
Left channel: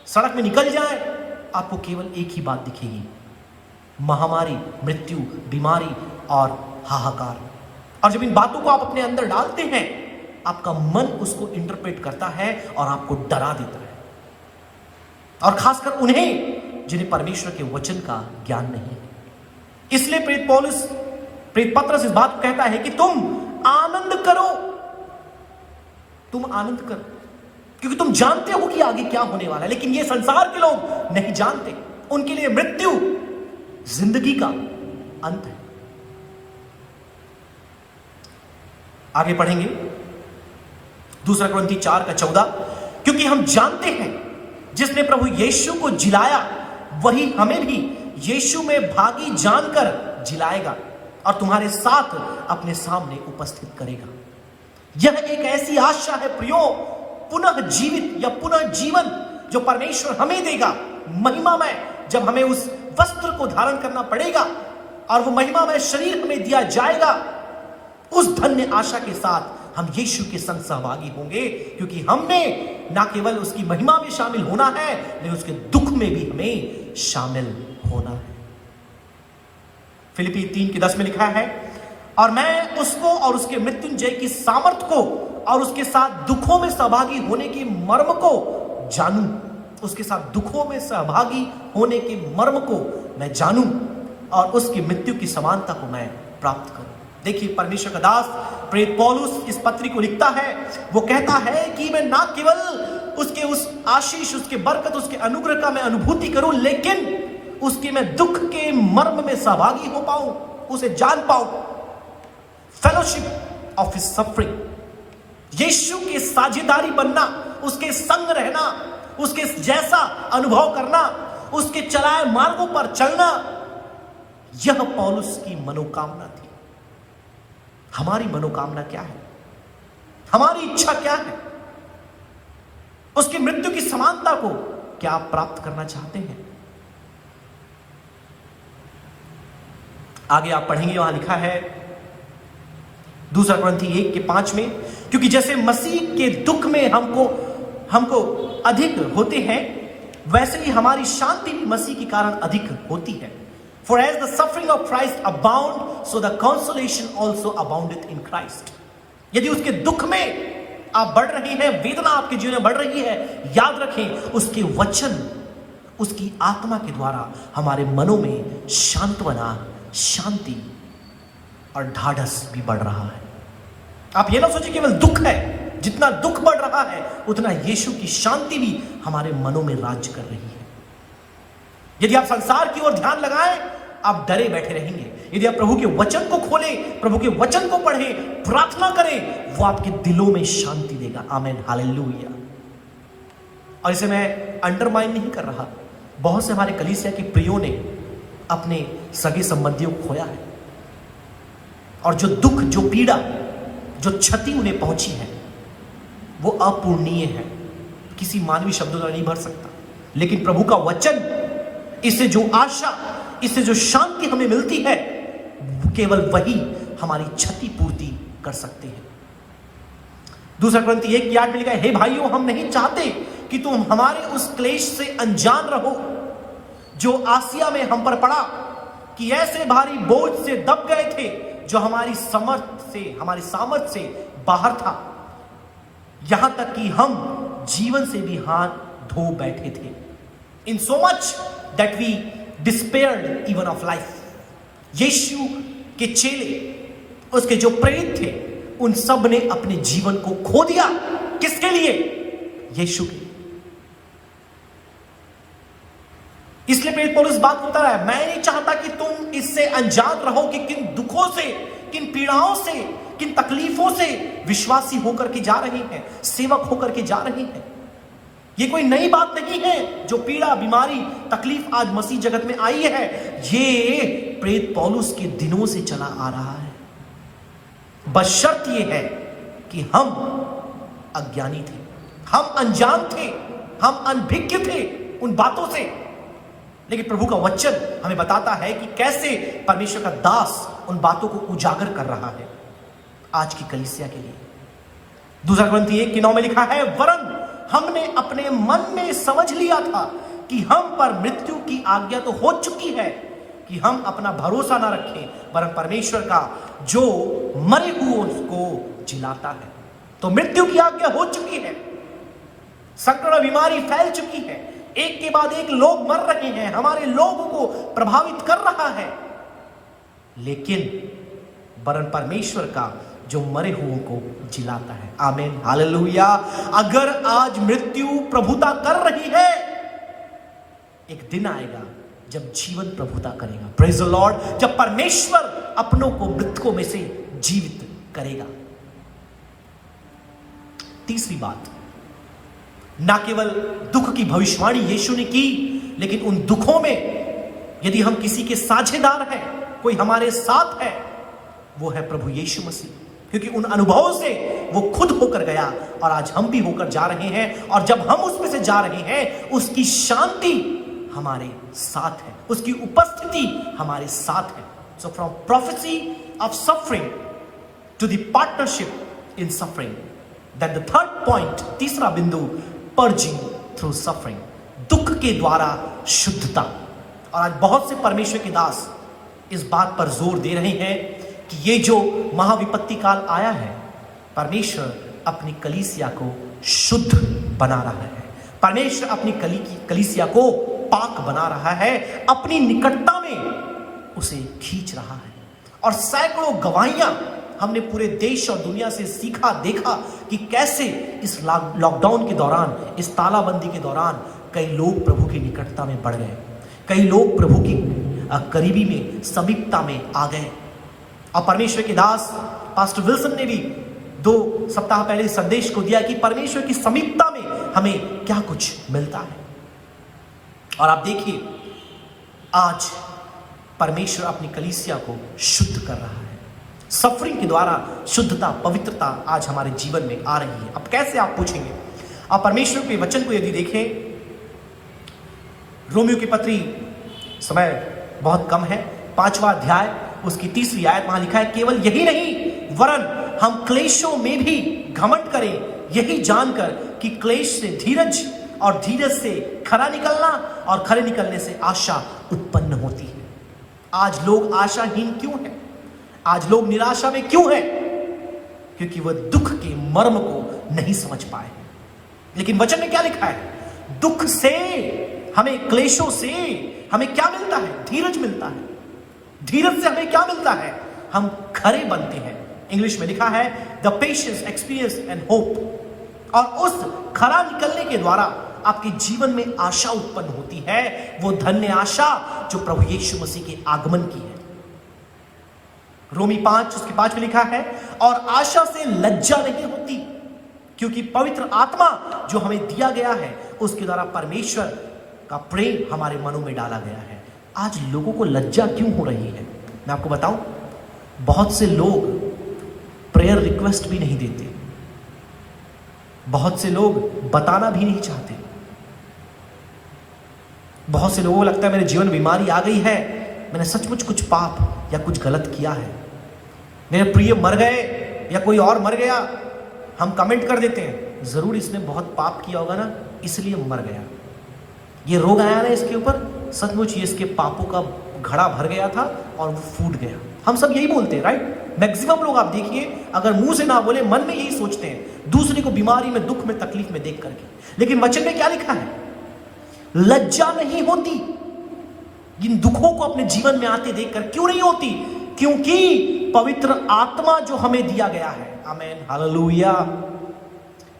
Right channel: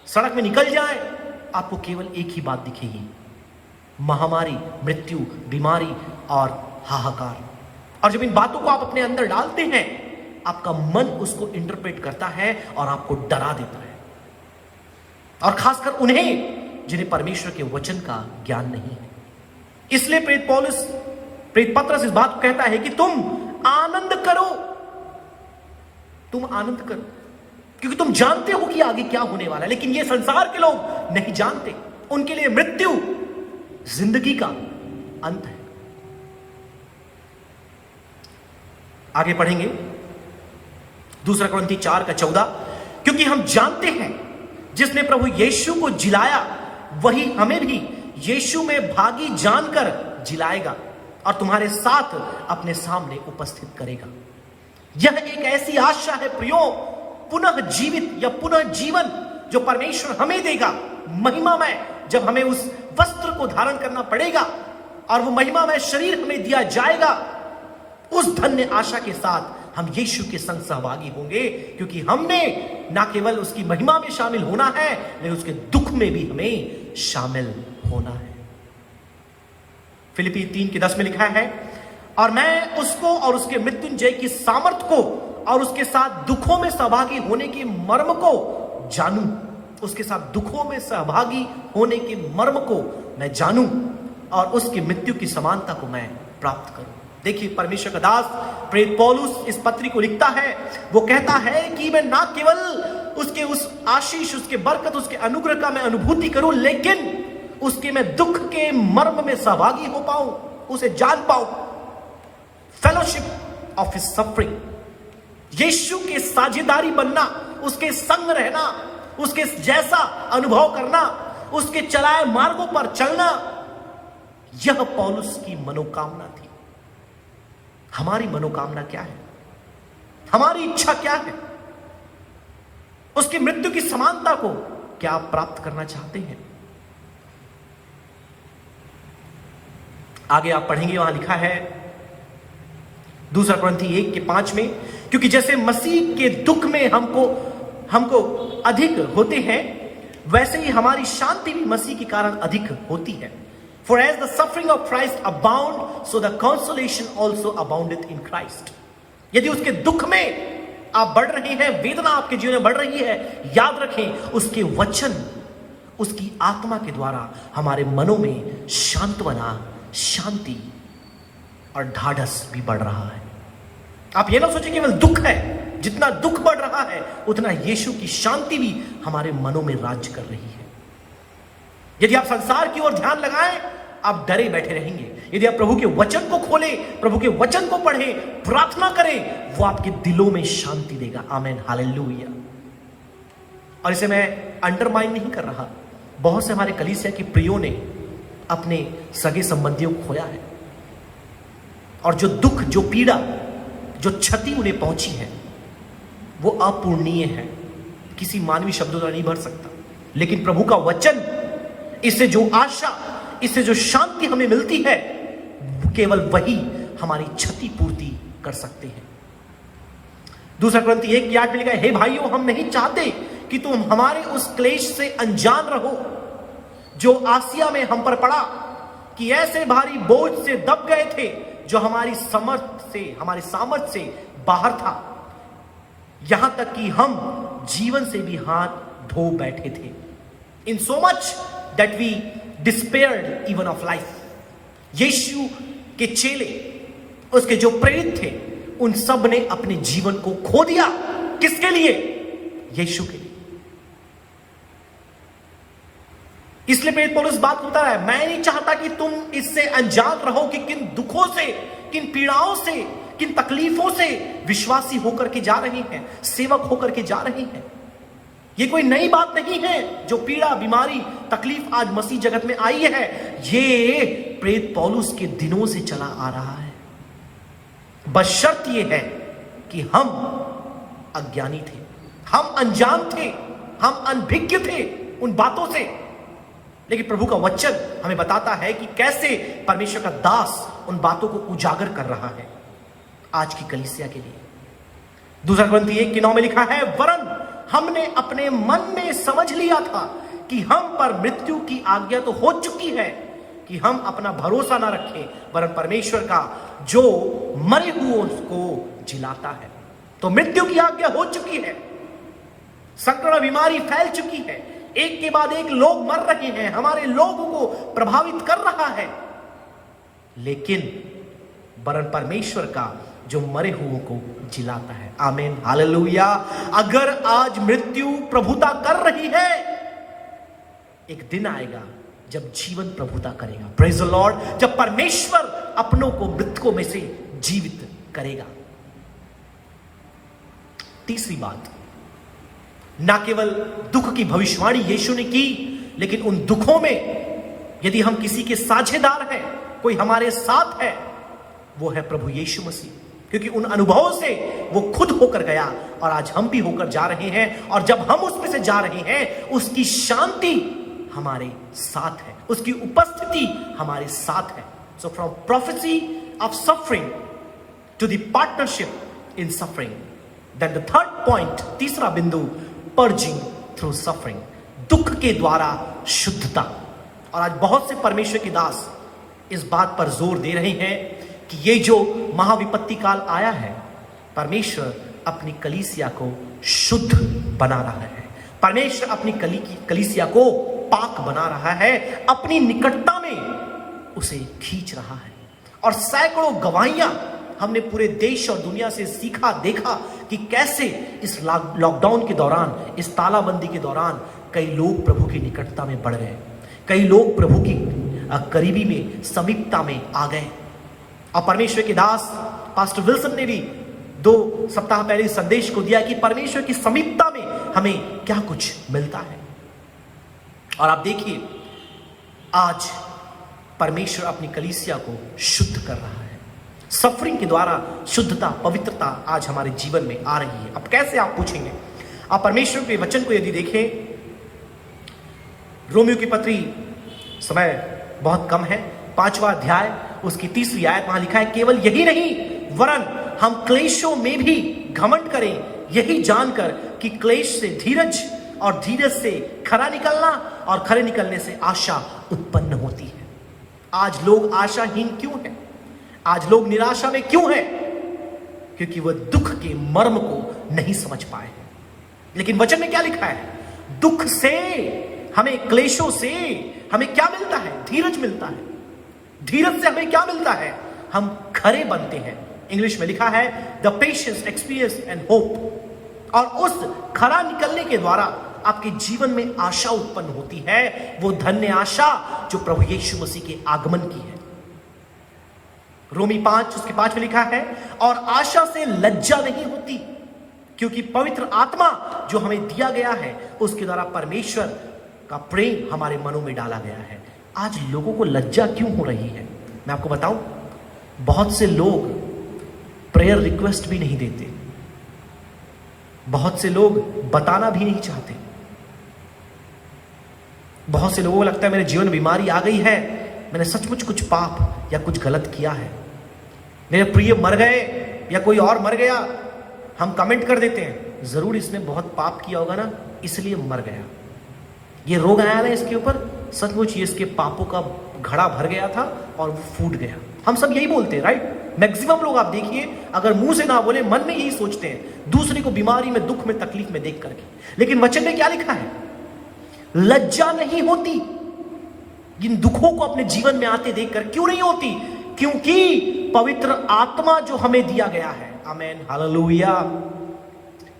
सड़क में निकल जाए, आपको केवल एक ही बात दिखेगी, महामारी, मृत्यु, बीमारी और हाहाकार। और जब इन बातों को आप अपने अंदर डालते हैं, आपका मन उसको इंटरप्रेट करता है और आपको डरा देता है। और खासकर उन्हें जिन्हें परमेश्वर के वचन का ज्ञान नहीं है। इसलिए प्रेरित पत्रस इस बात को कहता है कि तुम आनंद करो, तुम आनंद करो, क्योंकि तुम जानते हो कि आगे क्या होने वाला है। लेकिन ये संसार के लोग नहीं जानते, उनके लिए मृत्यु जिंदगी का अंत है। आगे पढ़ेंगे दूसरा कुरिन्थी 4:14, क्योंकि हम जानते हैं जिसने प्रभु यीशु को जिलाया वही हमें भी यीशु में भागी जानकर जिलाएगा और तुम्हारे साथ अपने सामने उपस्थित करेगा। यह एक ऐसी आशा है प्रियो, पुनः जीवित या पुनः जीवन जो परमेश्वर हमें देगा महिमामय, जब हमें उस वस्त्र को धारण करना पड़ेगा और वो महिमामय शरीर हमें दिया जाएगा। उस धन्य आशा के साथ हम यीशु के संग सहभागी होंगे, क्योंकि हमने ना केवल उसकी महिमा में शामिल होना है लेकिन उसके दुख में भी हमें शामिल होना है। फिलिप्पी 3:10 में लिखा है, और मैं उसको और उसके मृत्युंजय की सामर्थ को और उसके साथ दुखों में सहभागी होने के मर्म को जानूं। उसके साथ दुखों में सहभागी होने के मर्म को मैं जानूं और उसकी मृत्यु की समानता को मैं प्राप्त करूं। देखिए, परमेश्वर का दास प्रेरित पौलुस इस पत्री को लिखता है। वो कहता है कि मैं ना केवल उसके उस आशीष, उसके बरकत, उसके अनुग्रह का मैं अनुभूति करूं, लेकिन उसके मैं दुख के मर्म में सहभागी हो पाऊं, उसे जान पाऊं। फेलोशिप ऑफ हिज सफरिंग, यीशु की साझेदारी बनना, उसके संग रहना, उसके जैसा अनुभव करना, उसके चलाए मार्गों पर चलना, यह पौलुस की मनोकामना थी। हमारी मनोकामना क्या है? हमारी इच्छा क्या है? उसकी मृत्यु की समानता को क्या आप प्राप्त करना चाहते हैं? आगे आप पढ़ेंगे, वहां लिखा है 2 कुरिन्थी 1:5 में, क्योंकि जैसे मसीह के दुख में हमको अधिक होते हैं, वैसे ही हमारी शांति भी मसीह के कारण अधिक होती है। For as the suffering of Christ abound, so the consolation also aboundeth in Christ. यदि उसके दुख में आप बढ़ रहे हैं, वेदना आपके जीवन में बढ़ रही है, याद रखें उसके वचन, उसकी आत्मा के द्वारा हमारे मनों में सांत्वना, शांति और ढाढ़स भी बढ़ रहा है। आप ये ना सोचिए केवल दुख है, जितना दुख बढ़ रहा है उतना यीशु की शांति भी हमारे मनों में राज्य कर रही है। यदि आप संसार की ओर ध्यान लगाएं, आप डरे बैठे रहेंगे। यदि आप प्रभु के वचन को खोलें, प्रभु के वचन को पढ़ें, प्रार्थना करें, वो आपके दिलों में शांति देगा। आमीन, हालेलुया। और इसे मैं अंडरमाइन नहीं कर रहा, बहुत से हमारे कलीसिया के प्रियों ने अपने सगे संबंधियों को खोया है, और जो दुख, जो पीड़ा, जो क्षति उन्हें पहुंची है वो अपूर्णीय है, किसी मानवीय शब्दों द्वारा नहीं भर सकता। लेकिन प्रभु का वचन, इससे जो आशा, इससे जो शांति हमें मिलती है, केवल वही हमारी क्षति पूर्ति कर सकते हैं। 2 कुरिन्थी 1:8 में लिखा है, हे भाइयों, हम नहीं चाहते कि तुम हमारे उस क्लेश से अनजान रहो जो आसिया में हम पर पड़ा, कि ऐसे भारी बोझ से दब गए थे जो हमारी सामर्थ से बाहर था, यहां तक कि हम जीवन से भी हाथ धो बैठे थे। In so much that we despaired even of life. यीशु के चेले, उसके जो प्रेरित थे, उन सब ने अपने जीवन को खो दिया। किसके लिए? यीशु के लिए। इसलिए प्रेरित पौलुस बात बता रहा है, मैं नहीं चाहता कि तुम इससे अनजान रहो कि किन दुखों से, किन पीड़ाओं से, किन तकलीफों से विश्वासी होकर के जा रहे हैं, सेवक होकर के जा रहे हैं। ये कोई नई बात नहीं है। जो पीड़ा, बीमारी, तकलीफ आज मसीह जगत में आई है, ये प्रेरित पौलुस के दिनों से चला आ रहा है। बशर्त ये है कि हम अज्ञानी थे, हम अनजान थे, हम अनभिज्ञ थे उन बातों से। लेकिन प्रभु का वचन हमें बताता है कि कैसे परमेश्वर का दास उन बातों को उजागर कर रहा है आज की कलीसिया के लिए। 2 कुरिन्थी 1:9 में लिखा है, वरन हमने अपने मन में समझ लिया था कि हम पर मृत्यु की आज्ञा तो हो चुकी है, कि हम अपना भरोसा ना रखें, वरन परमेश्वर का जो मरे हुए को जिलाता है। तो मृत्यु की आज्ञा हो चुकी है, संक्रमण बीमारी फैल चुकी है, एक के बाद एक लोग मर रहे हैं, हमारे लोगों को प्रभावित कर रहा है। लेकिन वरन परमेश्वर का जो मरे हुओं को जिलाता है। आमीन, हालेलुया। अगर आज मृत्यु प्रभुता कर रही है, एक दिन आएगा जब जीवन प्रभुता करेगा। Praise the Lord. जब परमेश्वर अपनों को मृतकों में से जीवित करेगा। तीसरी बात, ना केवल दुख की भविष्यवाणी यीशु ने की, लेकिन उन दुखों में यदि हम किसी के साझेदार हैं, कोई हमारे साथ है, वो है प्रभु यीशु मसीह। क्योंकि उन अनुभवों से वो खुद होकर गया और आज हम भी होकर जा रहे हैं। और जब हम उसमें से जा रहे हैं, उसकी शांति हमारे साथ है, उसकी उपस्थिति हमारे साथ है। So from prophecy of suffering to the partnership in suffering, then the third point, तीसरा बिंदु, पर्जिंग थ्रू सफरिंग, दुख के द्वारा शुद्धता। और आज बहुत से परमेश्वर के दास इस बात पर जोर दे रहे हैं कि ये जो महाविपत्ति काल आया है, परमेश्वर अपनी कलीसिया को शुद्ध बना रहा है। परमेश्वर अपनी कलीसिया को पाक बना रहा है, अपनी निकटता में उसे खींच रहा है। और सैकड़ों गवाहियां हमने पूरे देश और दुनिया से सीखा, देखा कि कैसे इस लॉकडाउन के दौरान, इस तालाबंदी के दौरान कई लोग प्रभु की निकटता में बढ़ गए, कई लोग प्रभु की करीबी में, समीपता में आ गए। और परमेश्वर के दास पास्टर विल्सन ने भी 2 सप्ताह पहले संदेश को दिया कि परमेश्वर की समीपता में हमें क्या कुछ मिलता है। और आप देखिए, आज परमेश्वर अपनी कलीसिया को शुद्ध कर रहा है। सफरिंग के द्वारा शुद्धता, पवित्रता आज हमारे जीवन में आ रही है। अब कैसे, आप पूछेंगे। आप परमेश्वर के वचन को यदि देखें, रोमियो की पत्री, समय बहुत कम है, 5वां अध्याय उसकी 3री आयत, वहां लिखा है, केवल यही नहीं वरन हम क्लेशों में भी घमंड करें, यही जानकर कि क्लेश से धीरज और धीरज से खरा निकलना और खरे निकलने से आशा उत्पन्न होती है। आज लोग आशाहीन क्यों हैं? आज लोग निराशा में क्यों हैं? क्योंकि वह दुख के मर्म को नहीं समझ पाए। लेकिन वचन में क्या लिखा है? दुख से हमें, क्लेशों से हमें क्या मिलता है? धीरज मिलता है। धीरज से हमें क्या मिलता है? हम खरे बनते हैं। इंग्लिश में लिखा है the patience, experience and hope. और उस खरा निकलने के द्वारा आपके जीवन में आशा उत्पन्न होती है, वो धन्य आशा जो प्रभु यीशु मसीह के आगमन की है। रोमी 5 उसके 5 में लिखा है, और आशा से लज्जा नहीं होती, क्योंकि पवित्र आत्मा जो हमें दिया गया है उसके द्वारा परमेश्वर का प्रेम हमारे मनों में डाला गया है। आज लोगों को लज्जा क्यों हो रही है? मैं आपको बताऊं, बहुत से लोग प्रेयर रिक्वेस्ट भी नहीं देते, बहुत से लोग बताना भी नहीं चाहते, बहुत से लोगों को लगता है मेरे जीवन में बीमारी आ गई है, मैंने सचमुच कुछ पाप या कुछ गलत किया है, मेरे प्रिय मर गए या कोई और मर गया। हम कमेंट कर देते हैं, जरूर इसने बहुत पाप किया होगा ना, इसलिए मर गया। ये रोग आया ना इसके ऊपर, सचमुच ये इसके पापों का घड़ा भर गया था और वो फूट गया। हम सब यही बोलते हैं, राइट? मैक्सिमम लोग आप देखिए, अगर मुंह से ना बोले, मन में यही सोचते हैं, दूसरे को बीमारी में, दुख में, तकलीफ में देख करके। लेकिन वचन में क्या लिखा है? लज्जा नहीं होती इन दुखों को अपने जीवन में आते देखकर। क्यों नहीं होती? क्योंकि पवित्र आत्मा जो हमें दिया गया है, आमेन, हालेलुया।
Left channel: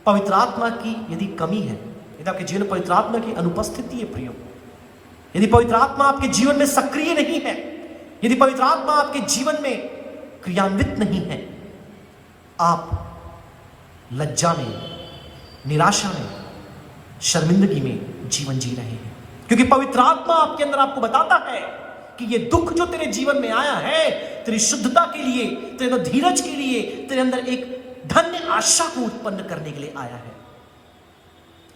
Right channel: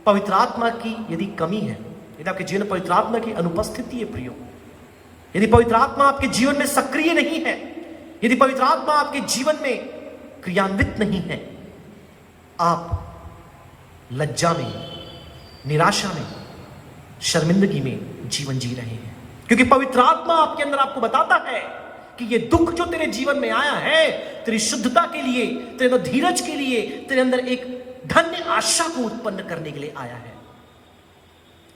पवित्र आत्मा की यदि कमी है, यदि आपके जीवन में पवित्र आत्मा की अनुपस्थिति है प्रियो, यदि पवित्र आत्मा आपके जीवन में सक्रिय नहीं है, यदि पवित्र आत्मा आपके जीवन में क्रियान्वित नहीं है, आप लज्जा में, निराशा में, शर्मिंदगी में जीवन जी रहे हैं। क्योंकि पवित्र आत्मा आपके अंदर आपको बताता है कि ये दुख जो तेरे जीवन में आया है, तेरी शुद्धता के लिए, तेरे अंदर धीरज के लिए, तेरे अंदर एक धन्य आशा को उत्पन्न करने के लिए आया है,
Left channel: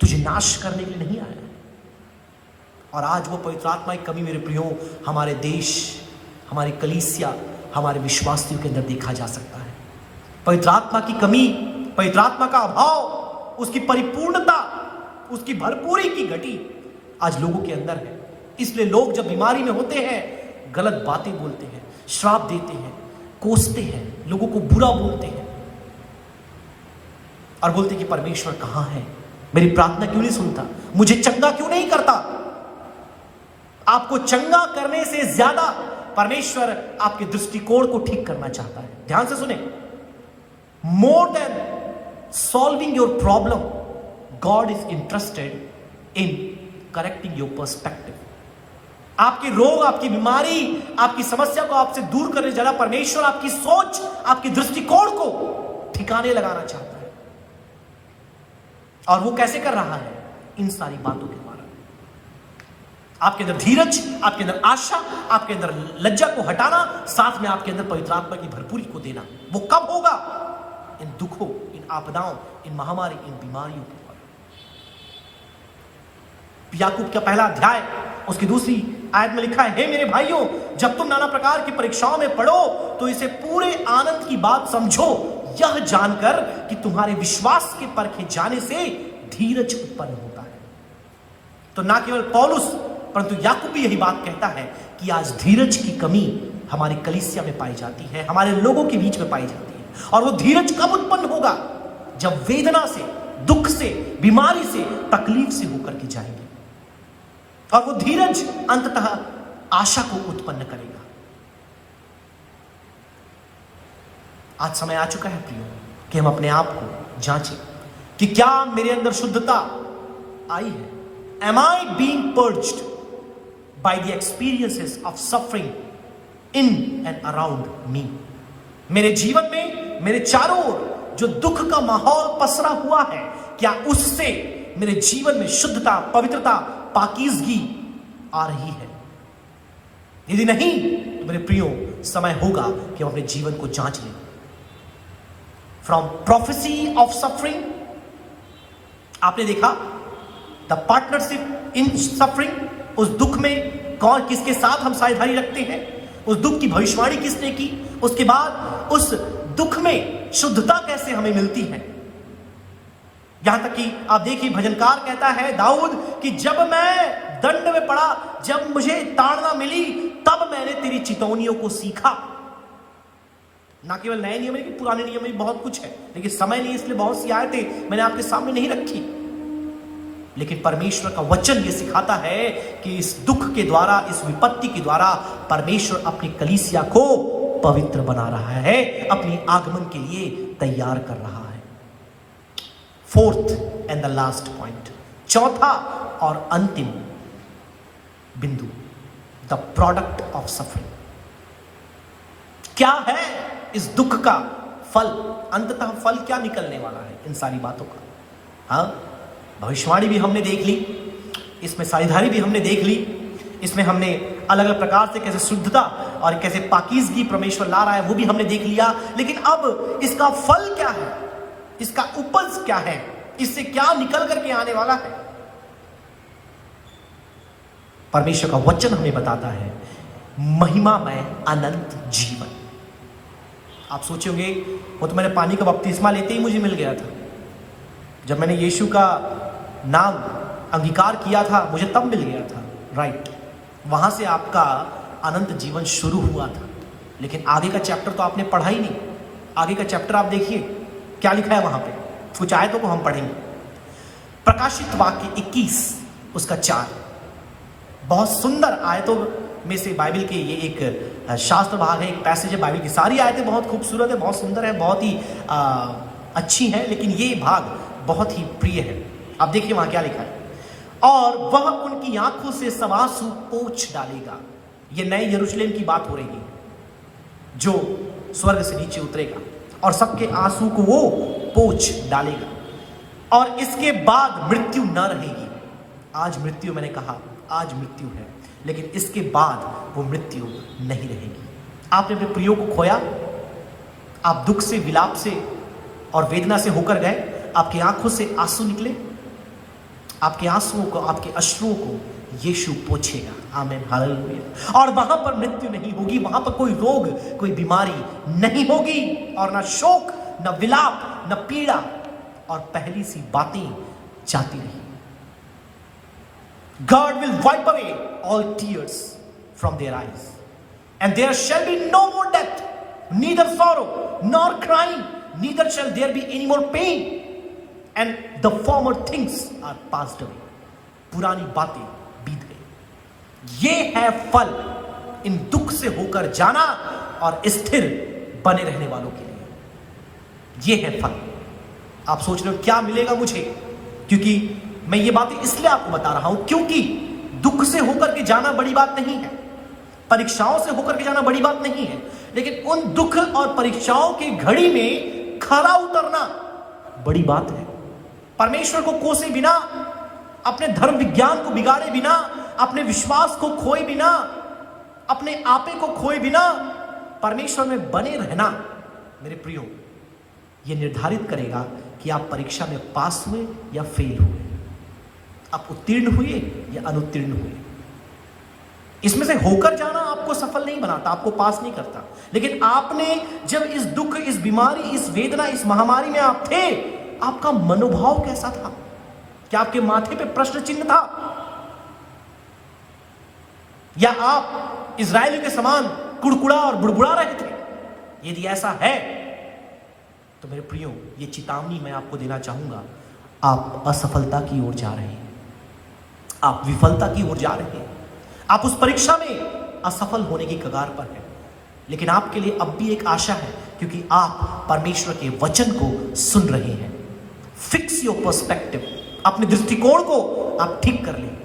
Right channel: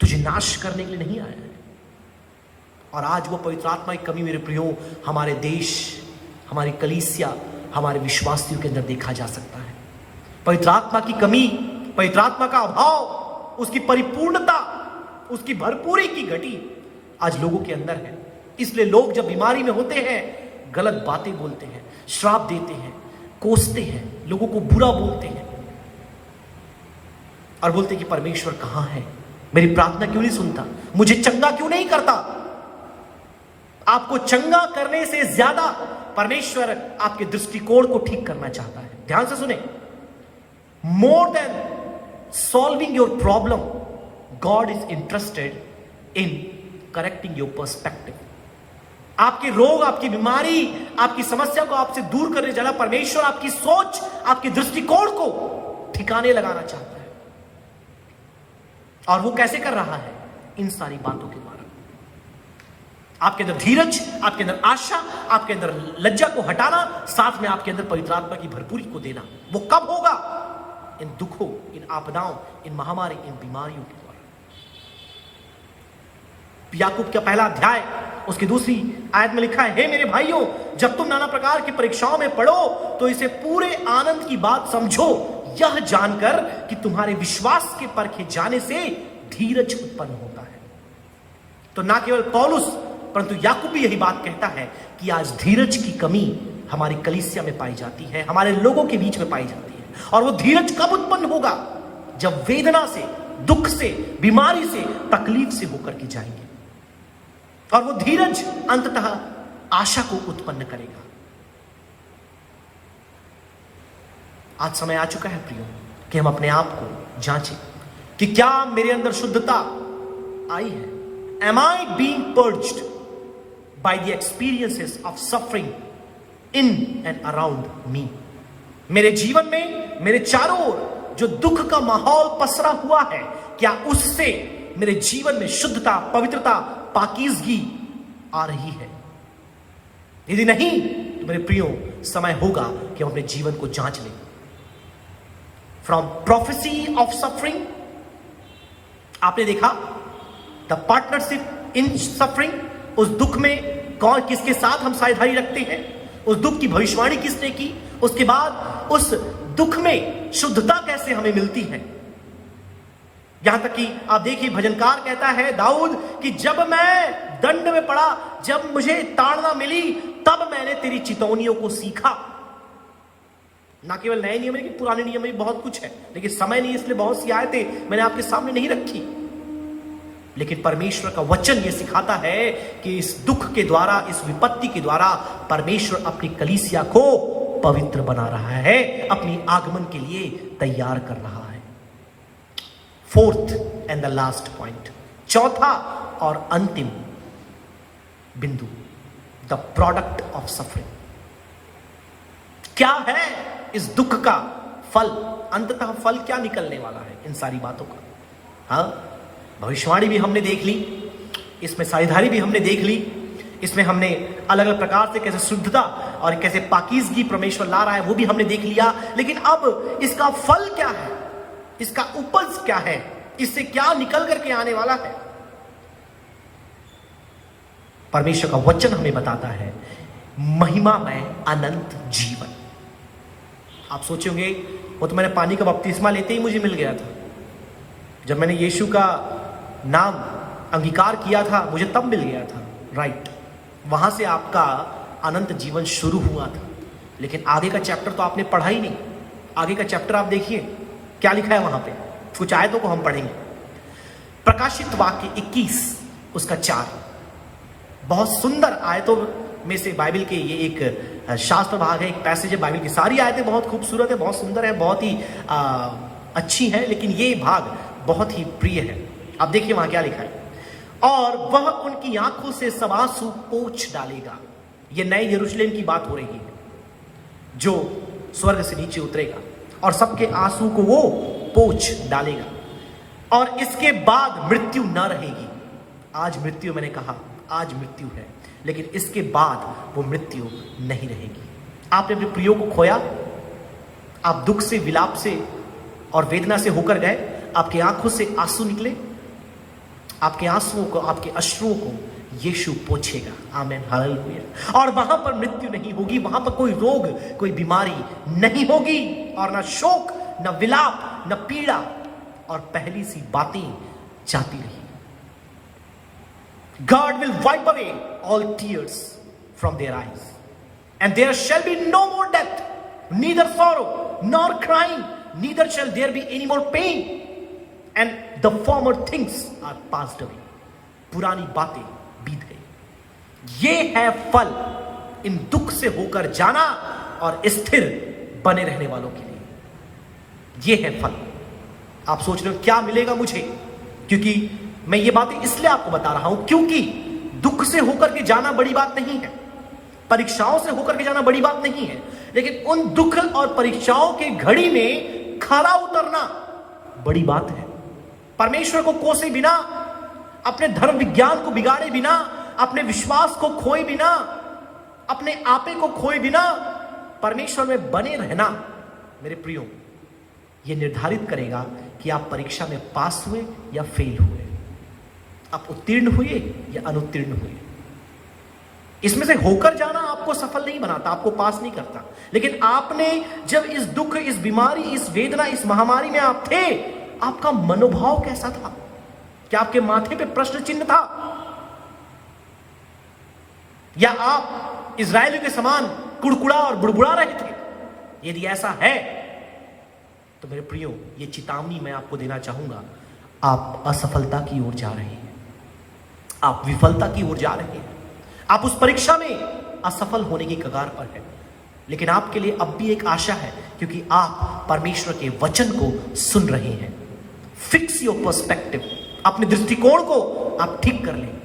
तुझे नाश करने के लिए नहीं आया है। और आज वो पवित्र आत्मा की कमी मेरे प्रियो हमारे देश, हमारी कलीसिया, हमारे विश्वासियों के अंदर देखा जा सकता है। पवित्र आत्मा की कमी, पवित्र आत्मा का अभाव, उसकी परिपूर्णता, उसकी भरपूरी की घटी आज लोगों के अंदर है। इसलिए लोग जब बीमारी में होते हैं, गलत बातें बोलते हैं, श्राप देते हैं, कोसते हैं, लोगों को बुरा बोलते हैं और बोलते हैं कि परमेश्वर कहां है, मेरी प्रार्थना क्यों नहीं सुनता, मुझे चंगा क्यों नहीं करता। आपको चंगा करने से ज्यादा परमेश्वर आपके दृष्टिकोण को ठीक करना चाहता है। ध्यान से सुने, more than solving your problem, God is interested in correcting your perspective. आपके रोग, आपकी बीमारी, आपकी समस्या को आपसे दूर करने जाना परमेश्वर आपकी सोच, आपके दृष्टिकोण को ठिकाने लगाना चाहता है। और वो कैसे कर रहा है? इन सारी बातों के द्वारा। आपके अंदर धीरज, आपके अंदर आशा, आपके अंदर लज्जा को हटाना, साथ में आपके अंदर पवित्र आत्मा की भरपूरी को देना। वो कब होगा? इन दुखों, इन आपदाओं, इन महामारी, इन बीमारियों के द्वारा। याकूब का पहला अध्याय उसकी 2री आयत में लिखा है, हे मेरे भाइयों, जब तुम नाना प्रकार की परीक्षाओं में पड़ो तो इसे पूरे आनंद की बात समझो, यह जानकर कि तुम्हारे विश्वास के परखे जाने से धीरज उत्पन्न होता है। तो ना केवल पौलुस परंतु याकूब भी यही बात कहता है कि आज धीरज की कमी हमारी कलीसिया में पाई जाती है, हमारे लोगों के बीच में पाई जाती है। और वो धीरज कब उत्पन्न होगा? जब वेदना से, दुख से, बीमारी से, तकलीफ से होकर के जाएंगे। और वो धीरज अंततः आशा को उत्पन्न करेगा। आज समय आ चुका है प्रियो कि हम अपने आप को जांचें कि क्या मेरे अंदर शुद्धता आई है। Am I being purged by the experiences of suffering in and around me? मेरे जीवन में, मेरे चारों ओर जो दुख का माहौल पसरा हुआ है, क्या उससे मेरे जीवन में शुद्धता, पवित्रता, पाकीज़गी आ रही है? यदि नहीं, तो मेरे प्रियो समय होगा कि हम अपने जीवन को जांच लें। फ्रॉम प्रोफेसी ऑफ सफरिंग आपने देखा द पार्टनरशिप इन सफरिंग, उस दुख में कौन किसके साथ हम साझेदारी रखते हैं, उस दुख की भविष्यवाणी किसने की, उसके बाद उस दुख में शुद्धता कैसे हमें मिलती है। यहां तक कि आप देखिए भजनकार कहता है दाऊद कि जब मैं दंड में पड़ा, जब मुझे ताड़ना मिली, तब मैंने तेरी चितौनियों को सीखा। ना केवल नए नियम लेकिन पुराने नियम में भी बहुत कुछ है, लेकिन समय नहीं इसलिए बहुत सी आयतें मैंने आपके सामने नहीं रखी। लेकिन परमेश्वर का वचन यह सिखाता है कि इस दुख के द्वारा, इस विपत्ति के द्वारा परमेश्वर अपनी कलीसिया को पवित्र बना रहा है, अपनी आगमन के लिए तैयार कर रहा है। Fourth and the last point, चौथा और अंतिम बिंदु, द प्रोडक्ट ऑफ सफरिंग। क्या है इस दुख का फल, अंततः फल क्या निकलने वाला है इन सारी बातों का। हाँ, भविष्यवाणी भी हमने देख ली, इसमें साझेदारी भी हमने देख ली, इसमें हमने अलग अलग प्रकार से कैसे शुद्धता और कैसे पाकीज़गी परमेश्वर ला रहा है वो भी हमने देख लिया। लेकिन अब इसका फल क्या है, इसका उपज क्या है, इससे क्या निकल करके आने वाला है। परमेश्वर का वचन हमें बताता है महिमा में अनंत जीवन। आप सोचोगे वो तो मैंने पानी का बपतिस्मा लेते ही मुझे मिल गया था, जब मैंने यीशु का नाम अंगीकार किया था मुझे तब मिल गया था, राइट। वहां से आपका अनंत जीवन शुरू हुआ था, लेकिन आगे का चैप्टर तो आपने पढ़ा ही नहीं। आगे का चैप्टर आप देखिए क्या लिखा है वहां पे, कुछ आयतों को हम पढ़ेंगे। प्रकाशित वाक्य 21 उसका 4, बहुत सुंदर आयतों में से बाइबल के ये एक शास्त्र भाग है, एक पैसेज है। बाइबल की सारी आयतें बहुत खूबसूरत है, बहुत सुंदर है, बहुत ही अच्छी है, लेकिन ये भाग बहुत ही प्रिय है। आप देखिए वहां क्या लिखा है, और वह उनकी आंखों से सब आंसू पोंछ डालेगा। ये नए यरूशलेम की बात हो रही है जो स्वर्ग से नीचे उतरेगा, और सबके आंसू को वो पोंछ डालेगा, और इसके बाद मृत्यु न रहेगी। आज मृत्यु, मैंने कहा आज मृत्यु है, लेकिन इसके बाद वो मृत्यु नहीं रहेगी। आपने अपने प्रियो को खोया, आप दुख से, विलाप से और वेदना से होकर गए, आपकी आंखों से आंसू निकले, आपके आंसुओं को, आपके अश्रुओं को यीशु पोंछेगा। आमीन, हालेलुया। और वहां पर मृत्यु नहीं होगी, वहां पर कोई रोग, कोई बीमारी नहीं होगी, और ना शोक, न विलाप, न पीड़ा, और पहली सी बातें जाती रही। God will wipe away all tears from their eyes, and there shall be no more death, neither sorrow nor crying, neither shall there be any more pain, and the former things are passed away. पुरानी बातें बीत गई। ये है फल इन दुख से होकर जाना और स्थिर बने रहने वालों के लिए। ये है फल। आप सोच रहे हो क्या मिलेगा मुझे, क्योंकि मैं ये बातें इसलिए आपको बता रहा हूं क्योंकि दुख से होकर के जाना बड़ी बात नहीं है, परीक्षाओं से होकर के जाना बड़ी बात नहीं है, लेकिन उन दुख और परीक्षाओं की घड़ी में खरा उतरना बड़ी बात है। परमेश्वर को कोसे बिना, अपने धर्म विज्ञान को बिगाड़े बिना, अपने विश्वास को खोए बिना, अपने आपे को खोए बिना परमेश्वर में बने रहना, मेरे प्रियो, यह निर्धारित करेगा कि आप परीक्षा में पास हुए या फेल हुए, आप उत्तीर्ण हुए या अनुत्तीर्ण हुए। इसमें से होकर जाना आपको सफल नहीं बनाता, आपको पास नहीं करता, लेकिन आपने जब इस दुख, इस बीमारी, इस वेदना, इस महामारी में आप थे, आपका मनोभाव कैसा था? क्या आपके माथे पे प्रश्न चिन्ह था, या आप इजरायलियों के समान कुड़कुड़ा और बुड़बुड़ा रहे थे? यदि ऐसा है तो मेरे प्रियो, ये चेतावनी मैं आपको देना चाहूंगा, आप असफलता की ओर जा रहे हैं, आप विफलता की ओर जा रहे हैं, आप उस परीक्षा में असफल होने की कगार पर हैं। लेकिन आपके लिए अब भी एक आशा है, क्योंकि आप परमेश्वर के वचन को सुन रहे हैं। फिक्स योर पर्सपेक्टिव, अपने दृष्टिकोण को आप ठीक कर लें।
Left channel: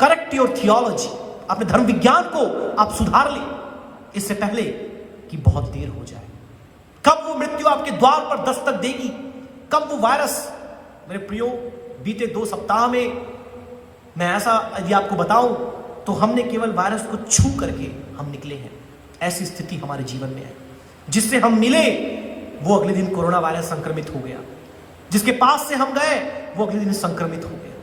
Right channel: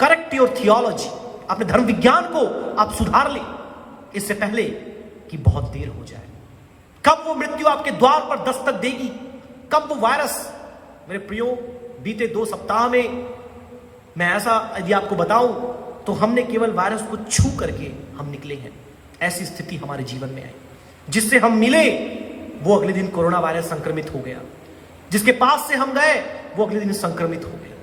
करेक्ट योर थियोलॉजी, अपने धर्म विज्ञान को आप सुधार लें, इससे पहले कि बहुत देर हो जाए। कब वो मृत्यु आपके द्वार पर दस्तक देगी, कब वो वायरस, मेरे प्रियो, बीते 2 सप्ताह में मैं ऐसा यदि आपको बताऊं तो हमने केवल वायरस को छू करके हम निकले हैं। ऐसी स्थिति हमारे जीवन में है। जिससे हम मिले वो अगले दिन कोरोना वायरस संक्रमित हो गया, जिसके पास से हम गए वो अगले दिन संक्रमित हो गए।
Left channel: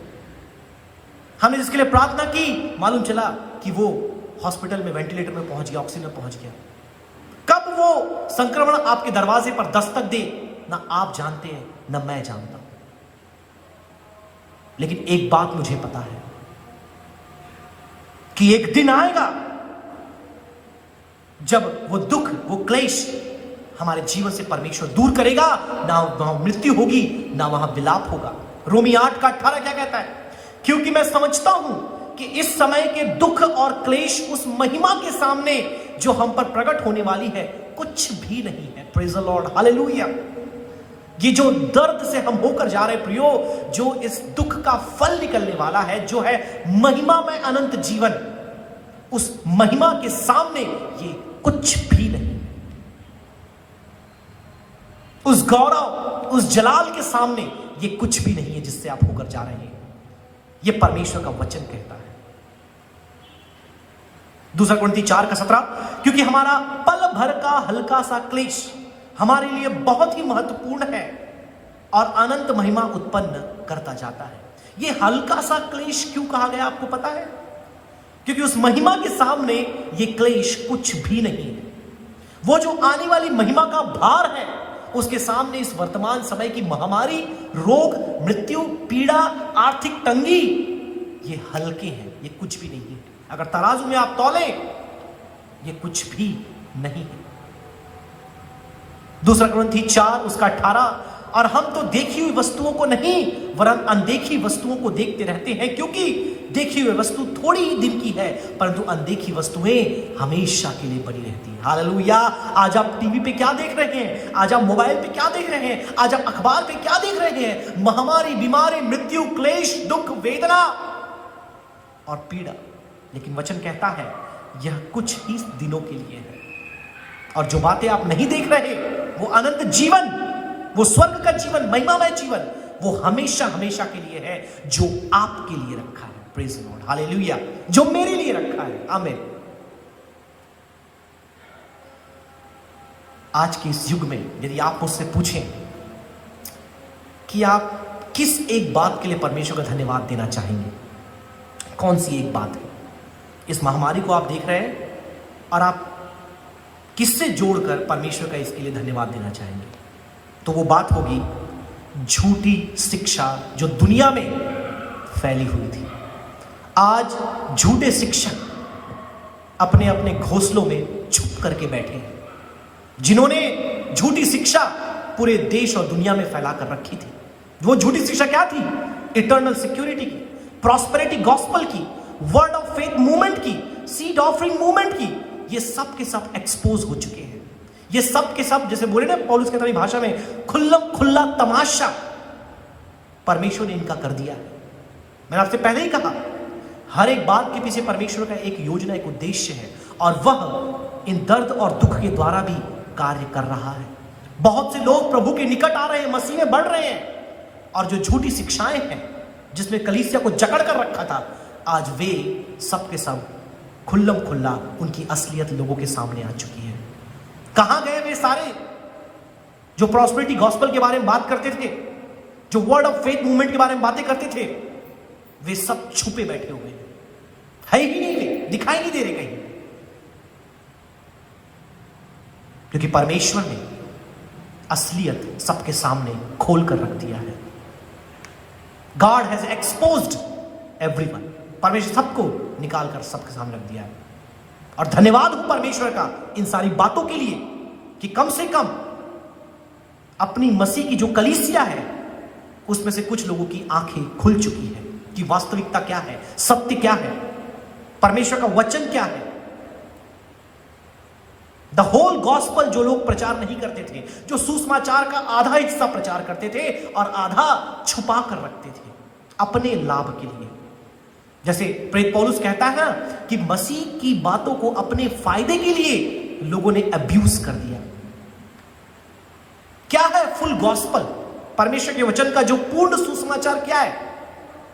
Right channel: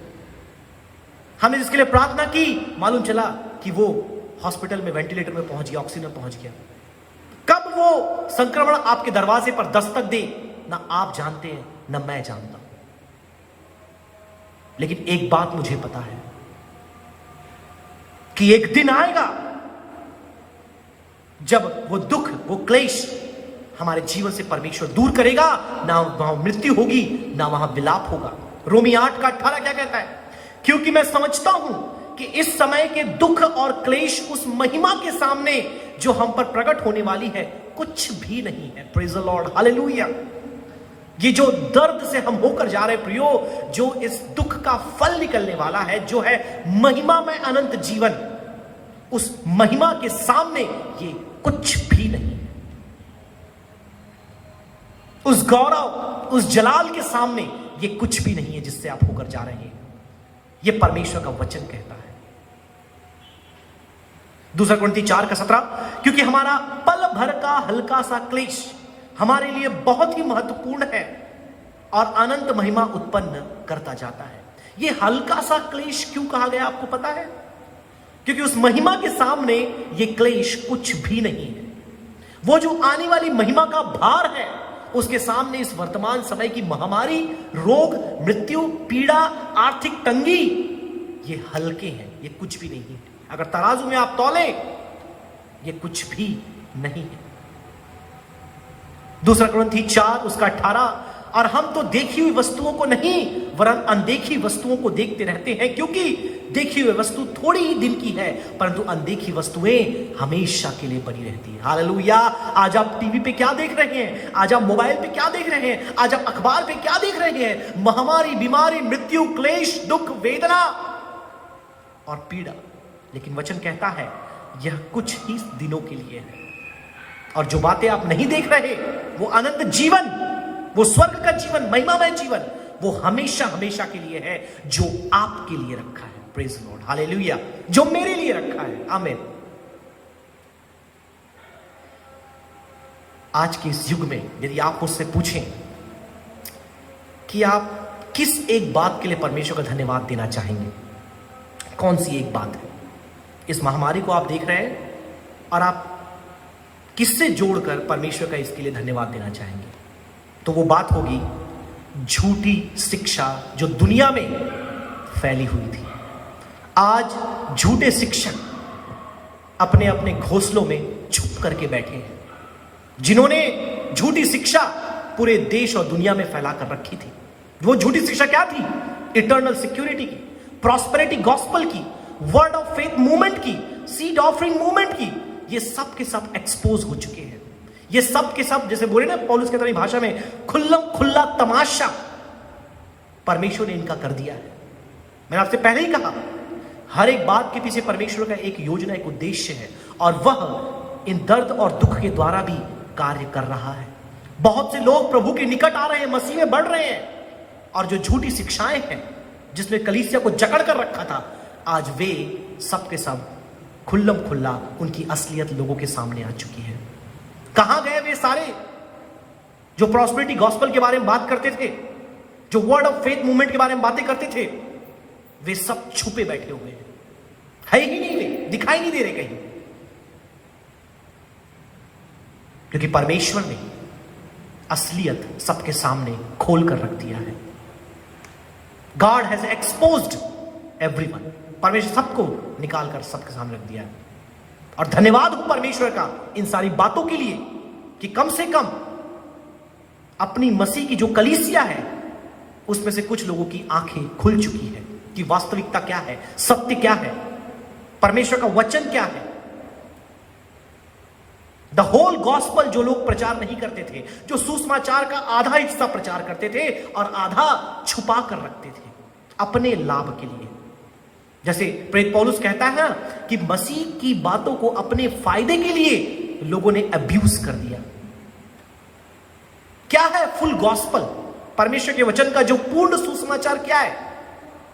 हमने जिसके लिए प्रार्थना की, मालूम चला कि वो हॉस्पिटल में वेंटिलेटर में पहुंच गया, ऑक्सीजन में पहुंच गया। कब वो संक्रमण आपके दरवाजे पर दस्तक दे, ना आप जानते हैं ना मैं जानता, लेकिन एक बात मुझे पता है कि एक दिन आएगा जब वो दुख, वो क्लेश हमारे जीवन से परमेश्वर दूर करेगा। ना वहां मृत्यु होगी, ना वहां विलाप होगा। रोमी 8:18 क्या कहता है? क्योंकि मैं समझता हूं कि इस समय के दुख और क्लेश उस महिमा के सामने जो हम पर प्रकट होने वाली है कुछ भी नहीं है। Praise the Lord, hallelujah. ये जो दर्द से हम होकर जा रहे प्रियो, जो इस दुख का फल निकलने वाला है, जो है महिमा में अनंत जीवन, उस महिमा के सामने ये कुछ भी नहीं। उस गौरव, उस जलाल के सामने ये कुछ भी नहीं है जिससे आप होकर जा रहे हैं। ये परमेश्वर का वचन कहता है। 2 कुरिन्थी 4:17, क्योंकि हमारा पल भर का हल्का सा क्लेश हमारे लिए बहुत ही महत्वपूर्ण है और अनंत महिमा उत्पन्न करता जाता है। ये हल्का सा क्लेश क्यों कहा गया आपको पता है? क्योंकि उस महिमा के सामने ये क्लेश कुछ भी नहीं है। वो जो आने वाली महिमा का भार है, उसके सामने इस वर्तमान समय की महामारी, रोग, मृत्यु, पीड़ा, आर्थिक तंगी, ये हल्के हैं, ये कुछ भी नहीं है। अगर तराजू में आप तौले, ये कुछ भी नहीं है। 2 कुरिन्थी 4:18, और हम तो देखी हुई वस्तुओं को नहीं वरन अनदेखी वस्तुओं को देखते रहते हैं, क्योंकि देखी हुई वस्तु थोड़ी ही दिन की है, परंतु अनदेखी वस्तुएं हमेशा के लिए बनी रहती है। हालेलुया। आज आप टीवी पे क्या देख रहे हैं? आज आप मोबाइल पे क्या देख रहे हैं? आज आप अखबार पे क्या देख रहे हैं? महामारी, बीमारी, मृत्यु, क्लेश, दुख, वेदना और पीड़ा। लेकिन वचन कहता है यह कुछ ही दिनों के लिए है, और जो बातें आप नहीं देख रहे, वो अनंत जीवन, वो स्वर्ग का जीवन, महिमामय जीवन, वो हमेशा हमेशा के लिए है, जो आपके लिए रखा है। Praise the Lord, hallelujah. जो मेरे लिए रखा है। आमीन। आज के इस युग में यदि आप मुझसे पूछें कि आप किस एक बात के लिए परमेश्वर का धन्यवाद देना चाहेंगे, कौन सी एक बात है? इस महामारी को आप देख रहे हैं और आप किससे जोड़कर परमेश्वर का इसके लिए धन्यवाद देना चाहेंगे? तो वो बात होगी झूठी शिक्षा जो दुनिया में फैली हुई थी। आज झूठे शिक्षक अपने अपने घोंसलों में छुप करके बैठे हैं, जिन्होंने झूठी शिक्षा पूरे देश और दुनिया में फैला कर रखी थी। वो झूठी शिक्षा क्या थी? इटर्नल सिक्योरिटी की, प्रॉस्पेरिटी गॉस्पल की, वर्ड ऑफ फेथ मूवमेंट की, सीड ऑफरिंग मूवमेंट की। ये सब के सब एक्सपोज हो चुके हैं। ये सब के सब, जैसे बोले ना पौलुस की तरह भाषा में, खुला तमाशा परमेश्वर ने इनका कर दिया है। मैंने आपसे पहले ही कहा, हर एक बात के पीछे परमेश्वर का एक योजना, एक उद्देश्य है, और वह इन दर्द और दुख के द्वारा भी कार्य कर रहा है। बहुत से लोग प्रभु के निकट आ रहे हैं, मसीह में बढ़ रहे हैं, और जो झूठी शिक्षाएं हैं जिसमें कलीसिया को जकड़ कर रखा था, आज वे सब के सब खुल्ला उनकी असलियत लोगों के सामने आ चुकी है। कहां गए वे सारे जो प्रॉस्पेरिटी गॉस्पल के बारे में बात करते थे, जो वर्ड ऑफ फेथ मूवमेंट के बारे में बातें करते थे? वे सब छुपे बैठे हुए है ही नहीं, वे दिखाई नहीं दे रहे कहीं, क्योंकि परमेश्वर ने असलियत सबके सामने खोल कर रख दिया है। God has exposed everyone. परमेश्वर सबको निकाल कर सबके सामने रख दिया है। और धन्यवाद हो परमेश्वर का इन सारी बातों के लिए कि कम से कम अपनी मसीह की जो कलीसिया है, उसमें से कुछ लोगों की आंखें खुल चुकी है कि वास्तविकता क्या है, सत्य क्या है, परमेश्वर का वचन क्या है। द होल गॉस्पल जो लोग प्रचार नहीं करते थे, जो सुसमाचार का आधा हिस्सा प्रचार करते थे और आधा छुपा कर रखते थे अपने लाभ के लिए। जैसे प्रेरित पौलुस कहता है कि मसीह की बातों को अपने फायदे के लिए लोगों ने अब्यूज कर दिया। क्या है फुल गॉस्पल? परमेश्वर के वचन का जो पूर्ण सुसमाचार क्या है?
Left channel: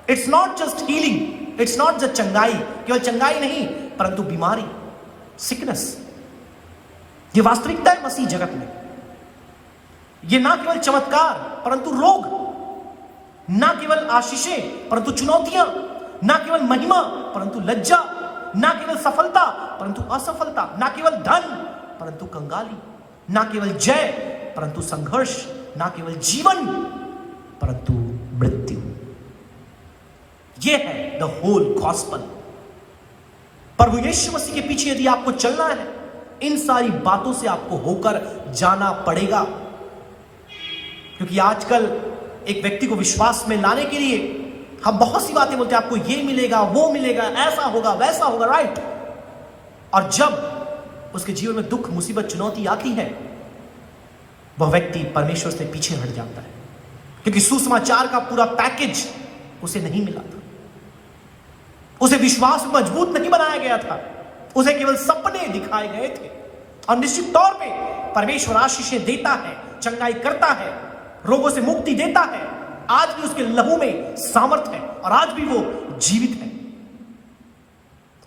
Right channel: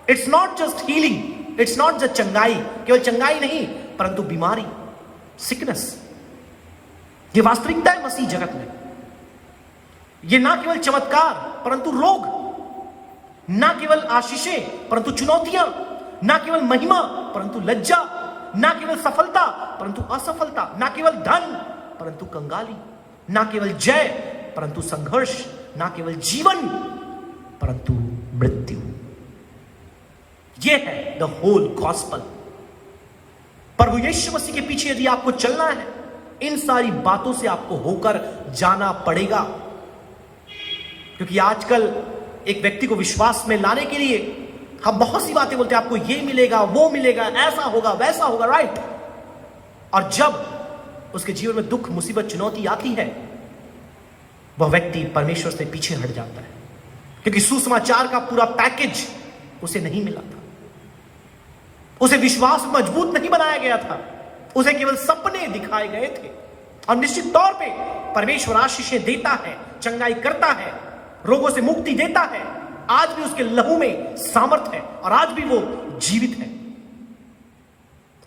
It's not just healing, it's not just चंगाई, केवल चंगाई नहीं, परंतु बीमारी, सिकनेस, ये वास्तविकता है मसीह जगत में। ये ना केवल चमत्कार परंतु रोग, ना केवल आशीषें परंतु चुनौतियां, ना केवल महिमा परंतु लज्जा, ना केवल सफलता परंतु असफलता, ना केवल धन परंतु कंगाली, ना केवल जय परंतु संघर्ष, ना केवल जीवन परंतु मृत्यु। यह है द होल गॉस्पेल। प्रभु यीशु मसीह के पीछे यदि आपको चलना है, इन सारी बातों से आपको होकर जाना पड़ेगा। क्योंकि आजकल एक व्यक्ति को विश्वास में लाने के लिए हम बहुत सी बातें बोलते हैं, आपको ये मिलेगा, वो मिलेगा, ऐसा होगा, वैसा होगा, राइट। और जब उसके जीवन में दुख, मुसीबत, चुनौती आती है, वह व्यक्ति परमेश्वर से पीछे हट जाता है, क्योंकि सुसमाचार का पूरा पैकेज उसे नहीं मिला था। उसे विश्वास मजबूत नहीं बनाया गया था, उसे केवल सपने दिखाए गए थे। और निश्चित तौर पे परमेश्वर आशीषें देता है, चंगाई करता है, रोगों से मुक्ति देता है। आज भी उसके लहू में सामर्थ है और आज भी वो जीवित है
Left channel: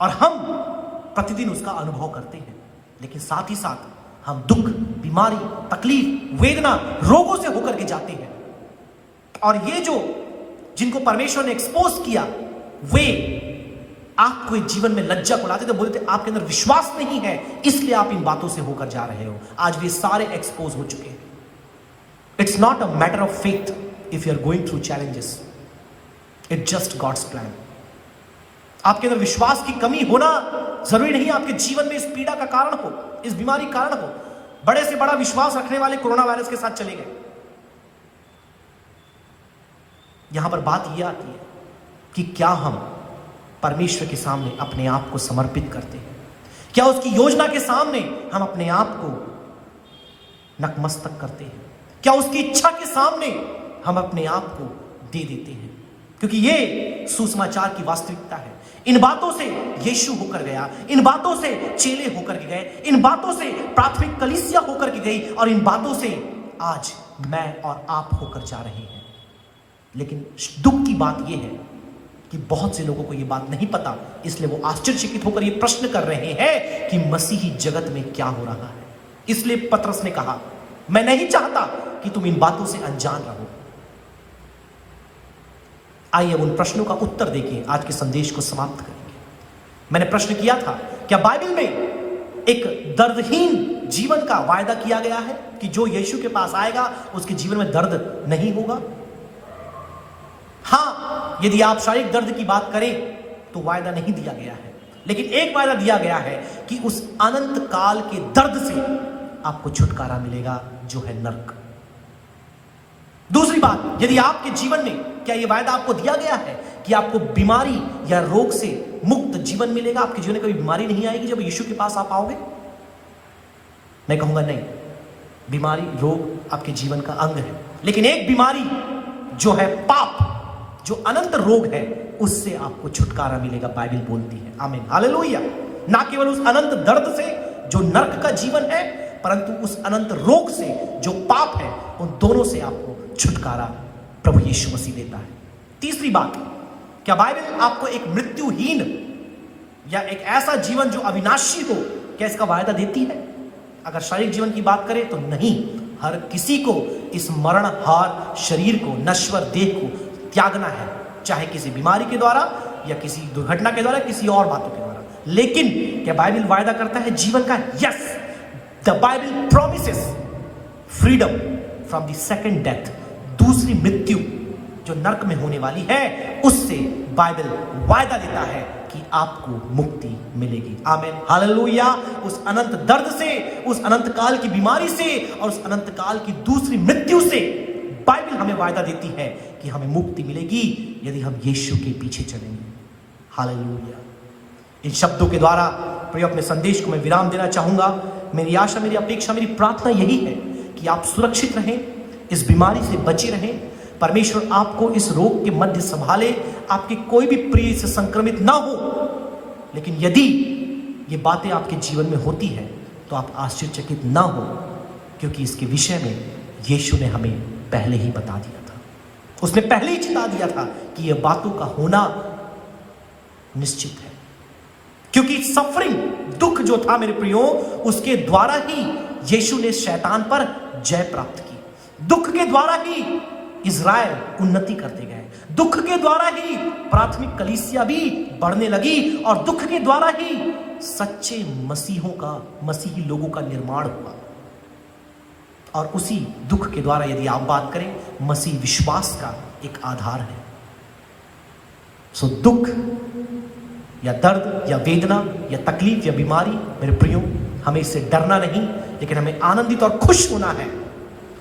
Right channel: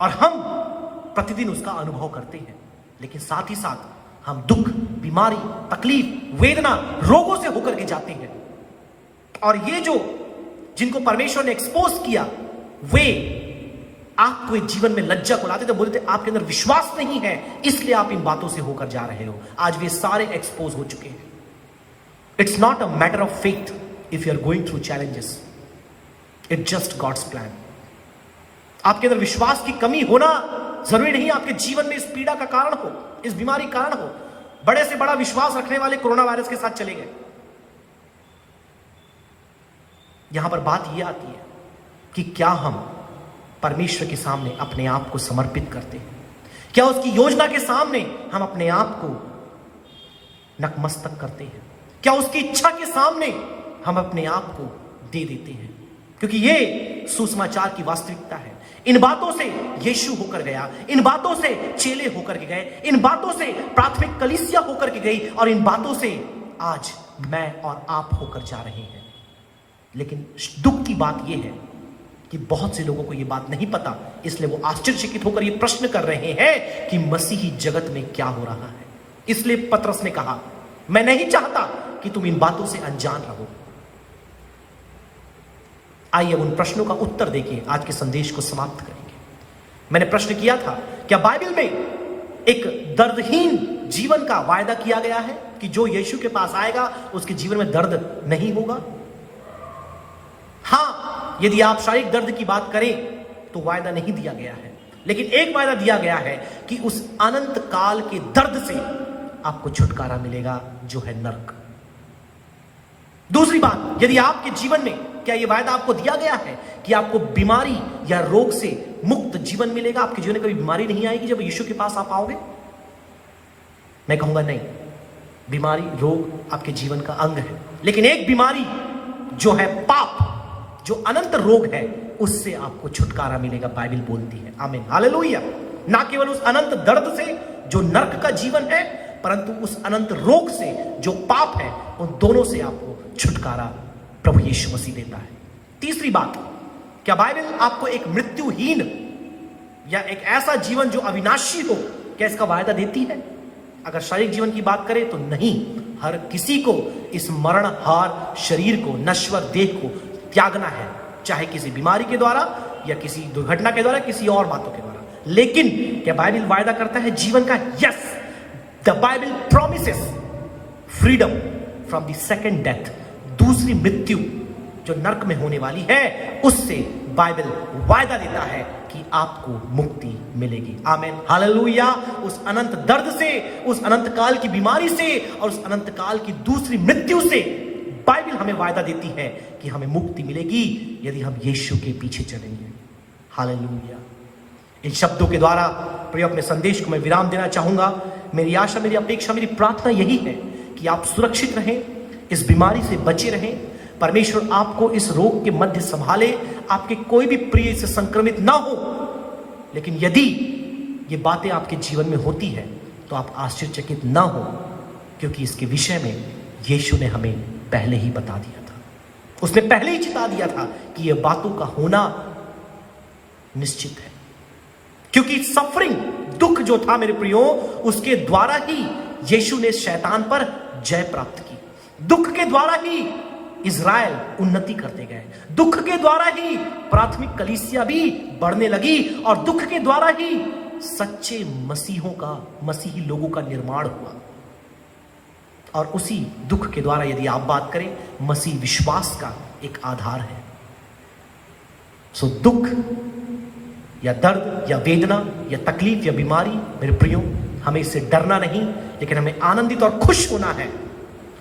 और हम प्रतिदिन उसका अनुभव करते हैं। लेकिन साथ ही साथ हम दुख, बीमारी, तकलीफ, वेदना, रोगों से होकर के जाते हैं। और ये जो जिनको परमेश्वर ने एक्सपोज किया, वे आपको जीवन में लज्जा को लाते थे, बोलते आपके अंदर विश्वास नहीं है, इसलिए आप इन बातों से होकर जा रहे हो। आज भी सारे एक्सपोज हो चुके हैं। It's not a matter of faith if you are going through challenges, it's just God's plan. आपके अंदर विश्वास की कमी होना जरूरी नहीं आपके जीवन में इस पीड़ा का कारण हो, इस बीमारी का कारण हो। बड़े से बड़ा विश्वास रखने वाले कोरोना वायरस के साथ चले गए। यहां पर बात यह आती है कि क्या हम परमेश्वर के सामने अपने आप को समर्पित करते हैं? क्या उसकी योजना के सामने हम अपने आप को नतमस्तक करते हैं? क्या उसकी इच्छा के सामने हम अपने आप को दे देते हैं? क्योंकि ये सुसमाचार की वास्तविकता है। इन बातों से यीशु होकर गया, इन बातों से चेले होकर के गए, इन बातों से प्राथमिक कलीसिया होकर के गई, और इन बातों से आज मैं और आप होकर जा रहे हैं। लेकिन दुख की बात यह है कि बहुत से लोगों को यह बात नहीं पता, इसलिए वो आश्चर्यचकित होकर यह प्रश्न कर रहे हैं कि मसीही जगत में क्या हो रहा है। इसलिए पतरस ने कहा, मैं नहीं चाहता कि तुम इन बातों से अनजान रहो। आइए अब उन प्रश्नों का उत्तर देके आज के संदेश को समाप्त करेंगे। मैंने प्रश्न किया था, क्या बाइबल में एक दर्दहीन जीवन का वायदा किया गया है कि जो यीशु के पास आएगा उसके जीवन में दर्द नहीं होगा? हाँ, यदि आप शारीरिक दर्द की बात करें तो वायदा नहीं दिया गया है, लेकिन एक वायदा दिया गया है कि उस अनंत काल के दर्द से आपको छुटकारा मिलेगा, जो है नरक। दूसरी बात, यदि आपके जीवन में क्या यह वायदा आपको दिया गया है कि आपको बीमारी या रोग से मुक्त जीवन मिलेगा, आपके जीवन में कोई बीमारी नहीं आएगी जब यीशु के पास आप आओगे? मैं कहूंगा नहीं, बीमारी, रोग आपके जीवन का अंग है, लेकिन एक बीमारी जो है पाप, जो अनंत रोग है, उससे आपको छुटकारा मिलेगा, बाइबल बोलती है। आमीन, हालेलुया। ना केवल उस अनंत दर्द से जो नरक का जीवन है, परंतु उस अनंत रोग से जो पाप है, उन दोनों से आपको छुटकारा प्रभु यीशु मसीह देता है। तीसरी बात, क्या बाइबल आपको एक मृत्युहीन या एक ऐसा जीवन जो अविनाशी हो, क्या इसका वायदा देती है? अगर शारीरिक जीवन की बात करें तो नहीं। हर किसी को इस मरणहार शरीर को, नश्वर देह को त्यागना है, चाहे किसी बीमारी के द्वारा या किसी दुर्घटना के द्वारा, किसी और बातों के द्वारा। लेकिन क्या बाइबल वायदा करता है जीवन का? Yes, the Bible promises freedom from the second death. दूसरी मृत्यु जो नरक में होने वाली है, उससे बाइबल वायदा देता है कि आपको मुक्ति मिलेगी। आमीन, हालेलुया। उस अनंत दर्द से, उस अनंत काल की बीमारी से और उस अनंत काल की दूसरी मृत्यु से बाइबल हमें वायदा देती है कि हमें मुक्ति मिलेगी यदि हम यीशु के पीछे चलेंगे। हालेलुया। इन शब्दों के द्वारा प्रिय अपने संदेश को मैं विराम देना चाहूंगा। मेरी आशा, मेरी अपेक्षा, मेरी प्रार्थना यही है कि आप सुरक्षित रहें, इस बीमारी से बचे रहें, परमेश्वर आपको इस रोग के मध्य संभाले, आपके कोई भी प्रिय से संक्रमित ना हो। लेकिन यदि ये बातें आपके जीवन में होती है तो आप आश्चर्यचकित ना हो, क्योंकि इसके विषय में यीशु ने हमें पहले ही बता दिया था। उसने पहले ही चिता दिया था कि यह बातों का होना निश्चित है, क्योंकि सफरिंग, दुख जो था मेरे प्रियो, उसके द्वारा ही यीशु ने शैतान पर जय प्राप्त की। दुख के द्वारा ही इज़राइल उन्नति करते गए, दुख के द्वारा ही प्राथमिक कलीसिया भी बढ़ने लगी और दुख के द्वारा ही सच्चे मसीही लोगों का निर्माण हुआ। और उसी दुख के द्वारा यदि आप बात करें, मसीह विश्वास का एक आधार है। सो दुख या दर्द या वेदना या तकलीफ या बीमारी, मेरे प्रियो, हमें इससे डरना नहीं, लेकिन हमें आनंदित और खुश होना है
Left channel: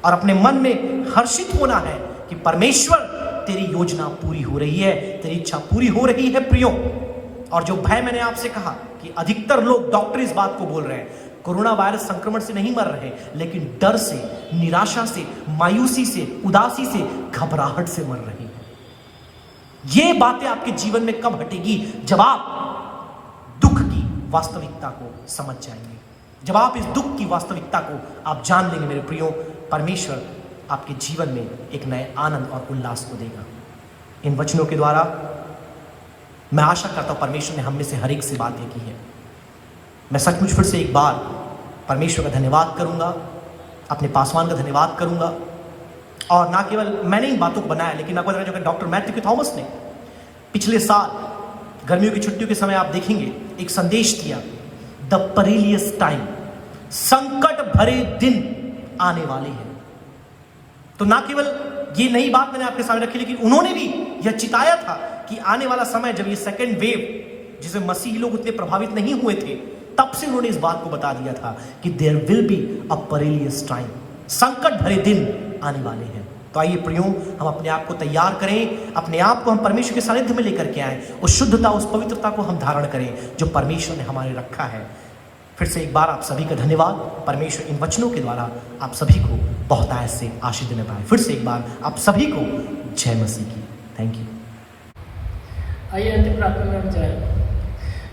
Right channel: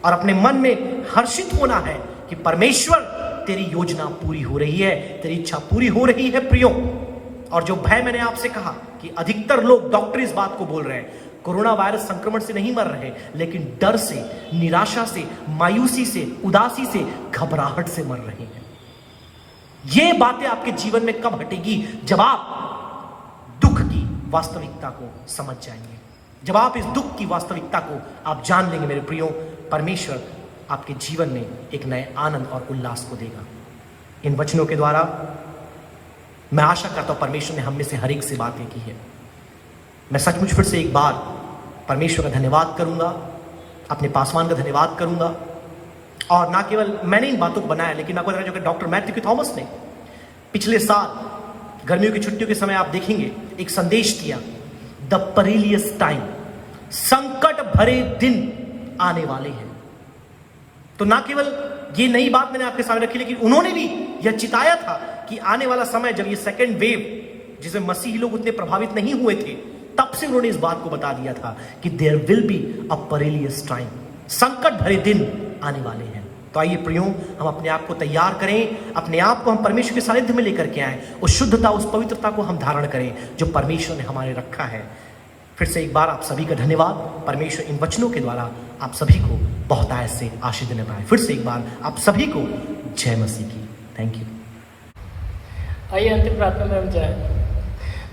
और अपने मन में हर्षित होना है कि परमेश्वर तेरी योजना पूरी हो रही है, तेरी इच्छा पूरी हो रही है प्रियो। और जो भय मैंने आपसे कहा कि अधिकतर लोग, डॉक्टर इस बात को बोल रहे हैं, कोरोना वायरस संक्रमण से नहीं मर रहे, लेकिन डर से, निराशा से, मायूसी से, उदासी से, घबराहट से मर रहे हैं। ये बातें आपके जीवन में कब हटेगी? जब आप दुख की वास्तविकता को समझ जाएंगे, जब आप इस दुख की वास्तविकता को आप जान लेंगे मेरे प्रियो, परमेश्वर आपके जीवन में एक नए आनंद और उल्लास को देगा। इन वचनों के द्वारा मैं आशा करता हूं परमेश्वर ने हम में से हर एक से बातें की है। मैं सचमुच फिर से एक बार परमेश्वर का धन्यवाद करूंगा, अपने पासवान का धन्यवाद करूंगा। और ना केवल मैंने इन बातों को बनाया, लेकिन आपको जो डॉक्टर मैथ्यू थॉमस ने पिछले साल गर्मियों की छुट्टियों के समय आप देखेंगे एक संदेश दिया, द पेरिलियस टाइम, संकट भरे दिन आने वाले हैं। तो ना केवल ये नई बात मैंने आपके सामने रखी, लेकिन उन्होंने भी यह चिताया था कि आने वाला समय, जब ये सेकेंड वेव जिसमें मसीही लोग उतने प्रभावित नहीं हुए थे, तब से उन्होंने इस बात को बता दिया था कि there will be a perilous time, संकट भरे दिन आने वाले हैं। तो आइए प्रियो, हम अपने आप को तैयार करें, अपने आप को हम परमेश्वर के सानिध्य में लेकर के आए, उस शुद्धता, उस पवित्रता को हम धारण करें जो परमेश्वर ने हमारे रखा है। फिर से एक बार आप सभी का धन्यवाद। परमेश्वर इन वचनों के द्वारा आप सभी को बहुत आयत से आशीष देने पाए। फिर से एक बार आप सभी को जय मसीह की। Thank you. आइए अंतिम प्रार्थना में हम जाए।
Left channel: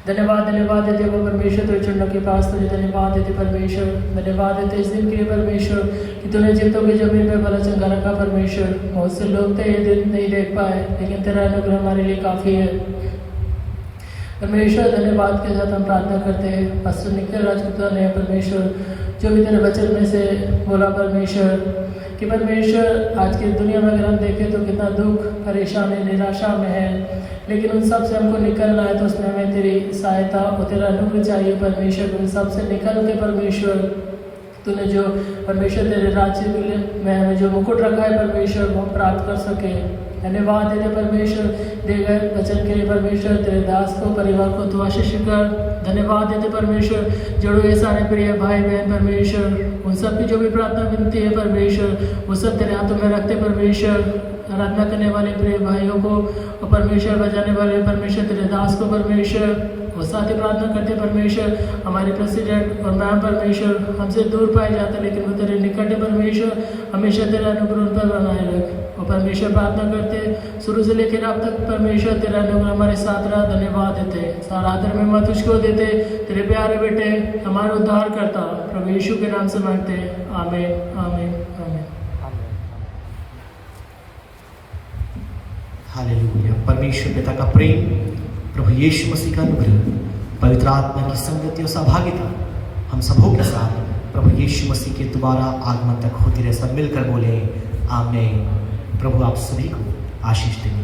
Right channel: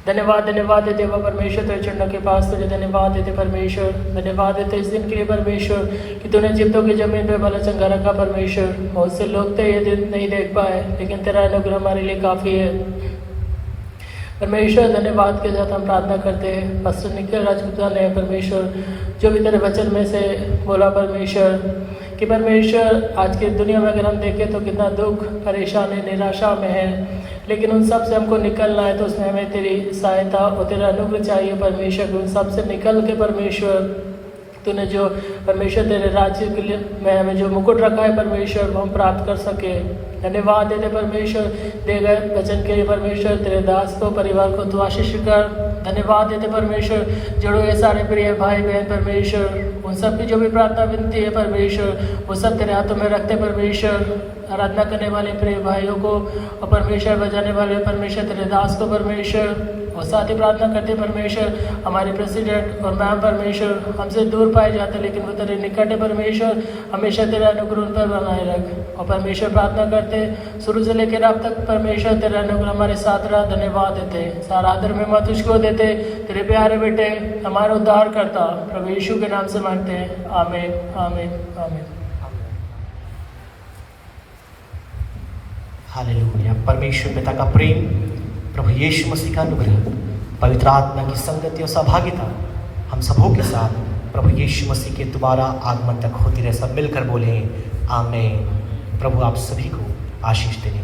धन्यवाद देते परमेश्वर तेरे चरणों के पास, तेरे धन्यवाद देते परमेश्वर, धन्यवाद देते इस दिन के लिए परमेश्वर कि तूने जीवतों की जमीन पे भला चंगा रखा परमेश्वर। बहुत से लोग तो ये दिन नहीं देख पाए, लेकिन तेरा अनुग्रह हमारे लिए काफ़ी है परमेश्वर। धन्यवाद के साथ हम प्रार्थना करते हैं पास्टर निखिल राजपूता ने परमेश्वर जो भी तेरे वचन में से बोला परमेश्वर कि परमेश्वर आज की दुनिया में अगर हम देखें तो कितना दुख, परेशानी, निराशा में है, लेकिन उन सब से हमको निकलना है तो उसमें हमें तेरी सहायता और तेरा अनुग्रह चाहिए परमेश्वर। उन सब से निकल के परमेश्वर तूने जो परमेश्वर तेरे राज्य में हमें जो मुकुट रखा है परमेश्वर, वो हम प्राप्त कर सके। धन्यवाद देते परमेश्वर दे गए वचन के लिए परमेश्वर, तेरे दास को, परिवार को तू आशीष कर। धन्यवाद देते परमेश्वर जोड़ो ये सारे प्रिय भाई बहन परमेश्वर, उन सब की जो भी प्रार्थना विनती है परमेश्वर, वो सब तेरे हाथों में रखते परमेश्वर। आराधना करने वाले प्रिय भाइयों को और परमेश्वर बजाने वाले परमेश्वर तेरे दास को परमेश्वर, और साथ ही प्रार्थना करते परमेश्वर हमारे प्रेसिडेंट और मैम परमेश्वर हमसे दूर पाए जाते, लेकिन वो तेरे निकट है परमेश्वर, हमेशा तेरा अनुग्रह पर बनाए रख। और परमेश्वर प्रार्थना करते शुरू से लेकर अब तक परमेश्वर तेरा अनुग्रह हमारे साथ रहा। धन्यवाद देते, सारा आदर में तुझको देते, तेरे प्यारे बेटे हमारा उद्धार करता प्रभु यीशु के नाम से मांगते हैं, आमीन आमीन आमीन। हालेलुया। परमेश्वर पिता का प्रेम, प्रभु यीशु मसीह का अनुग्रह, पवित्र आत्मा की संगति और सहभागिता हम सबों के साथ प्रभु यीशु मसीह के दोबारा आगमन तक होती रहे। सब मिलकर बोले आमीन। प्रभु आप सभी को आशीष दें।